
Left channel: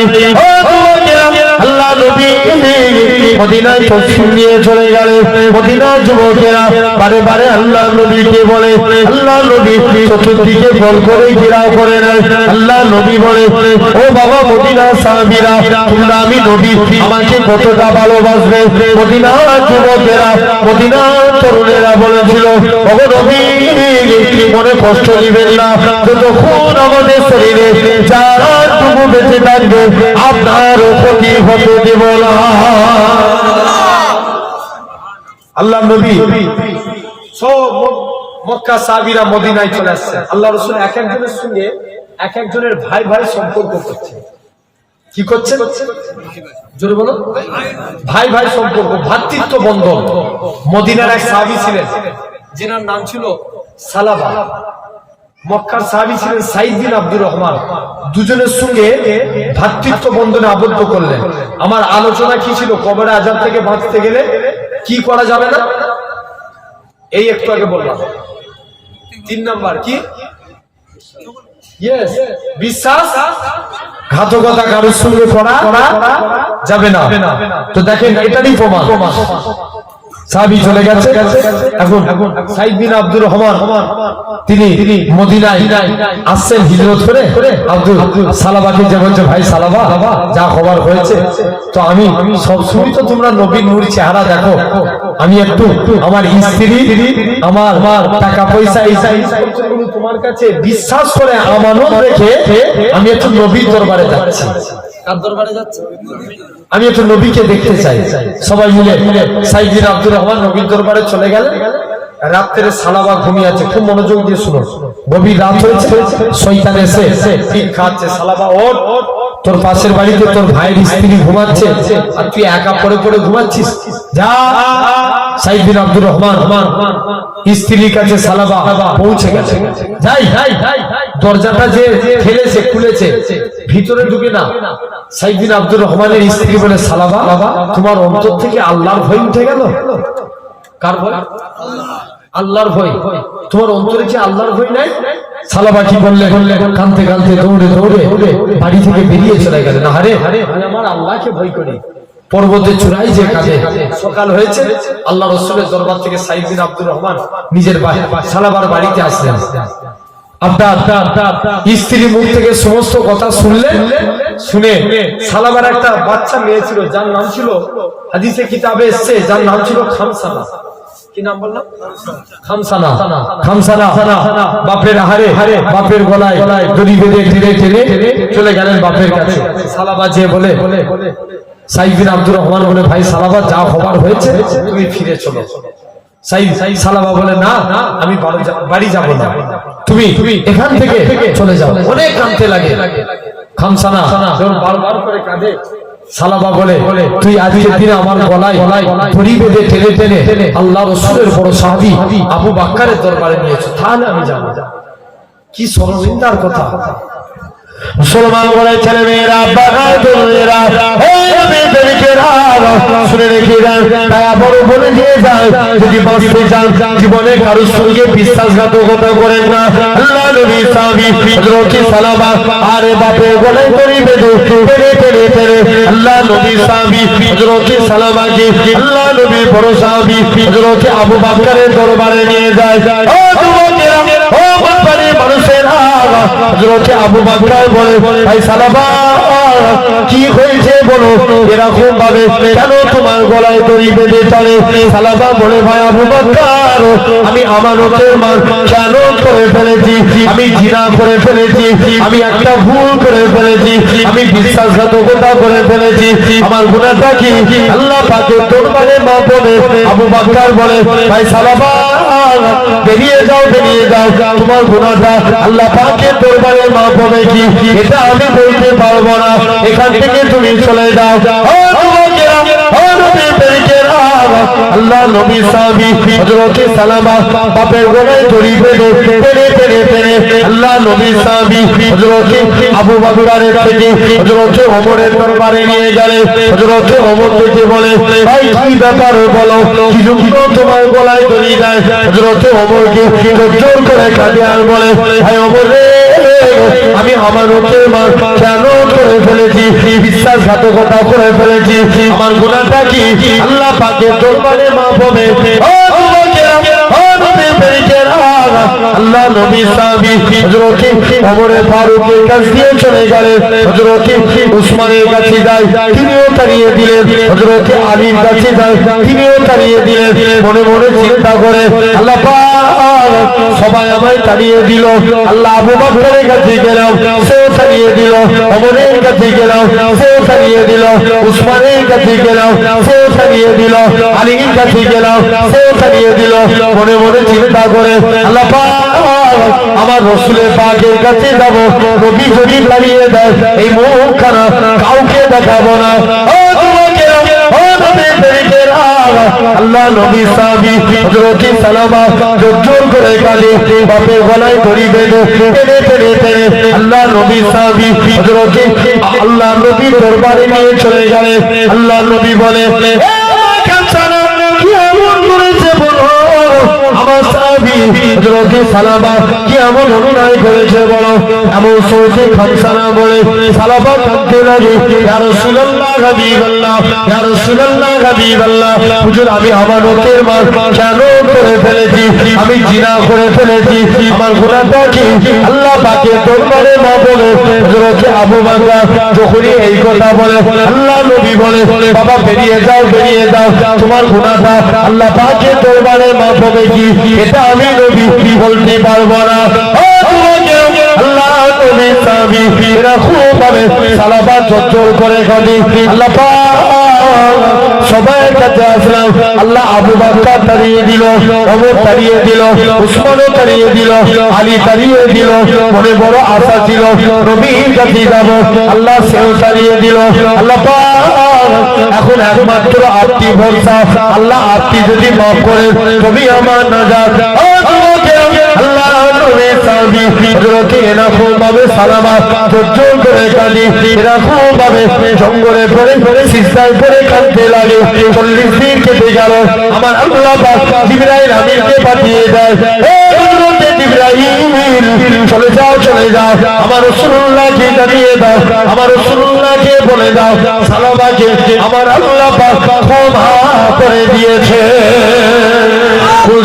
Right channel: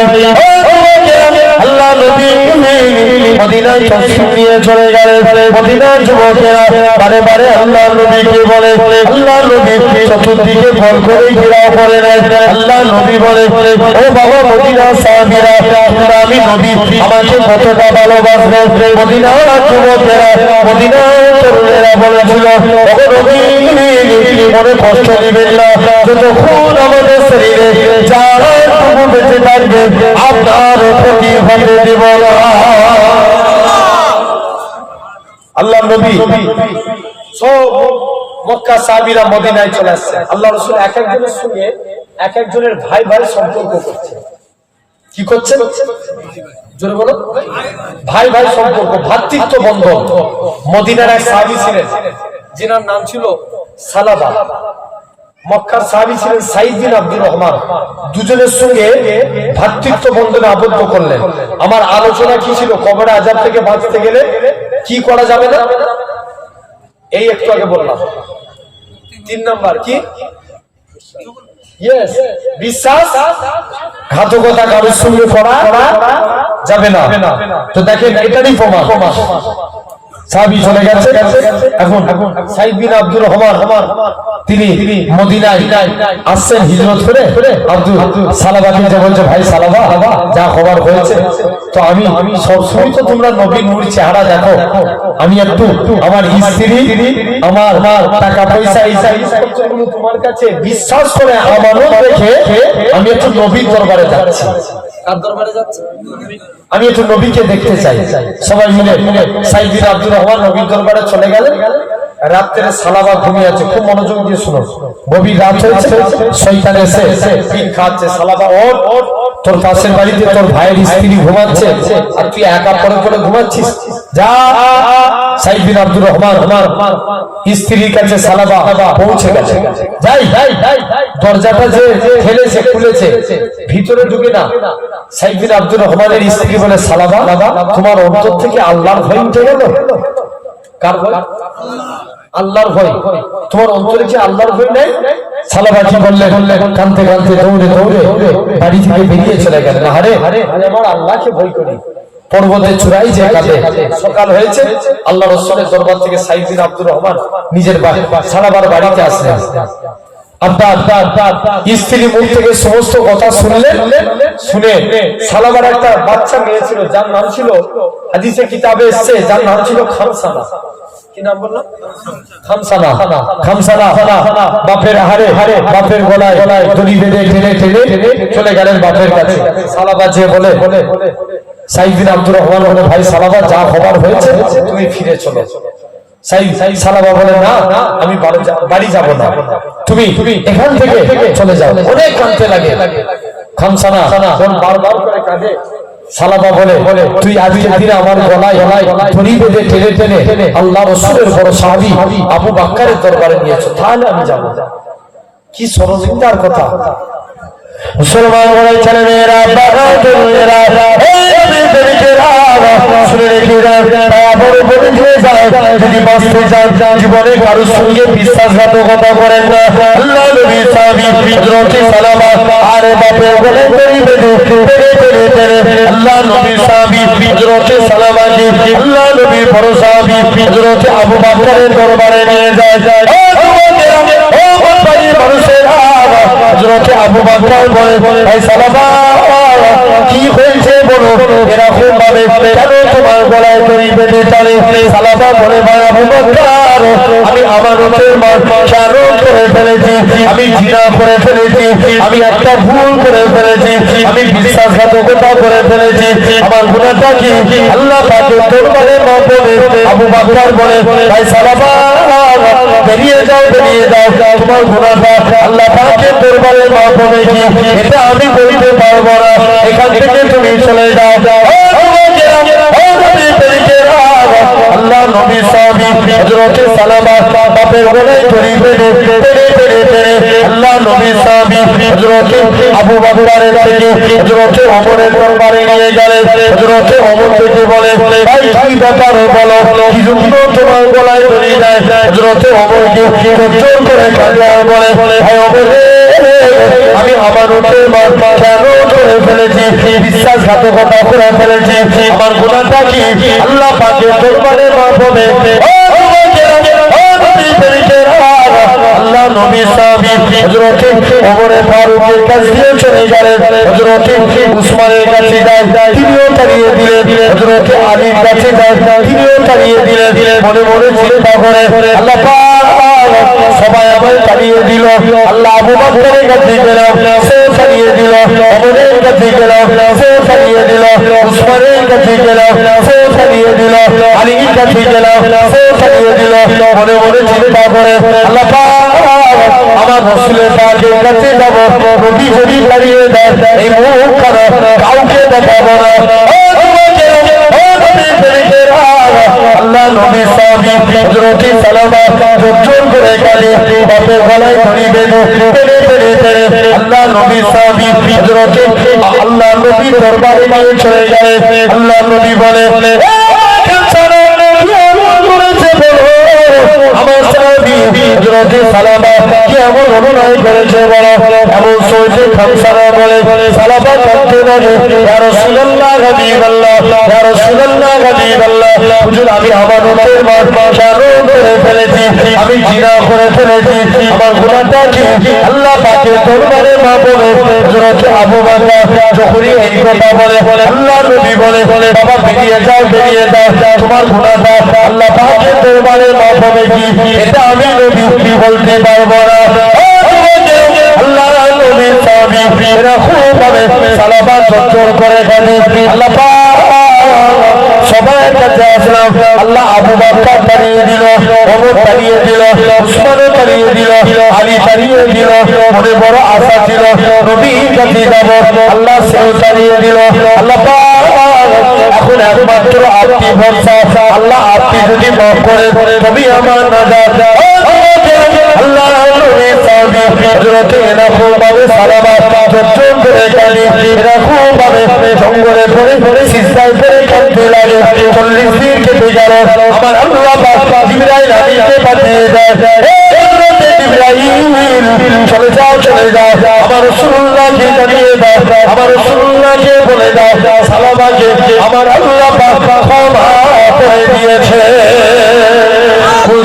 আল্লাহ নবী মদিনায় তসলিম নিয়ে চলে গেলেন। মদিনার যুবকেরা বারে বারে আল্লাহ নবীকে বলে, আল্লাহ নবী চতুর্দিকে গোল করে ঘেরাও করে নেয়। আল্লাহ নবী বলে, ও বাবা মদিনার সাহাবীরা, তোমরা আমি নবী আমাকে কতটা ভালোবাসবে। মদিনার যুবকেরা মদিনার তরুণেরা বলেছিল, ও নবী মনে কষ্ট নেবেন না, যতক্ষণ আমাদের শরীরে জানটুকু বেঁচে থাকবে আপনার ক্ষতি হতে দেব না। আল্লাহ নবী সব মক্কা সাহাবীরা মদিনায় চলে আসছে। আল্লাহ রাসূল এক একজনের সঙ্গে এক একজনের ভাই ভাই সম্পর্ক করছে। কি করছেন? জোরে বলো। ভাই ভাই সম্পর্ক, ভ্রাতৃত্ব বন্ধন। মদিনার এক সাহাবী ছিলেন যিনার নাম ছিল সালাবা। মক্কার সাহাবী ছিলেন সাইদ বিন আব্দুর রহমান। দুজনের সঙ্গে ভ্রাতৃত্ব বন্ধনে আবদ্ধ করলেন। আমার আলোচনা কি ছিল? কবরে আযাব থেকে বাঁচতে গেলে কি করা যাবে না, এই একটু আগে বললাম। 3 নাম্বার কি? ইয়েস, বিশ্বাস ঘাতকতা কারোর সঙ্গে করা যাবে না। তো দেখেন এটারই প্রমাণ। সাহাবী চলে গেছে। এখন সাইদ বিন আব্দুর রহমান তিনি মদিনায় আসছেন হিজরত করে। আব্দুল সালাবাকে যে বলছে, ভাই সালাবা যা খবর হয়েছে, তো আমি সব সময় তো তোমরা নবীর নূর চেহারা দেখো, আমি একটু আমার স্ত্রী আমার টাকা পয়সা এই জিনিসপত্রগুলো তোমার কাছে বিশ্বাস করে আমানত রেখে আমি একটু নবীর দরবারে যাচ্ছি। কার দরবারে যাচ্ছে? আমি একটু নবীকে দেখতে চাই। সবাই মিলে সাইদ বিন আব্দুর রহমান নবীর দরবারে চলে গেলেন। রাত্রে সালাবা ঘুমিয়ে আছে। খুব মনোযোগ দিয়ে শুনো। গভীর রাত হয়েছে, শয়তান এসে পিন খাচ্ছে। সালাবা, ওঠ, তোর পাশের বাড়িতে তোর ভাইয়ের স্ত্রী ঘুমাচ্ছে আর তুই একা পড়ে পড়ে ঘুমাচ্ছিস, যা। সাইদ বিন আব্দুর রহমান স্ত্রীর কাছে সালাবা পৌঁছে গেছে। যাই দরজাটা যে ঠেলেছে খুলেছে, ভিতরে ঢুকে না। সাইদ বিন আব্দুর রহমানের স্ত্রী বলে, সালাবা তোমার অন্তর থেকে আল্লাহর ভয় উঠে গেল। কার ভয়? আল্লাহর ভয়। তোমার অন্তরে কি আল্লাহর ভয় নেই? সালাবা কি বললেন? কাঁদতে কাঁদতে দৌড়ে দৌড়ে বাড়ি থেকে বেরিয়ে চলে গেলেন। আরে আমার আল্লাহকে ভয় করি। পর্বতের চূড়ায় যে কাঁদে। সকাল হয়েছে, আল্লাহ রাসূলের দরবার থেকে সাইদ বিন আব্দুর রহমান নিজের সালাবার বাড়িতে আসলেন। আপনার স্ত্রী মুখ থেকে সমস্ত কথা শুনলেন। শুনে সালাবার একটা বাচ্চা মেয়ে ছিল, যার নাম ছিল, হাদিসে কিতাবে এসেছে, যার নাম ছিল খামসানা। কি নাম বললাম? খামসানা। খামসানা বাপের বাপের গলায় দড়ি বেঁধে ঠেলে চলে গেলেন বাপের কাছে। সালাবা যে বলে, সাইদ বিন আব্দুর রহমান বলে, ভাই সালাবা যা খবর হয়েছে তুমি ফিরে চলো। সালাবা বলে, না আমি বাড়ি যাব না, তুমি এখান থেকে চলে যাও। অনেক কাঁদতে লাগে। খামসানা বারবার করে কাঁদে। সালাবা বলে, তুই আজকের দিনে আমার গলায় দড়ি বেঁধে টেনে আল্লাহ রাসূলের বড় সাহাবী আবু বকরের দরবারে নিয়েছো, তাহলে আমি যাব। কি সরলতার কথা! মুসলমান বলে ছেলেমেয়েরা, বাহাদুরেরা, শুনে রেখে বলে দিয়ে যায়, যদি বাঁচতে চান জীবনে কারোর সঙ্গে বিশ্বাসঘাতকতা করেন না। আল্লাহ নবী সাহাবী হযরত সালামা আরে বাপের বলে দড়ি বেঁধে আল্লাহ নবী সাহাবী হযরত সালামাকে আল্লাহ নবী বড় সাহাবী হযরত আবু বকরের দরবারে নিয়ে যায়। হযরত আবু বকর বলে, ভাই সালামা কি হয়েছে বলো, এরকম ভাবে কেন তোমার গলায় দড়ি বেঁধে চলে? সালামা বলে, ভাই আবু বকর আমি আমানতের মাল খেয়াল করে ফেলেছি, আমি জিনা করে ফেলেছি, আমি একটা ভুল করে ফেলেছি, আমি বিশ্বাসঘাতকতা করে ফেলেছি, আমার গুনাহটা কি আল্লাহ পাকের দরবারে মাপবে। আবু বকর বলে ভাই সালামা বেরিয়ে যাও, বেরিয়ে যাও, তোমার গুনাহটা আল্লাহ পাকের দরবারে মাপবে কি এটা আমি বলতে পারবো না, এখান থেকে তুমি চলে যাও। আল্লাহ নবী সাহাবী হযরত সালামা বাপের গলায় দড়ি বেঁধে আল্লাহ নবী সাহাবী হযরত আবু বকরের থেকে হযরত ওমরের দরবারে নিয়ে গেলেন। হযরত ওমর থেকে বলে ভাই কি ব্যাপার বলো, কি জন্য তোমার গলায় দড়ি দেয়? হযরত ওমরকে জোর করে কাঁদে আর বলে ভাই ওমর রে, আমি আমানতের মাল কেন করে ফেলেছি, বিশ্বাসঘাতকতা করে ফেলেছি, আমার গুনাহটা কি আল্লাহ পাকের দরবারে মাফ হবে। আল্লাহ নবী সাহাবী হযরত ওমর ফারুকের কাছে দিয়ে চলে গেলেন। হযরত উসমানের কাছে যায়, তিনিও তাড়িয়ে দিলেন। হযরত আলীর কাছে যায়, তিনিও তাড়িয়ে দিলেন। মনে মনে চিন্তা করে আল্লাহ পাক সবাই আমায় তাড়িয়ে দিল, আল্লাহ আবু বকরের কাছে গেলাম, সে তাড়িয়ে দিল, ওমরের কাছে গেলাম, সে তাড়িয়ে দিল, উসমানের কাছে গেলাম, সে তাড়িয়ে দিল, আলীর কাছে গেলাম, সে তাড়িয়ে দিল। মনে মনে চিন্তা করে আল্লাহ পাক আমার রাসূলের পাকের কাছে যাব, নবী যদি তাড়িয়ে দেয় এই মুখখানা কাউকে দেখাবো না। আল্লাহ নবী সাহাবী হযরত সালামা জোর করে কাঁদে, বাপের গলায় দড়ি বেঁধে আল্লাহ নবী সাহাবী হযরত আল্লাহ নবী দরবারে নিয়ে চলে গেলেন। আল্লাহ নবী বলে সালামা কি এমন অভিনয় করেছে বলো, এমন সোজে খামসারা বলে সালামা কাঁদতে লাগে, ইয়া রাসূলুল্লাহ হাবিবাল্লাহ, ইয়া রাসূলুল্লাহ হাবিবাল্লাহ, হুজুর আমি আমানতের মাল কেন করে ফেলেছি, আমি জিনা করে ফেলেছি, আমার গুনাহটা কি আল্লাহ পাকের দরবারে মাফ হবে। হযরত আবু বকর যখনই এই কথা বলে আল্লাহ নবী বলে বাবা বেরিয়ে যাও, বেরিয়ে যাও, তোমার গুনাহটা আল্লাহ পাকের দরবারে মাফ হবে কি এটা আমি নবী বলতে পারবো না। আল্লাহ নবী সাহাবী এরা খুব ভাবে সালামা জোর করে কাঁদে। আল্লাহ সবাই কাছে আসলাম, আল্লাহ আবু বকর তাড়িয়ে দিল, ওমর তাড়িয়ে দিল, উসমানও তাড়িয়ে দিল, আলী তাড়িয়ে দিল। মনে বড় আশা ছিল নবীর কাছে যাব, আল্লাহ সেও তাড়িয়ে দিল। আল্লাহ এখন একমাত্র আপনি ভরসা, আল্লাহ আপনি যদি মাফ করে তবে আমার নাজাত। আল্লাহ নবী সাহাবী হযরত এরকম ভাবে সালামা জোর করে কাঁদে, এরকম ভাবে জঙ্গলে পড়ে সিজদায় পড়ে কাঁদতে লাগে। 40 দিন কেটে গেল, আমার আল্লাহ পাক জিবরাইল আমিনকে পাঠিয়ে দেয়, হযরত জিবরাইল চলে যাও, চলে যাও, আমার রাসূলুল্লাহকে জানিয়ে দাও, আমার রাসূলুল্লাহকে বলে দাও সালামাকে আমার আল্লাহ পাক ক্ষমা করে দিয়েছে।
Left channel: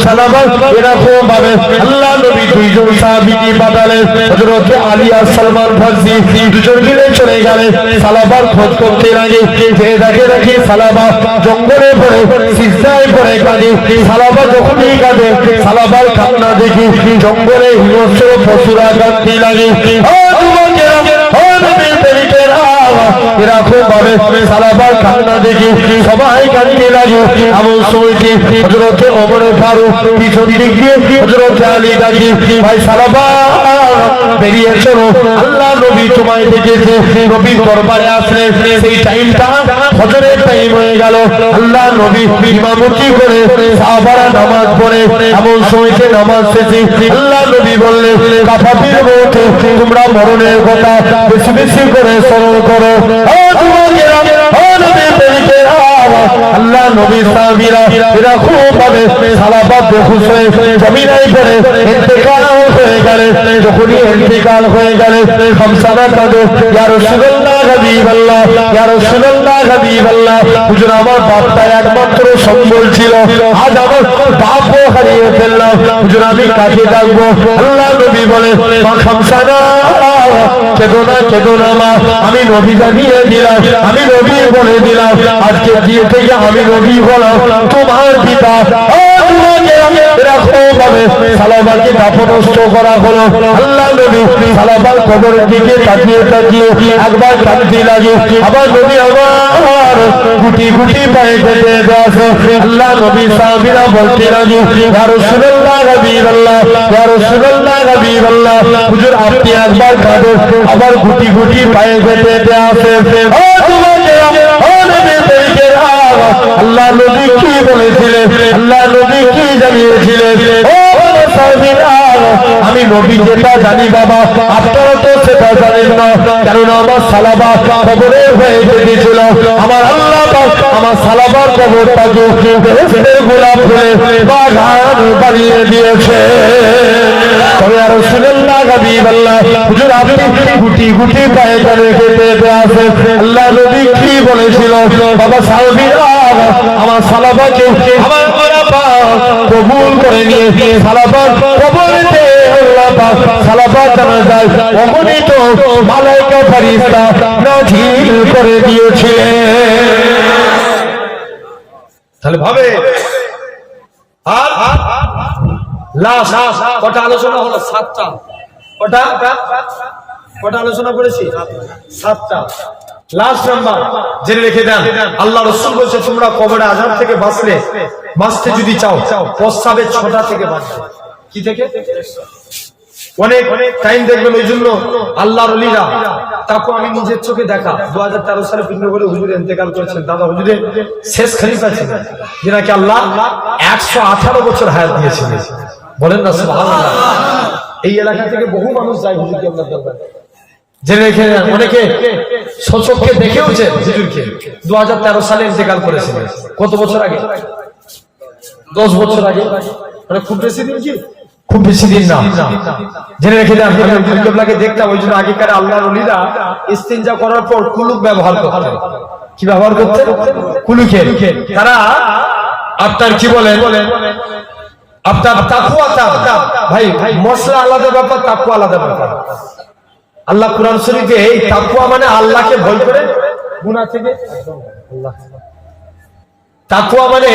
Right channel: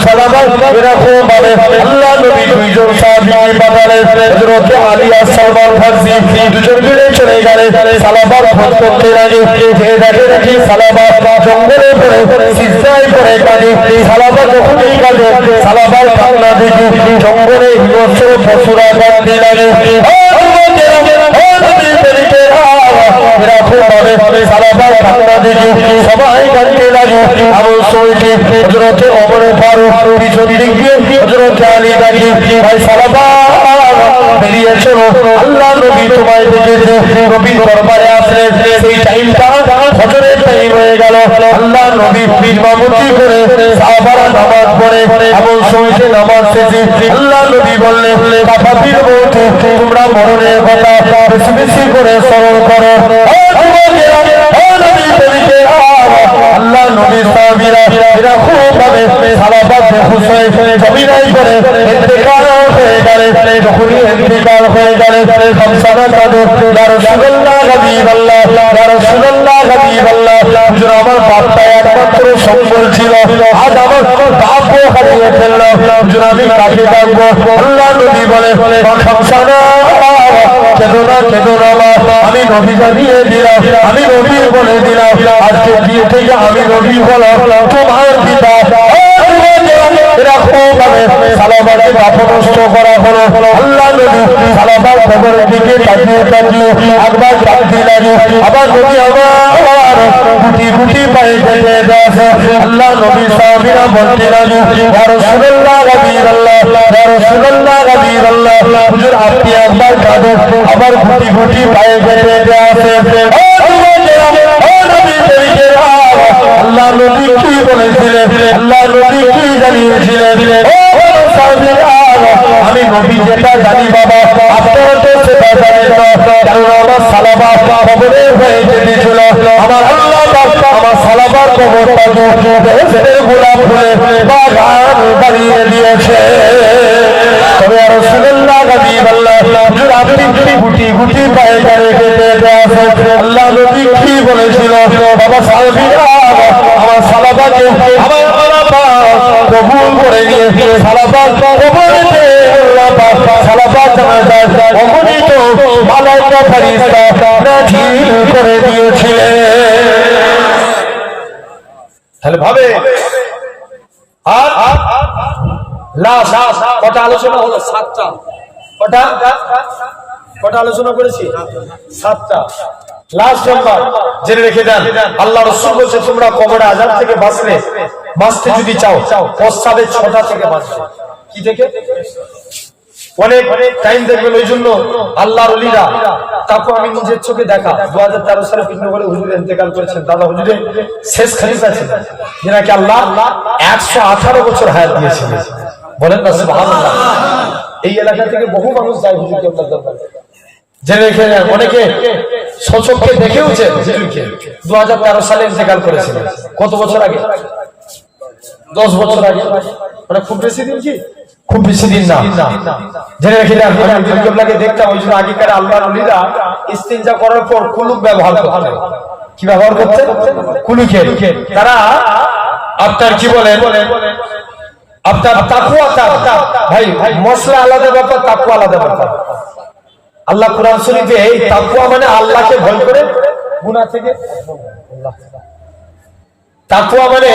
সালামা এরকম ভাবে আল্লাহ নবী দুইজন সাহাবীকে পাঠালেন। হযরত আলী আর সালমান ফারসি দুজন মিলে চলে গেলেন সালামা খোঁজ করতে লাগে। যে দেখে সালামা জঙ্গলে পড়ে সিজদায় পড়ে কাঁদে। সালামা যখনই কাঁদে সালামার কান্না দেখি জঙ্গলে হিংস্র পশুরা কাঁদতে লাগে। এরকম ভাবে সালামার কান্না দেখি সবাই কাঁদতে লাগে। এমন সময়তে হযরত ওমর ফারুক পিছন দিকে হযরত আলী ডাকি ভাই সালামা বেরিয়ে চলো, আল্লাহ নবী তোমায় দেখেছে, নবী দরবারে আসলে সেই টাইমটা ফজরের টাইম হয়ে গেল। আল্লাহ নবী ইমামতি করে সাহাবারা নামাজ পড়ে। এমন সময়তে নামাজ শেষে আল্লাহ নবী বললেন কাফাতির মধ্যে তোমরা মরণের কথা বেশি বেশি করে স্মরণ করো। আল্লাহ নবী সাহাবীরা এরা খুব ভাবে সালাফা বেহুশ হয়ে জমিনায় পড়ে ইন্তেকাল হয়ে গেলে। যখনই ইন্তেকাল হয়ে গেলে খামসানা কাঁদো, ইয়া রাসূলুল্লাহ হাবিবাল্লাহ, ইয়া রাসূলুল্লাহ হাবিবাল্লাহ, হুজুর আমার বাপটা একমাত্র সম্বল ছিল, আজ আমার বাপও হারিয়ে ফেললাম, হুজুর আমি কাকে ডাকবো? আল্লাহ নবী বলে খামসানা কেঁদো না, কেঁদো না মা, আমি নবী জানিয়ে দিলাম, আমি নবী বলে দিলাম আজকে দিয়ে থেকে আমি নবী হলাম তোমার পিতা। এরা সালামাকে দাফনস্থ করা হলো। আল্লাহ নবী সালামার কবরের দিকে তাকিয়ে তাকিয়ে একবার কাঁদতে লাগে। আবার নবী আবার গুটি গুটি পায়ে যেতে দেখে। আল্লাহ নবী সাহাবীরা বলতে লাগে, ইয়া রাসূলুল্লাহ নবীল্লাহ, ইয়া রাসূলুল্লাহ নবীল্লাহ, হুজুর আপনি একবার কাঁদো। আবার গুটি গুটি পায়ে যেতে আসে। আল্লাহ নবী কি বলেছিলেন? আল্লাহ নবী কি জানিয়েছিলেন? আমি নবী যেটা জানি বাবা, আপনারা তো সেটা জানেন না। কারণ আমার সালাবা কবরে হয়ে যেতেছিল। আমার আল্লাহ আমার সালাবার কবরটাকে গোলাপ ফুলে বাগান বানিয়ে দিয়েছে। তবে আর রাসূলুল্লাহ নবীল্লাহ, হুজুর আপনি গুটি গুটি পায়ে যেতে আসে। আল্লাহ নবী কি বলেছিল বাবা? সাহাবীরা আমার সালাবাকে আমার কবুল করে নিয়েছে। সালাবা কবরেতে আল্লাহ পাক সালাবা জানাজায় অগণিত মালায়েকা ফেরেশতা নাযিল করে দিয়েছিলেন। তাহলে ভাবে লাশ কটা আলোচনা হলো? 7টা। কটা আলোচনা করেছি? 7টা। লাস্ট নাম্বার জেনে রেখে দেন, আল্লাহ রাসূল বলেছে তোমরা কবরে আযাব থেকে বাঁচতে যদি চাও, প্রস্রাবের 6টা থেকে বাঁচবে। কি থেকে? অনেক টাইম দেখবেন। ওই জন্য আল্লাহর ওলিরা, তারপর আমি নিজের চোখে দেখা 2013 সালে বিষ্ণুপুরে হুজুর ইন্তেকাল করেছেন। দাদা হুজুরের শেষ খলিফা ছিলেন, যেনাকে আল্লাহ 118 বছর হায়াত দিয়েছিলেন। বলেন না সুবহানাল্লাহ। এই এলাকা থেকে বহু মানুষ যায় হুজুরকে আপনার দরবারে। জেনে রেখে দেন, অনেকে সচক্ষে দেখেওছে হুজুরকে। 2013 সালে ইন্তেকাল করেছিলেন। কত বছর আগে? 10 বছর আগে। মানে খুব বেশি দিন কি? খুব বেশি দিন না। জেনে রেখে দেন, আপনাকে দেখতাম। ওই জন্য আগেকার আল্লাহর ওলিরা ইস্তিনজা করার পর কুলুক ব্যবহার করতেন। কি ব্যবহার করতেন? কুলুকে। তারা আপনার কি বলেন, আপনার তাকওয়াটা, ভাই মশলা আলাদা ব্যাপার, তাকওয়া আলাদা ব্যাপার। আল্লাহ কুরআন শরীফে এই তাকওয়া মানে আল্লাহকে ভয় করে গুনাহ থেকে। তাকওয়া মানে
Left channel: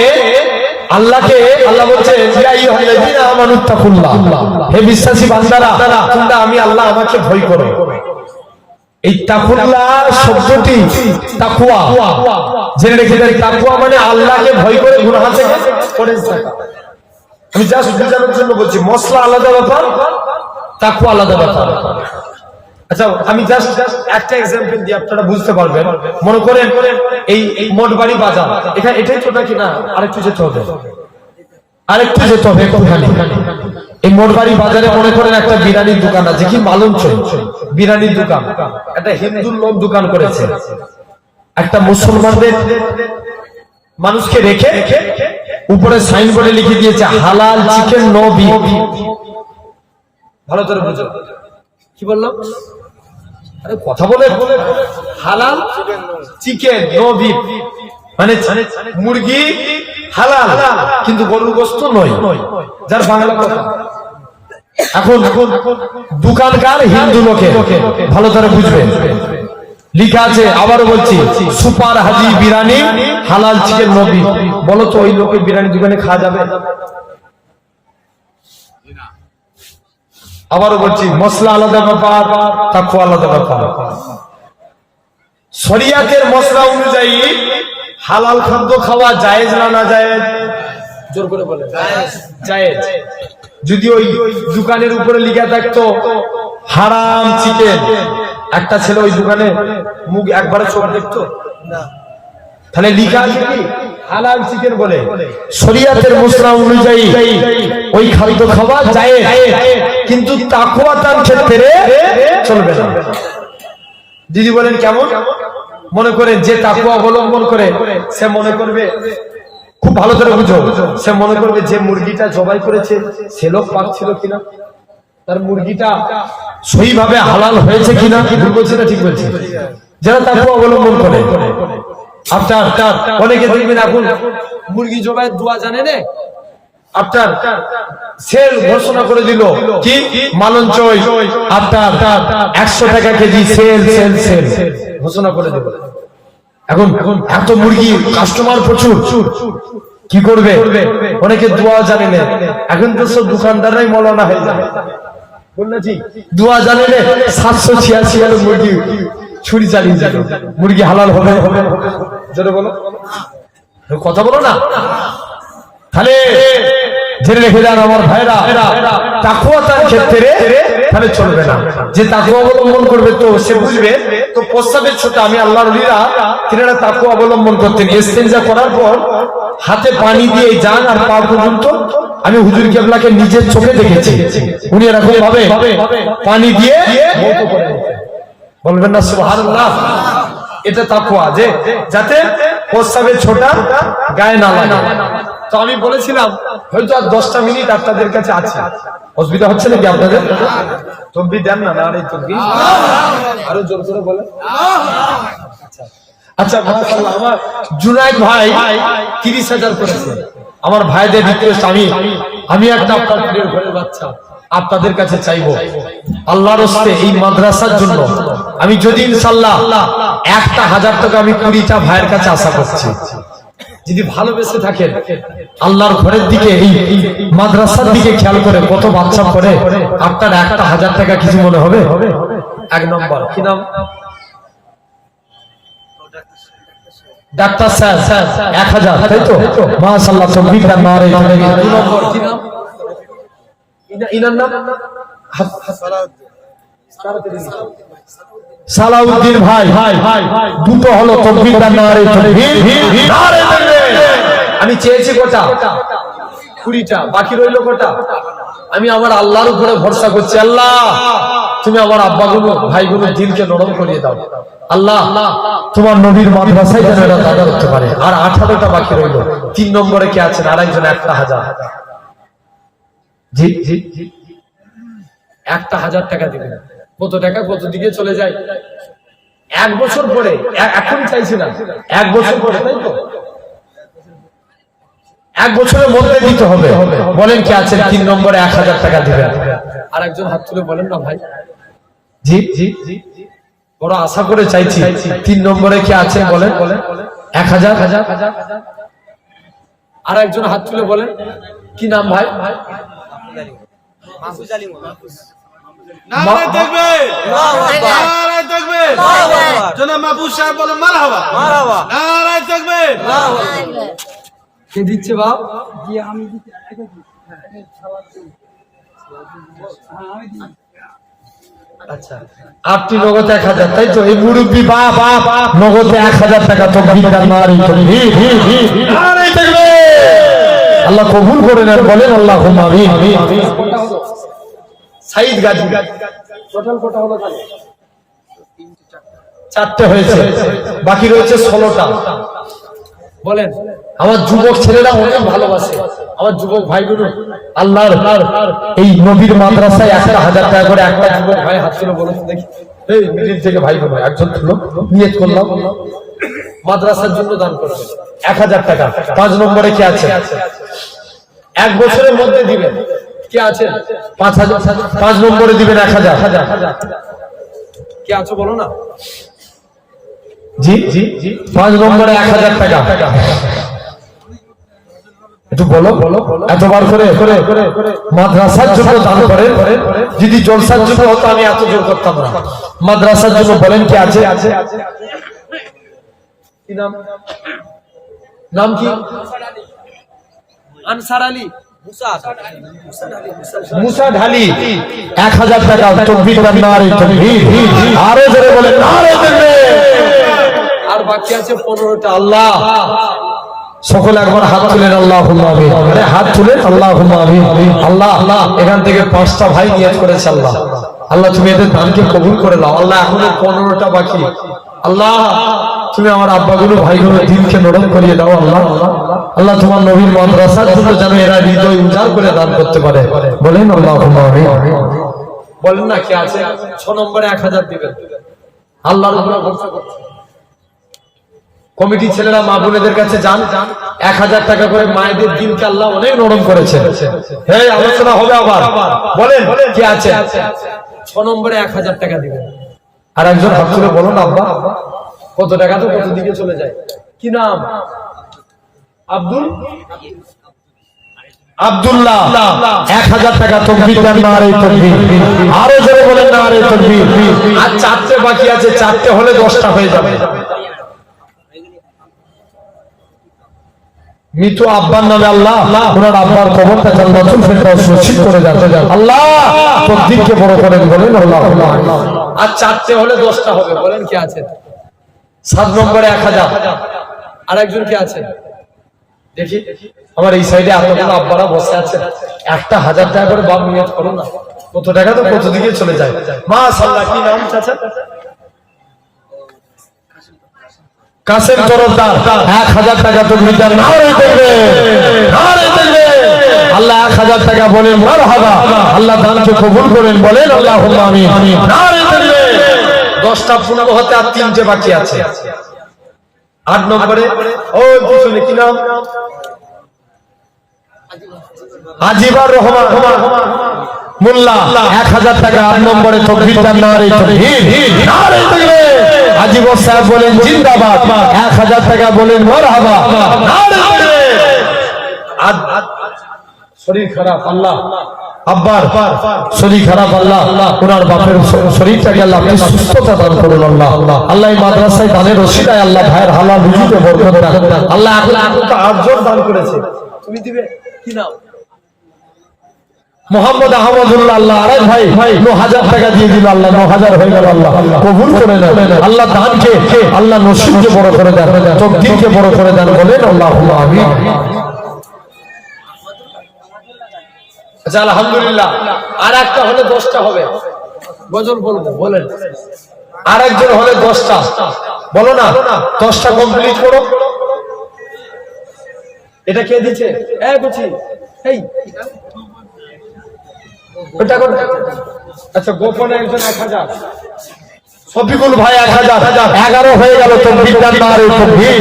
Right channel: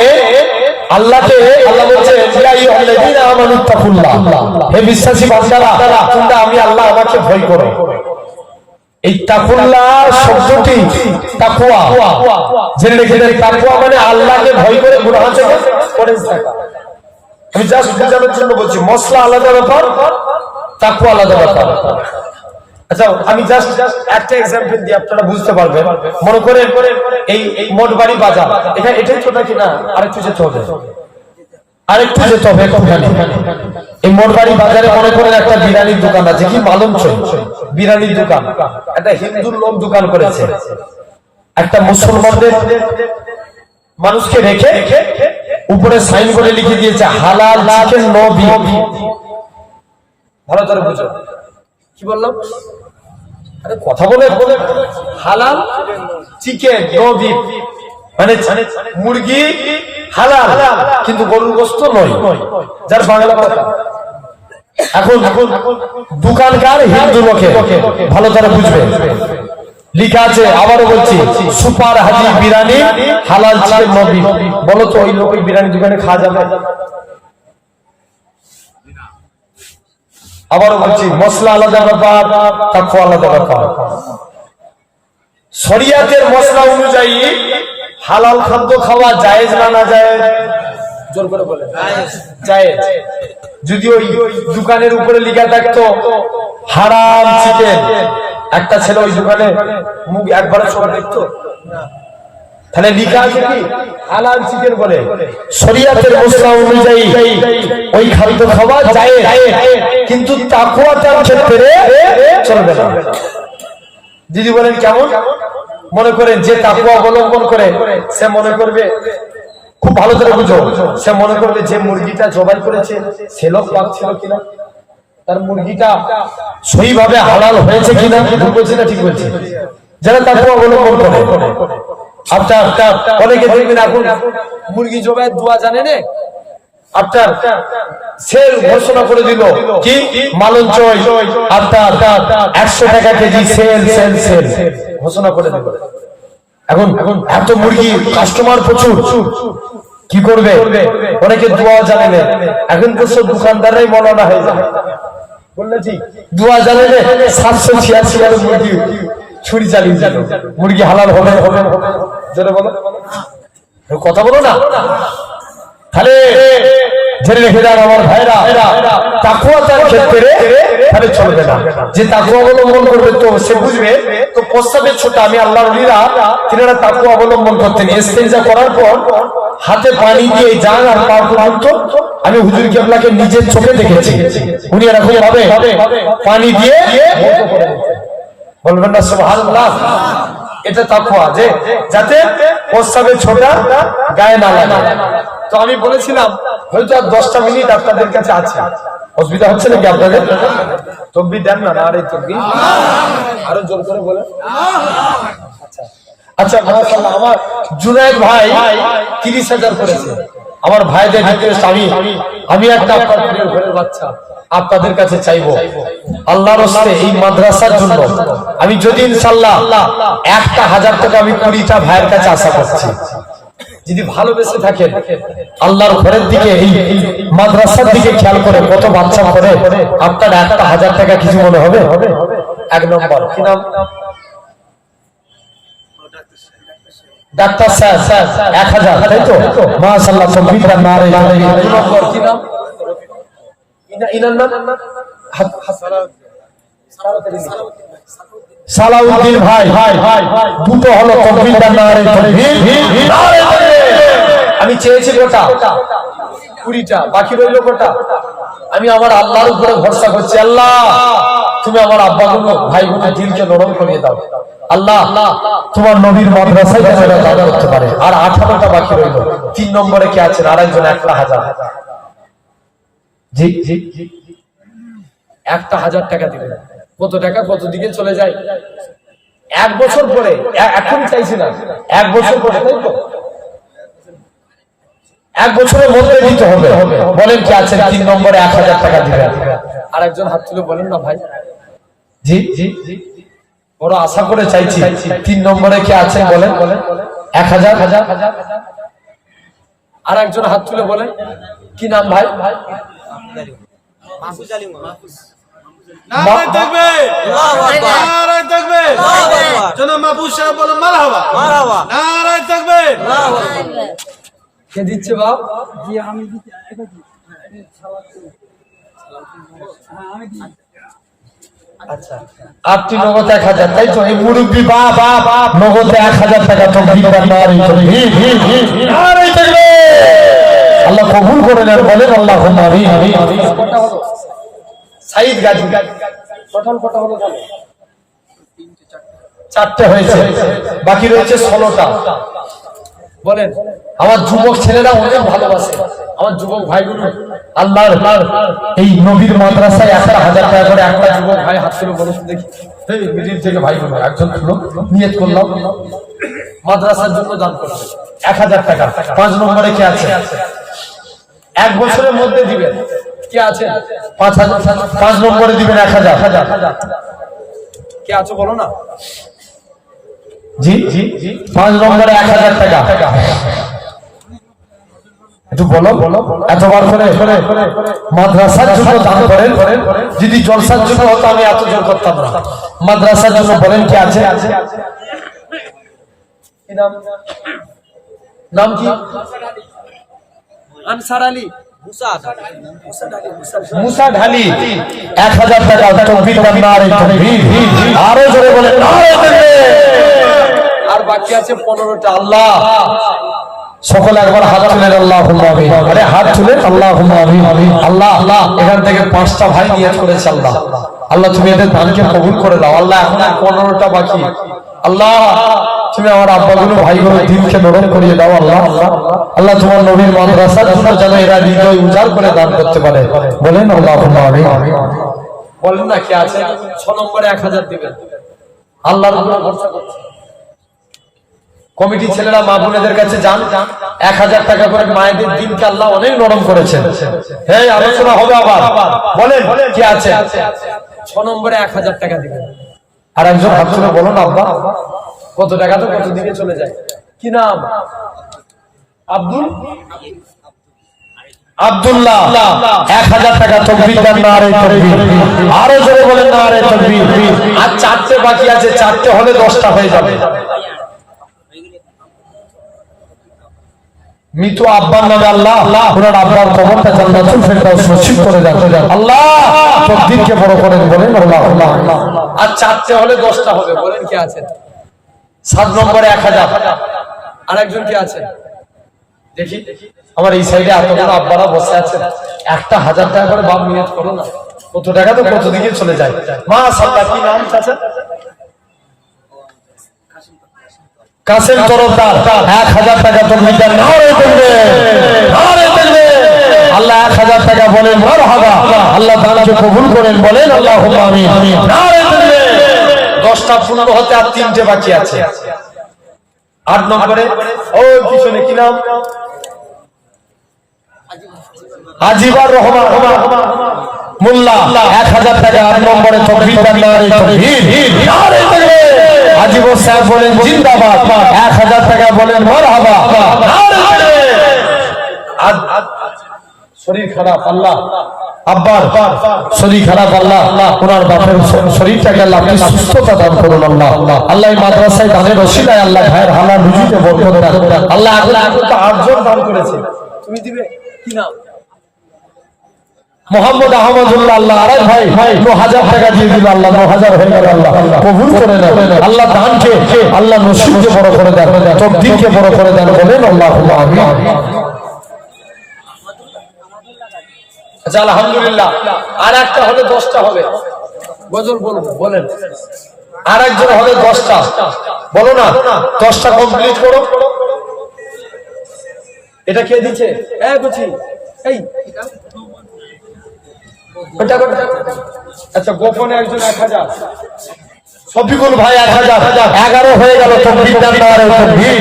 আল্লাহকে, আল্লাহ বলছেন ইয়া আইয়ুহাল্লাযীনা আমানুত্তাকুল্লাহ, হে বিশ্বাসী বান্দারা তোমরা আমি আল্লাহ আমাকে ভয় করো। এই তাকুল্লাহ শব্দটি তাকওয়া, জেনে রেখে দেন, তাকওয়া মানে আল্লাহকে ভয় করে গুনাহ থেকে পরেজ থাকা। আমি জাস্ট বুঝানোর জন্য বলছি, মশলা আলাদা ব্যাপার, তাকওয়া আলাদা ব্যাপার। আচ্ছা আমি জাস্ট একটা এক্সাম্পল দিয়ে আপনারা বুঝতে পারবেন। মনে করেন এই মোটবাড়ি বাজার, এখানে এটাই তো নাকি না? আরেকটু যেতে হবে, একটুখানি। এই মোটবাড়ি বাজারে মনে করেন একটা বিরিয়ানির দোকান আছে। কি মালঞ্চ বিরিয়ানির দোকান, একটা হিন্দু লোক দোকান করেছে। একটা মুসলমানদের মানুষকে রেখে উপরে সাইনবোর্ডে লিখে দিয়েছে হালাল চিকেন নো বিফ। ভালো করে বুঝো কি বললাম? আরে কথা বলে, হালাল চিকেন নো বিফ মানে মুরগি হালাল কিন্তু গরুর গোশত নয়। যার বাংলা কথা। এখন দোকানকার হিন্দু লোকে ভালো করে বুঝবে, লিখা আছে, আবারও বলছি, সুপার হাজি বিরিয়ানি হালাল চিকেন নো বিফ। বলো তো ওই লোকের বিরিয়ানি দোকানে খাওয়া যাবে? আবারও বলছি, মশলা আলাদা ব্যাপার, তাকওয়া আলাদা ব্যাপার। শরিয়াতের মশলা অনুযায়ী হালাল খাদ্য খাওয়া জায়েজ না না জায়েজ? জোর করে বলে জায়েজ। যদি ওই দোকানের উপরে লেখা থাকতো হারাম চিকেন, একটা ছেলে ওই দোকানে মুখ একবারে চোখ দেখতো না, তাহলে লেখা আছে কি হালাল চিকেন বলে। শরিয়াতের মশলা অনুযায়ী ওই খাদ্য খাওয়া জায়েজ, কিন্তু তাকওয়াটার ক্ষেত্রে চলবে না। দিদি বলেন কেমন? মনে করেন যে তাকওয়া অবলম্বন করে সে মনে করবে, খুব ভালো করে বুঝো, সে মনে করবে যে মুরগিটা জবাই করেছে সে লোক পাক ছিল কিনা, তার মুরগিটা সহিভাবে হালাল হয়েছে কিনা। ভুল বলছে না ঠিক বলছে? যারা তাকওয়া অবলম্বন করে। আপনার অনেকে দেখবেন এখন মুরগি জবাইয়ের দোয়া জানে না, আপনার সেল ঘোষণা করে দিল কি মালঞ্চ আপনার 100 টাকা কেজি সেল সেল সেল ঘোষণা করে দিল। এখন এত মুরগি কাস্টমার প্রচুর, কি করবে? অনেকে দোয়া জানে না, এখন তো সব দোকানদাররাই মৌলানা হয়ে যায়। বললে জি দোয়া জানে না, 786 আর মুরগি ছুরি চালিয়ে যাবে, মুরগি হালাল হবে। জোরে বলো, কথা বলো না। তাহলে জেনে রেখে যান আমার ভাইরা, তাকওয়া তার ক্ষেত্রে তাহলে চলবে না। যে তাকওয়া অবলম্বন করবে তো সে বুঝবে তো প্রস্তাবের ছোট। আমি আল্লাহর ওলিরা তিনারা তাকওয়া অবলম্বন করতেন। ইস্তেঞ্জা করার পর হাতে পানি দিয়ে যান আর পা পর্যন্ত আমি হুজুর কেবলাকে নিজের চোখে দেখেছি। উনি এরকম ভাবে পানি দিয়ে বলবেন না সুবহানাল্লাহ। এটা তাকওয়া, যে যাতে প্রস্তাবের ছোটা গায়ে না লাগে। তো আমি বলেছিলাম হয়তো আর 10টা মিনিট আপনাদের কাছে আছে, অসুবিধা হচ্ছে নাকি আপনাদের? তকবীর দেন না, আর এই তকবীর আরো জোর করে বলে। আচ্ছা মাশাআল্লাহ, আমার জুনায়েদ ভাই 30,000 করেছে। আমার ভাইদের রিকোয়েস্ট, আমি একটা আপনার প্রিয় ঘরের বাচ্চা আপনাদের কাছে চাইবো, আল্লাহর রাস্তে এই মাদ্রাসার জন্য আমি যদি ইনশাআল্লাহ 1,000 টাকা আমি 20টা ভাইয়ের কাছে আশা করছি। যদি ভালোবেসে থাকেন আল্লাহর ঘরের দিকে, এই মাদ্রাসার দিকে খেয়াল করে কত বাচ্চা পড়ে, আপনার 1,000 টাকা কিছু মনে হবে? 1 নম্বর কি নাম? ডাক্তার স্যার 1000, তাই তো? মাশাআল্লাহ, তকবীর নারে। 2 নম্বর কি নাম? ইনার নাম সালাউদ্দিন ভাই। দুটো হলো, তকবীর নারে, তকবীর নারে। আমি চেয়েছি কোটা 20টা, বাকি রইল কোটা? আমি আমার আল্লাহর উপরে ভরসা করছি। আল্লাহ তুমি আমার আব্বাগুলো ভাইগুলোর দিলকে নরম করিয়ে দাও। আল্লাহ তোমার নবীর মাদ্রাসায় যেন এরা দান করতে পারে। আর 18টা বাকি রইল। 3 নম্বরে কে আছেন? আরেকজন 1,000। জি জি 1,000 টাকা দিবেন। কত টাকা কত দিকে চলে যায়? 1 বছর পরে, এখন চাইছি না, 1 বছর পরে, তাই তো? 1 বছরের মধ্যে দিতে হবে। বলেন কি আছেন? 3 নম্বরে 1,000 টাকা দিবেন। আর একজন হাত তুলে বলেন না ভাই। জি জি বড় আশা করে চাইছি। 3 নম্বরে কি আছে বলেন? 1,000। আর একজন হাত তুলে বলেন কি নাম ভাই? মাহফুজ আলী। নারায়ে তাকবীর, আল্লাহু আকবার, নারায়ে তাকবীর, আল্লাহু আকবার। জনাব মাহফুজ সাহেব বলেন মারহাবা, মারহাবা, নারায়ে তাকবীর, আল্লাহু আকবার। কে দিচ্ছে বাপ? জি আমি দিচ্ছি, এটা কি? হ্যাঁ আমি দিই। আচ্ছা, আপনি নগদ 1,000, তাই তো? এই মুরব্বি বাপ নগদ 1,000 টাকা। তকবীর নারে, তকবীর নারে, তকবীর। আল্লাহ কবুল করে নেন, বলেন আল্লাহুম্মা আমিন। কত হলো? সাইদ গাজী টোটাল কত হলো জানেন? 4টে হয়েছে, বাকি রয়েছে 16টা। বলেন, আমার যুবক ছেলেরা অনেক ভালোবাসে, আমার যুবক ভাইগুলো আল্লাহর এই নবীর মাদ্রাসায় 1,000 টাকা করে একটা যুবক ভাই হাত তুলে বলো তো দেখি। এই মিডিল থেকে ভাইগুলো একজন তুলো, নিয়ত করলাম মাদ্রাসার জন্য দান করবে 1,000 টাকা। 5 নম্বরে কে আছে? 1 বছরের মধ্যে দিবেন। কে আছেন? 5,000। 5 নম্বরে দিবেন 1,000। কে আছো বলো না? জি জি 5 নম্বরে 1,000 টাকা। একটু বলো, এতবার করে মাদ্রাসার জন্য দান করেন। যদি জলসার জন্য হতো আমি এত জোর করতাম না। মাদ্রাসার জন্য বলেন কে আছে? কি নাম? নাম কি? আনসার আলী। মুসা ঢালি 1,000 টাকা। তকবীর নারে, তকবীর আরে জোরে বলেন নারে, তকবীর। আর বাকি আছে 15টা। আল্লাহ সকলে একবার হাত তুলে আল্লাহুম্মা আমিন। আরে হাত তুলে আল্লাহুম্মা আমিন। আল্লাহ এখান থেকে 5টা ভাই নিয়ত করেছে। আল্লাহ আল্লাহ তুমি এদের দানকে কবুল করে নাও। আল্লাহ এখনো 15টা বাকি। আল্লাহ তুমি আমার আব্বাগুলো ভাইগুলো দিলকে নরম করিয়ে দাও। আল্লাহ আল্লাহ তোমার নবীর মাদ্রাসার জন্য যেন এরা হৃদয় উজাড় করে দান করতে পারে। বলেন আল্লাহুম্মা আমিন। বলেন না কে আছে? 6 নম্বরে 1,000 দিবেন। আল্লাহর উপরে ভরসা করছি। কমিটি ছেলেরা মা বোনেদের কাছে যান, 1,000 টাকা করে মায়েদের দিনকে আল্লাহ অনেক নরম করেছেন। হ্যাঁ, আলোচনা হবে আবার। বলেন কে আছে? 6 নম্বরে 1,000 টাকা দিবেন। আর একজন হাত তুলে বলো না আব্বা, কত টাকা তো কত দিকে চলে যায়। কি নাম? আব্দুল্লাহ 1000 টাকা তাকবীর দেন নারে তাকবীর আরো জোরে বলেন নারে তাকবীর আর চারটে বাকি আছে চারটে হলে 10টা হয়ে যাবে মৃত আব্বার নামে আল্লাহ ওনার আব্বার কবরটা জান্নাতুল ফেরদাউস নসিব করে দেন আল্লাহ তাকবীরকে বড় করেন বলেন আল্লাহ আর চারটে হলে 10টা হবে বলেন কে আছে 7 নম্বরে 1000 আরেকজন কে আছে দেখি আমার এই সাইডে আপনাদের আব্বারা বসে আছেন একটা 1000 টাকা করে বাপ নিয়ত করো না কত টাকা তো কত দিকে চলে যায় মাশাআল্লাহ কি নাম চাচা কাসেম তরফদার 1000 টাকা তো মিটার নারে দেবে আল্লাহ 1000 টাকা বলেন মারহাবা আল্লাহ দানকে কবুল করেন বলেন আল্লাহুম্মা আমিন নারে দেবে 10টা পূর্ণ হতে আর 3টে বাকি আছে 8 নম্বরে ওই পিছনে কি নাম আজিবুর রহমান মোল্লা 1000 টাকা 8 নম্বরে তাকবীর দেন নারে তাকবীর নারে তাকবীর আজিবুর সাহেব বলেন জিন্দাবাদ 1000 টাকা বলেন মারহাবা নারে তাকবীর শরীর খারাপ আল্লাহ আব্বার শরীর খারাপ আল্লাহ ওনার বাপের শরীরটাকে আল্লাহ আপনি সুস্থতা দান করুন আল্লাহ আল্লাহ এই মাদ্রাসায় দানের রশিদায় আল্লাহ ভাইয়ের হালাল রুজিতে বরকত দান আল্লাহ আল্লাহ তো আরজন দান করেছে তুমি দিবে কি নাম মোহাম্মদ আহমদুল্লাহ আল্লাহ আরে ভাই 9000 টাকা দিয়ে দিল আল্লাহ 9000 হয়ে গেল আল্লাহ কবুল করে নেন আল্লাহ দানকে আল্লাহ নসিবকে বড় করে দেন তাকদীরকে বড় করে দেন বলেন আল্লাহুম্মা আমিন আচ্ছা আলহামদুলিল্লাহ আর একটা হলে 10টা হবে গজল বলবো বলেন আর একজন হলে 10টা বলো না 10টা কমপ্লিট করো এটা কে দিচ্ছে গুছি এই আচ্ছা গোপনে একজন 1000 সফিকুল ভাই 1000 11 হয়ে গেল তাকবীর দেন নারে তাকবীর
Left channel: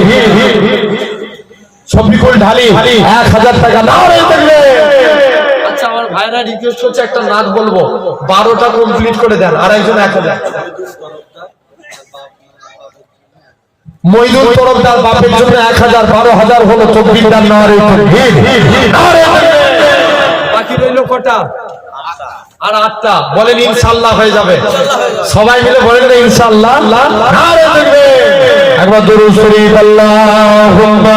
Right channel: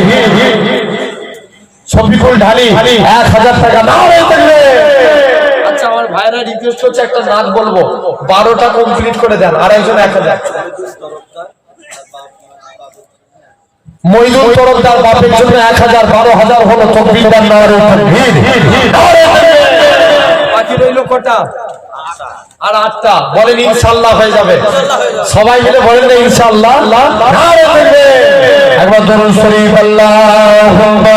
সফিকুল ঢালি 1000 টাকা নারে তাকবীর আচ্ছা আমার ভাইরা রিকোয়েস্ট হচ্ছে একটা নাচ বলবো 12টা কমপ্লিট করে দেন আর একজন 1000 মইদুল তরফদার বাপের জন্য 1000 12000 হলো তাকবীর দেন নারে তাকবীর বাকি রইল কটা আর 8টা বলেন ইনশাআল্লাহ হয়ে যাবে সবাই মিলে বলেন না ইনশাআল্লাহ নারে তাকবীর একবার দরুদ শরীফ আল্লাহুম্মা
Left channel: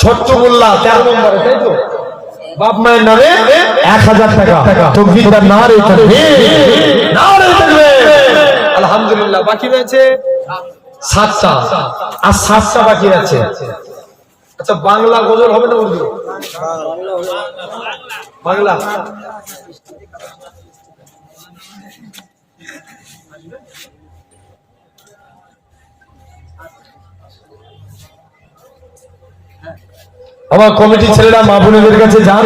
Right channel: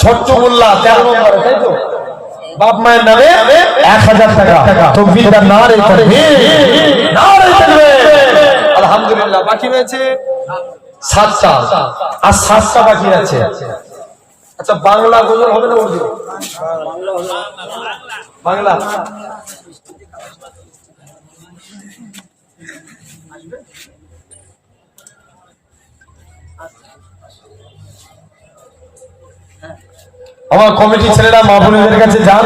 ছোট্ট মোল্লা 13 নম্বরে তাই তো বাপ মায়ের নামে 1000 টাকা তাকবীর দেন নারে তাকবীর নারে তাকবীর আলহামদুলিল্লাহ বাকি রয়েছে 7টা আর 7টা বাকি আছে আচ্ছা বাংলা গজল হবে না উর্দু বাংলা আমার কমিটি ছেলেরা মা বোনদের কাছে যান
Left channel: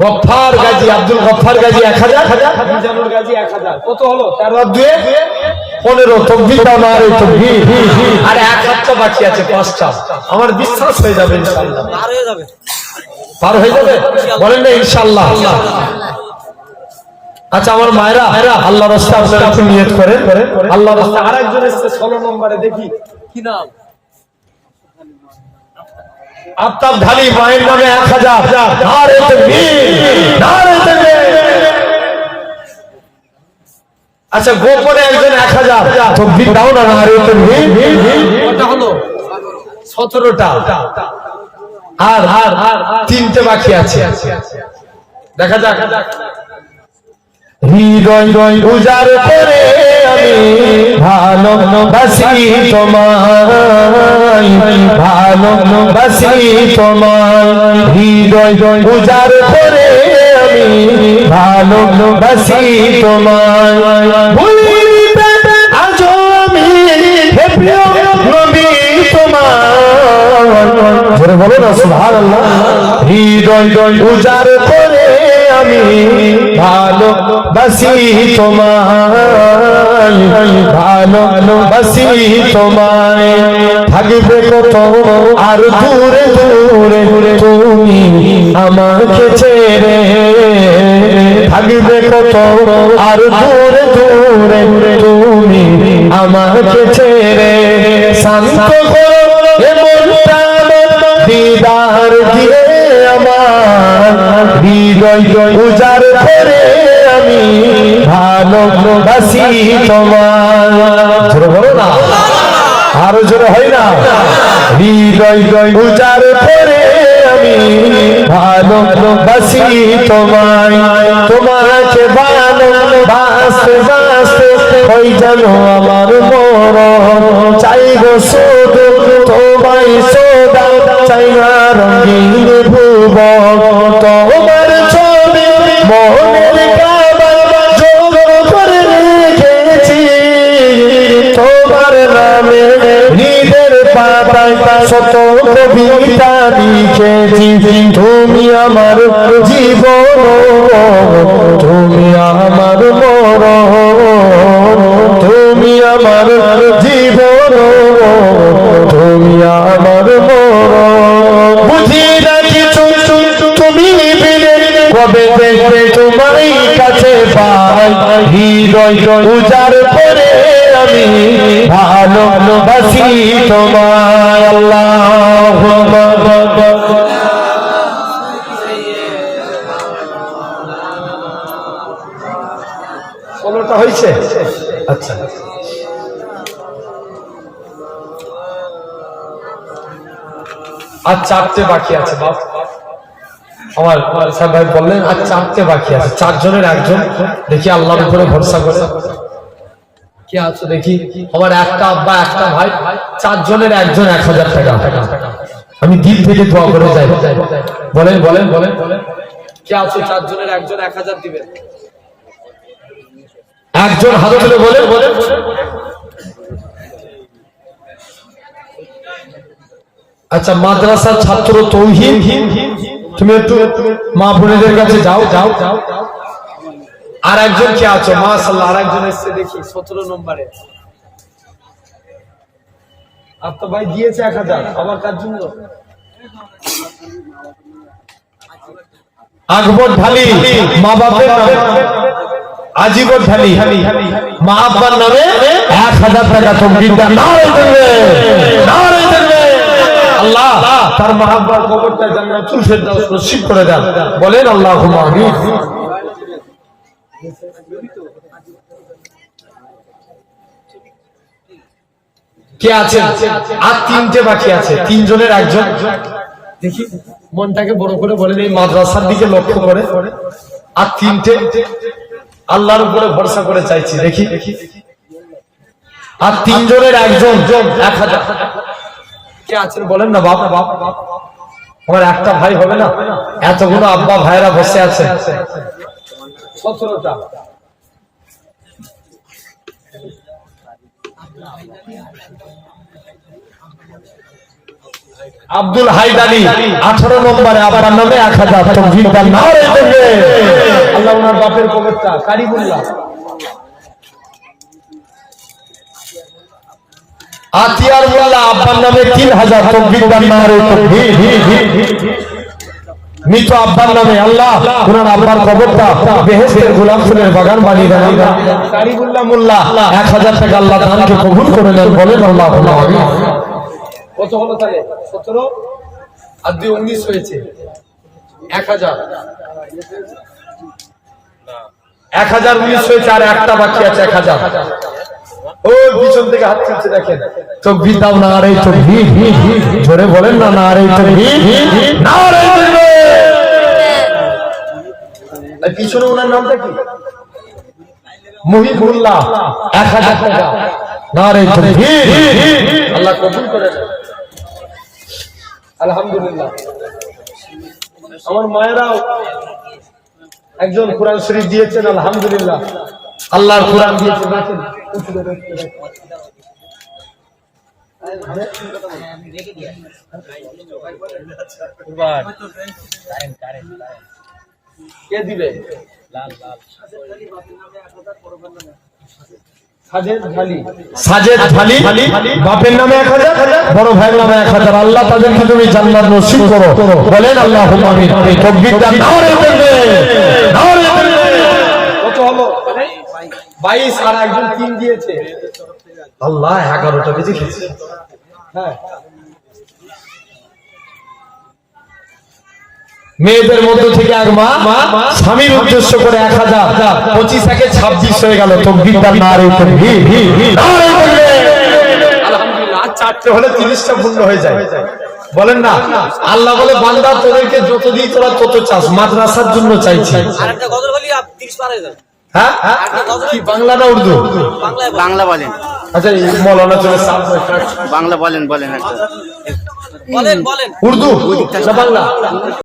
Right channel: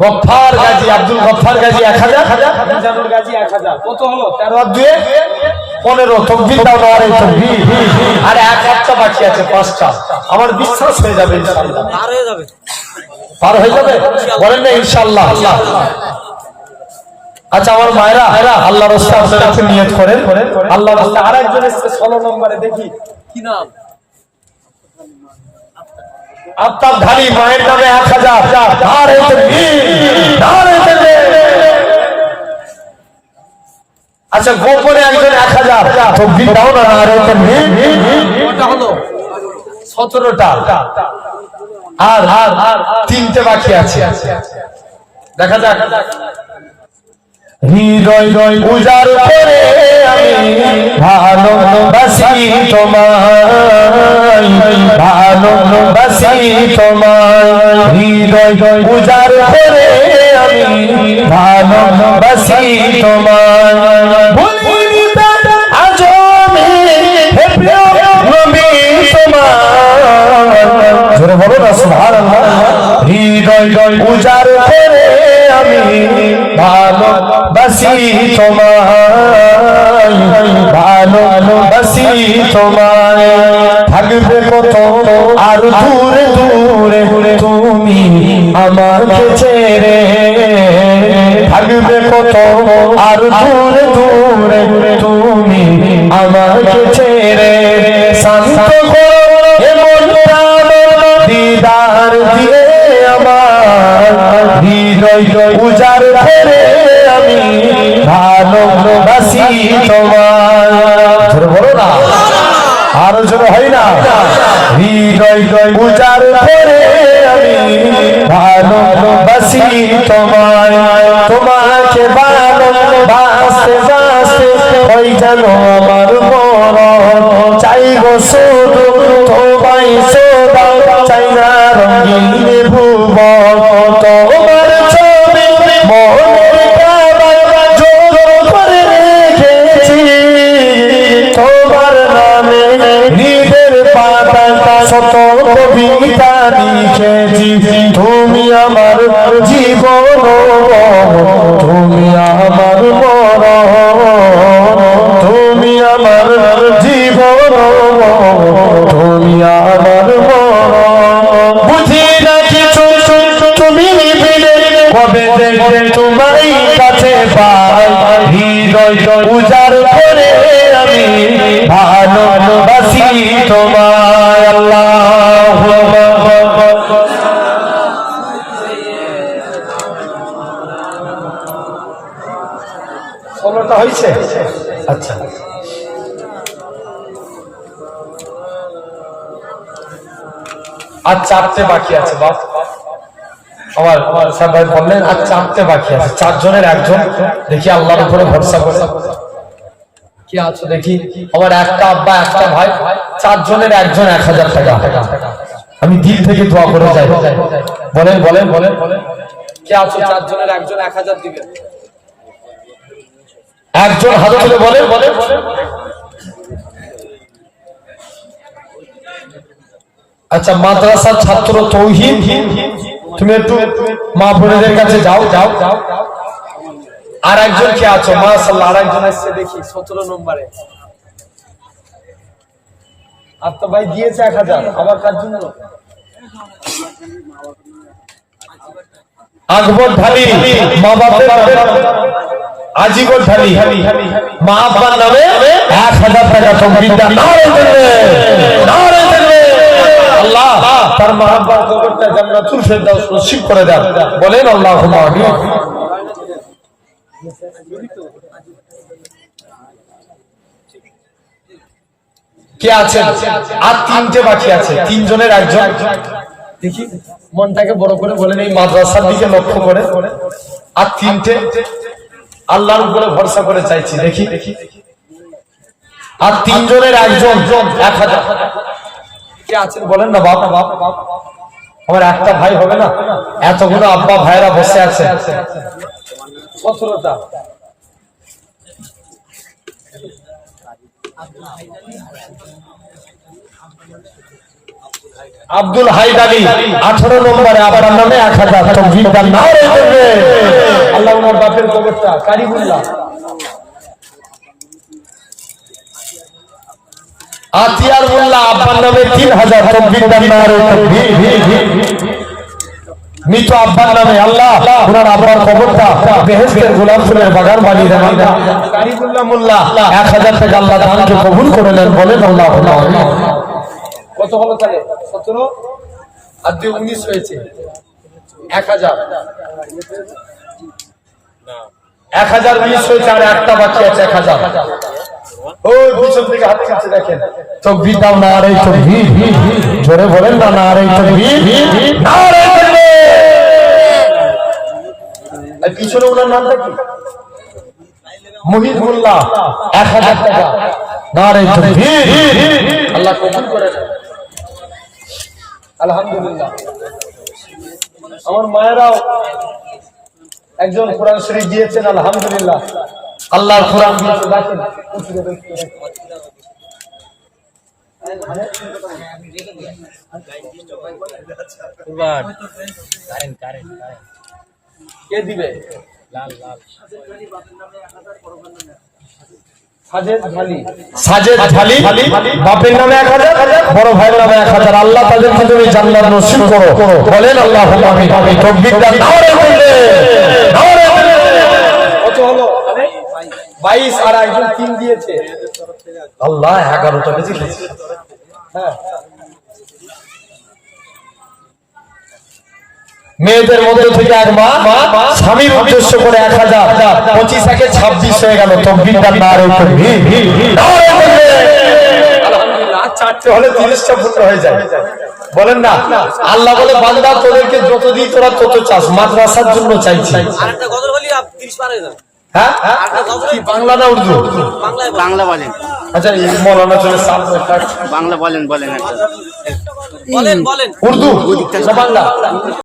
গফফার গাজী আব্দুল গফফার গাজী 1000 মিজানুল গাজী 1000 কত হলো 13 আর 2 15 তাকবীর দাও নারে তাকবীর আর 1 বাকি আছে 5টা আমার বিশ্বাস হয়ে যাবে ইনশাআল্লাহ পার হয়ে যাবে বলেন না ইনশাআল্লাহ আচ্ছা আমার মায়েরা আল্লাহর রাস্তে আপনারা একটু নিয়ত করেন আল্লাহর রাস্তে আরেকজন এসেছে 16 নম্বরে দেখি কি নাম আফতাব ঢালি মায়ের নামে 1000 নারে তাকবীর নারে তাকবীর আচ্ছা গোপনে একজন 1000 তাকবীর দাও না নারে তাকবীর কত হলো 17টা আর 3টে বাকি আছে দেখা যাক হৃদয় উজাড় করে আমি ভালোবাসি তোমায় ভালোবাসি তোমায় হৃদয় উজাড় করে আমি ভালোবাসি তোমায় ভুলিবে আজ আমি হে প্রিয় নবী তোমায় জোরে বলো না সুবহানাল্লাহ হৃদয় উজাড় করে আমি ভালোবাসি তোমায় ভালোবাসি তোমায় থাকবে কত আর দূরে দূরে তুমি আমাকে ছেড়ে থাকবে কত আর দূরে দূরে হৃদয় উজাড় করে আমি ভালোবাসি তোমায়। জোরে বলো না, আরো জোরে হয় না? হৃদয় উজাড় করে আমি ভালোবাসি তোমায়, তোমাকে ভালোবাসতে বাসতে হই যেন আমার মরণ। চাইব শুধু তোমায় সদা, চাই না রঙিন ভুবন। তোমার ছবি মনের কাবায় জোড়া করে রেখেছি, তোমার নামে হৃদের পাতায় শত কবিতা লিখেছি। তুমি আমার জীবন, তুমি আমার মরণ, তুমি আমার জীবন, তুমি আমার মরণ। বুঝি না কিছু তুমি বিনে কবে দেখবে তোমায় কাছে পাই, হৃদয় উজাড় করে আমি ভালোবাসি তোমায়। আল্লাহু আকবার। ষোলোটা হয়েছে? আচ্ছা, আর চারটে বাকি আছে। বাপ আমার সাহেব ভাই বললেন আর চারটে বাকি আছে, চারজনের একজন। দেখি আল্লাহর উপরে ভরসা করে কে আছো দেখি। আমার একটা আব্বা একটা ভাই, চারজনের একজন 1000 টাকা। আমি দিল থেকে দোয়া করে যাই। বলেন বলেন বলেন কে আছো? চারজনের একজন 1000 দিবেন। একজন হাত তুলে বলেন বলেন। আচ্ছা, মাদ্রাসার ছাত্র তৌহিদ, তুমি একটু মা বোনেদের কাছে যাও যাও যাও। আর একজন কে আছো? মাশাআল্লাহ, আর একজন এসেছে দেখি 17 নম্বরে। আর তো ভাই দিয়েছে 1000, আবার কার জন্য? আকবর ঢালি, মা বাবার নামে আজীবন ঢালি, মা বাবার নামে 1000 টাকা। তকবীরটা নারে দেবে, নারে দেবে। আল্লাহ তার মা বাবার কবরটা জান্নাতুল ফেরদাউস নসিব করে দেন। বলেন আল্লাহুম্মা আমিন। কে আছে? আর তিনটে বাকি আছে, তিনজনের একজন। দেখি মনটাকে বড় করে বলেন, এই মাদ্রাসার দিকে লক্ষ্য করে। আর তিনটে আল্লাহর উপরে ভরসা করে চাইছি। দেখি আর তিনজনের একজন 1000। কে আছেন বলেন না বাবা? আমার একটা ভাই হবে না? এতগুলো আব্বা ভাইরা বসে আছে। 17টা। আব্দুল হাইদারি 18 নম্বরে, আবার নামে 1000। তকবীরটা নারে দেবে। আল্লাহ ওনার বাপের কবরটা কারিমুল্লাহ। আতিয়ারুল্লাহ আব্বার নামে 3000। তকবীরটা নারে তাকবীর। মৃত আব্বার নামে আল্লাহ ওনার আব্বার কবরটা বেহেশতের গোলাপ ফুলের বাগান বানিয়ে দেন। কারিমুল্লাহ মোল্লা 1000 টাকা আল্লাহ দানকে কবুল করে নেন। বলেন আল্লাহুম্মা আমিন। কত হলো তাহলে? 17 আর 2 19 হয়েছে। 1000 19 হয়েছে, আর একটা বাকি আছে 1000। ওই পিছন থেকে হাত তুলছে দেখেন। তকবীর দাও, নারে তাকবীর। জোরে বলেন না, নারে তাকবীর, নারে তাকবীর। আর পিছনে ওনার নামটা কি? মুহিবুল্লাহ 1000 টাকা। নারে তাকবীর। আল্লাহ কবুল করে নেন। আলহামদুলিল্লাহ। আমার মায়েরাও একজন কোরআন শরীফ দিয়েছেন। আলহামদুলিল্লাহ, আল্লাহর কোরআন দিয়েছে। দেখেন কে দিবে? সাজেদ ঢালি বাপের নামে 1000, বড় ভাইয়ের নামে 1000। আল্লাহ তাদেরকে তুমি জান্নাত নসিব করো। বলেন আল্লাহুম্মা আমিন। তকবীরটা নারে দেবে, নারে দেবে। কত হলো? 22 আর একজন 3 দিয়েছে। আল্লাহ 11টা বেজে গেছে। হ্যাঁ, মেয়েদের মধ্যে থেকে এক মা স্বামীর উদ্দেশ্য করে 1000, 25 থেকে 26 হয়ে গেল। তকবীরটা নারে তাকবীর, আলহামদুলিল্লাহ। আর 4টে হলে 30টা পূর্ণ হয়ে যায়। বলেন না, আল্লাহ বলে বান্দা তোদেরকে যত দিই তোরা তত চাস, মাদ্রাসার জন্য চাইছি। আরেকটা গজল বলি, 30 পার হয়ে যাবে। হ্যাঁ, কি বাংলা না উর্দু? বাংলা বলেন। আচ্ছা, এই মৌলানা চলে সাপ বাংলা বলেন একটা। বলেন বলেন উর্দু না বাংলা?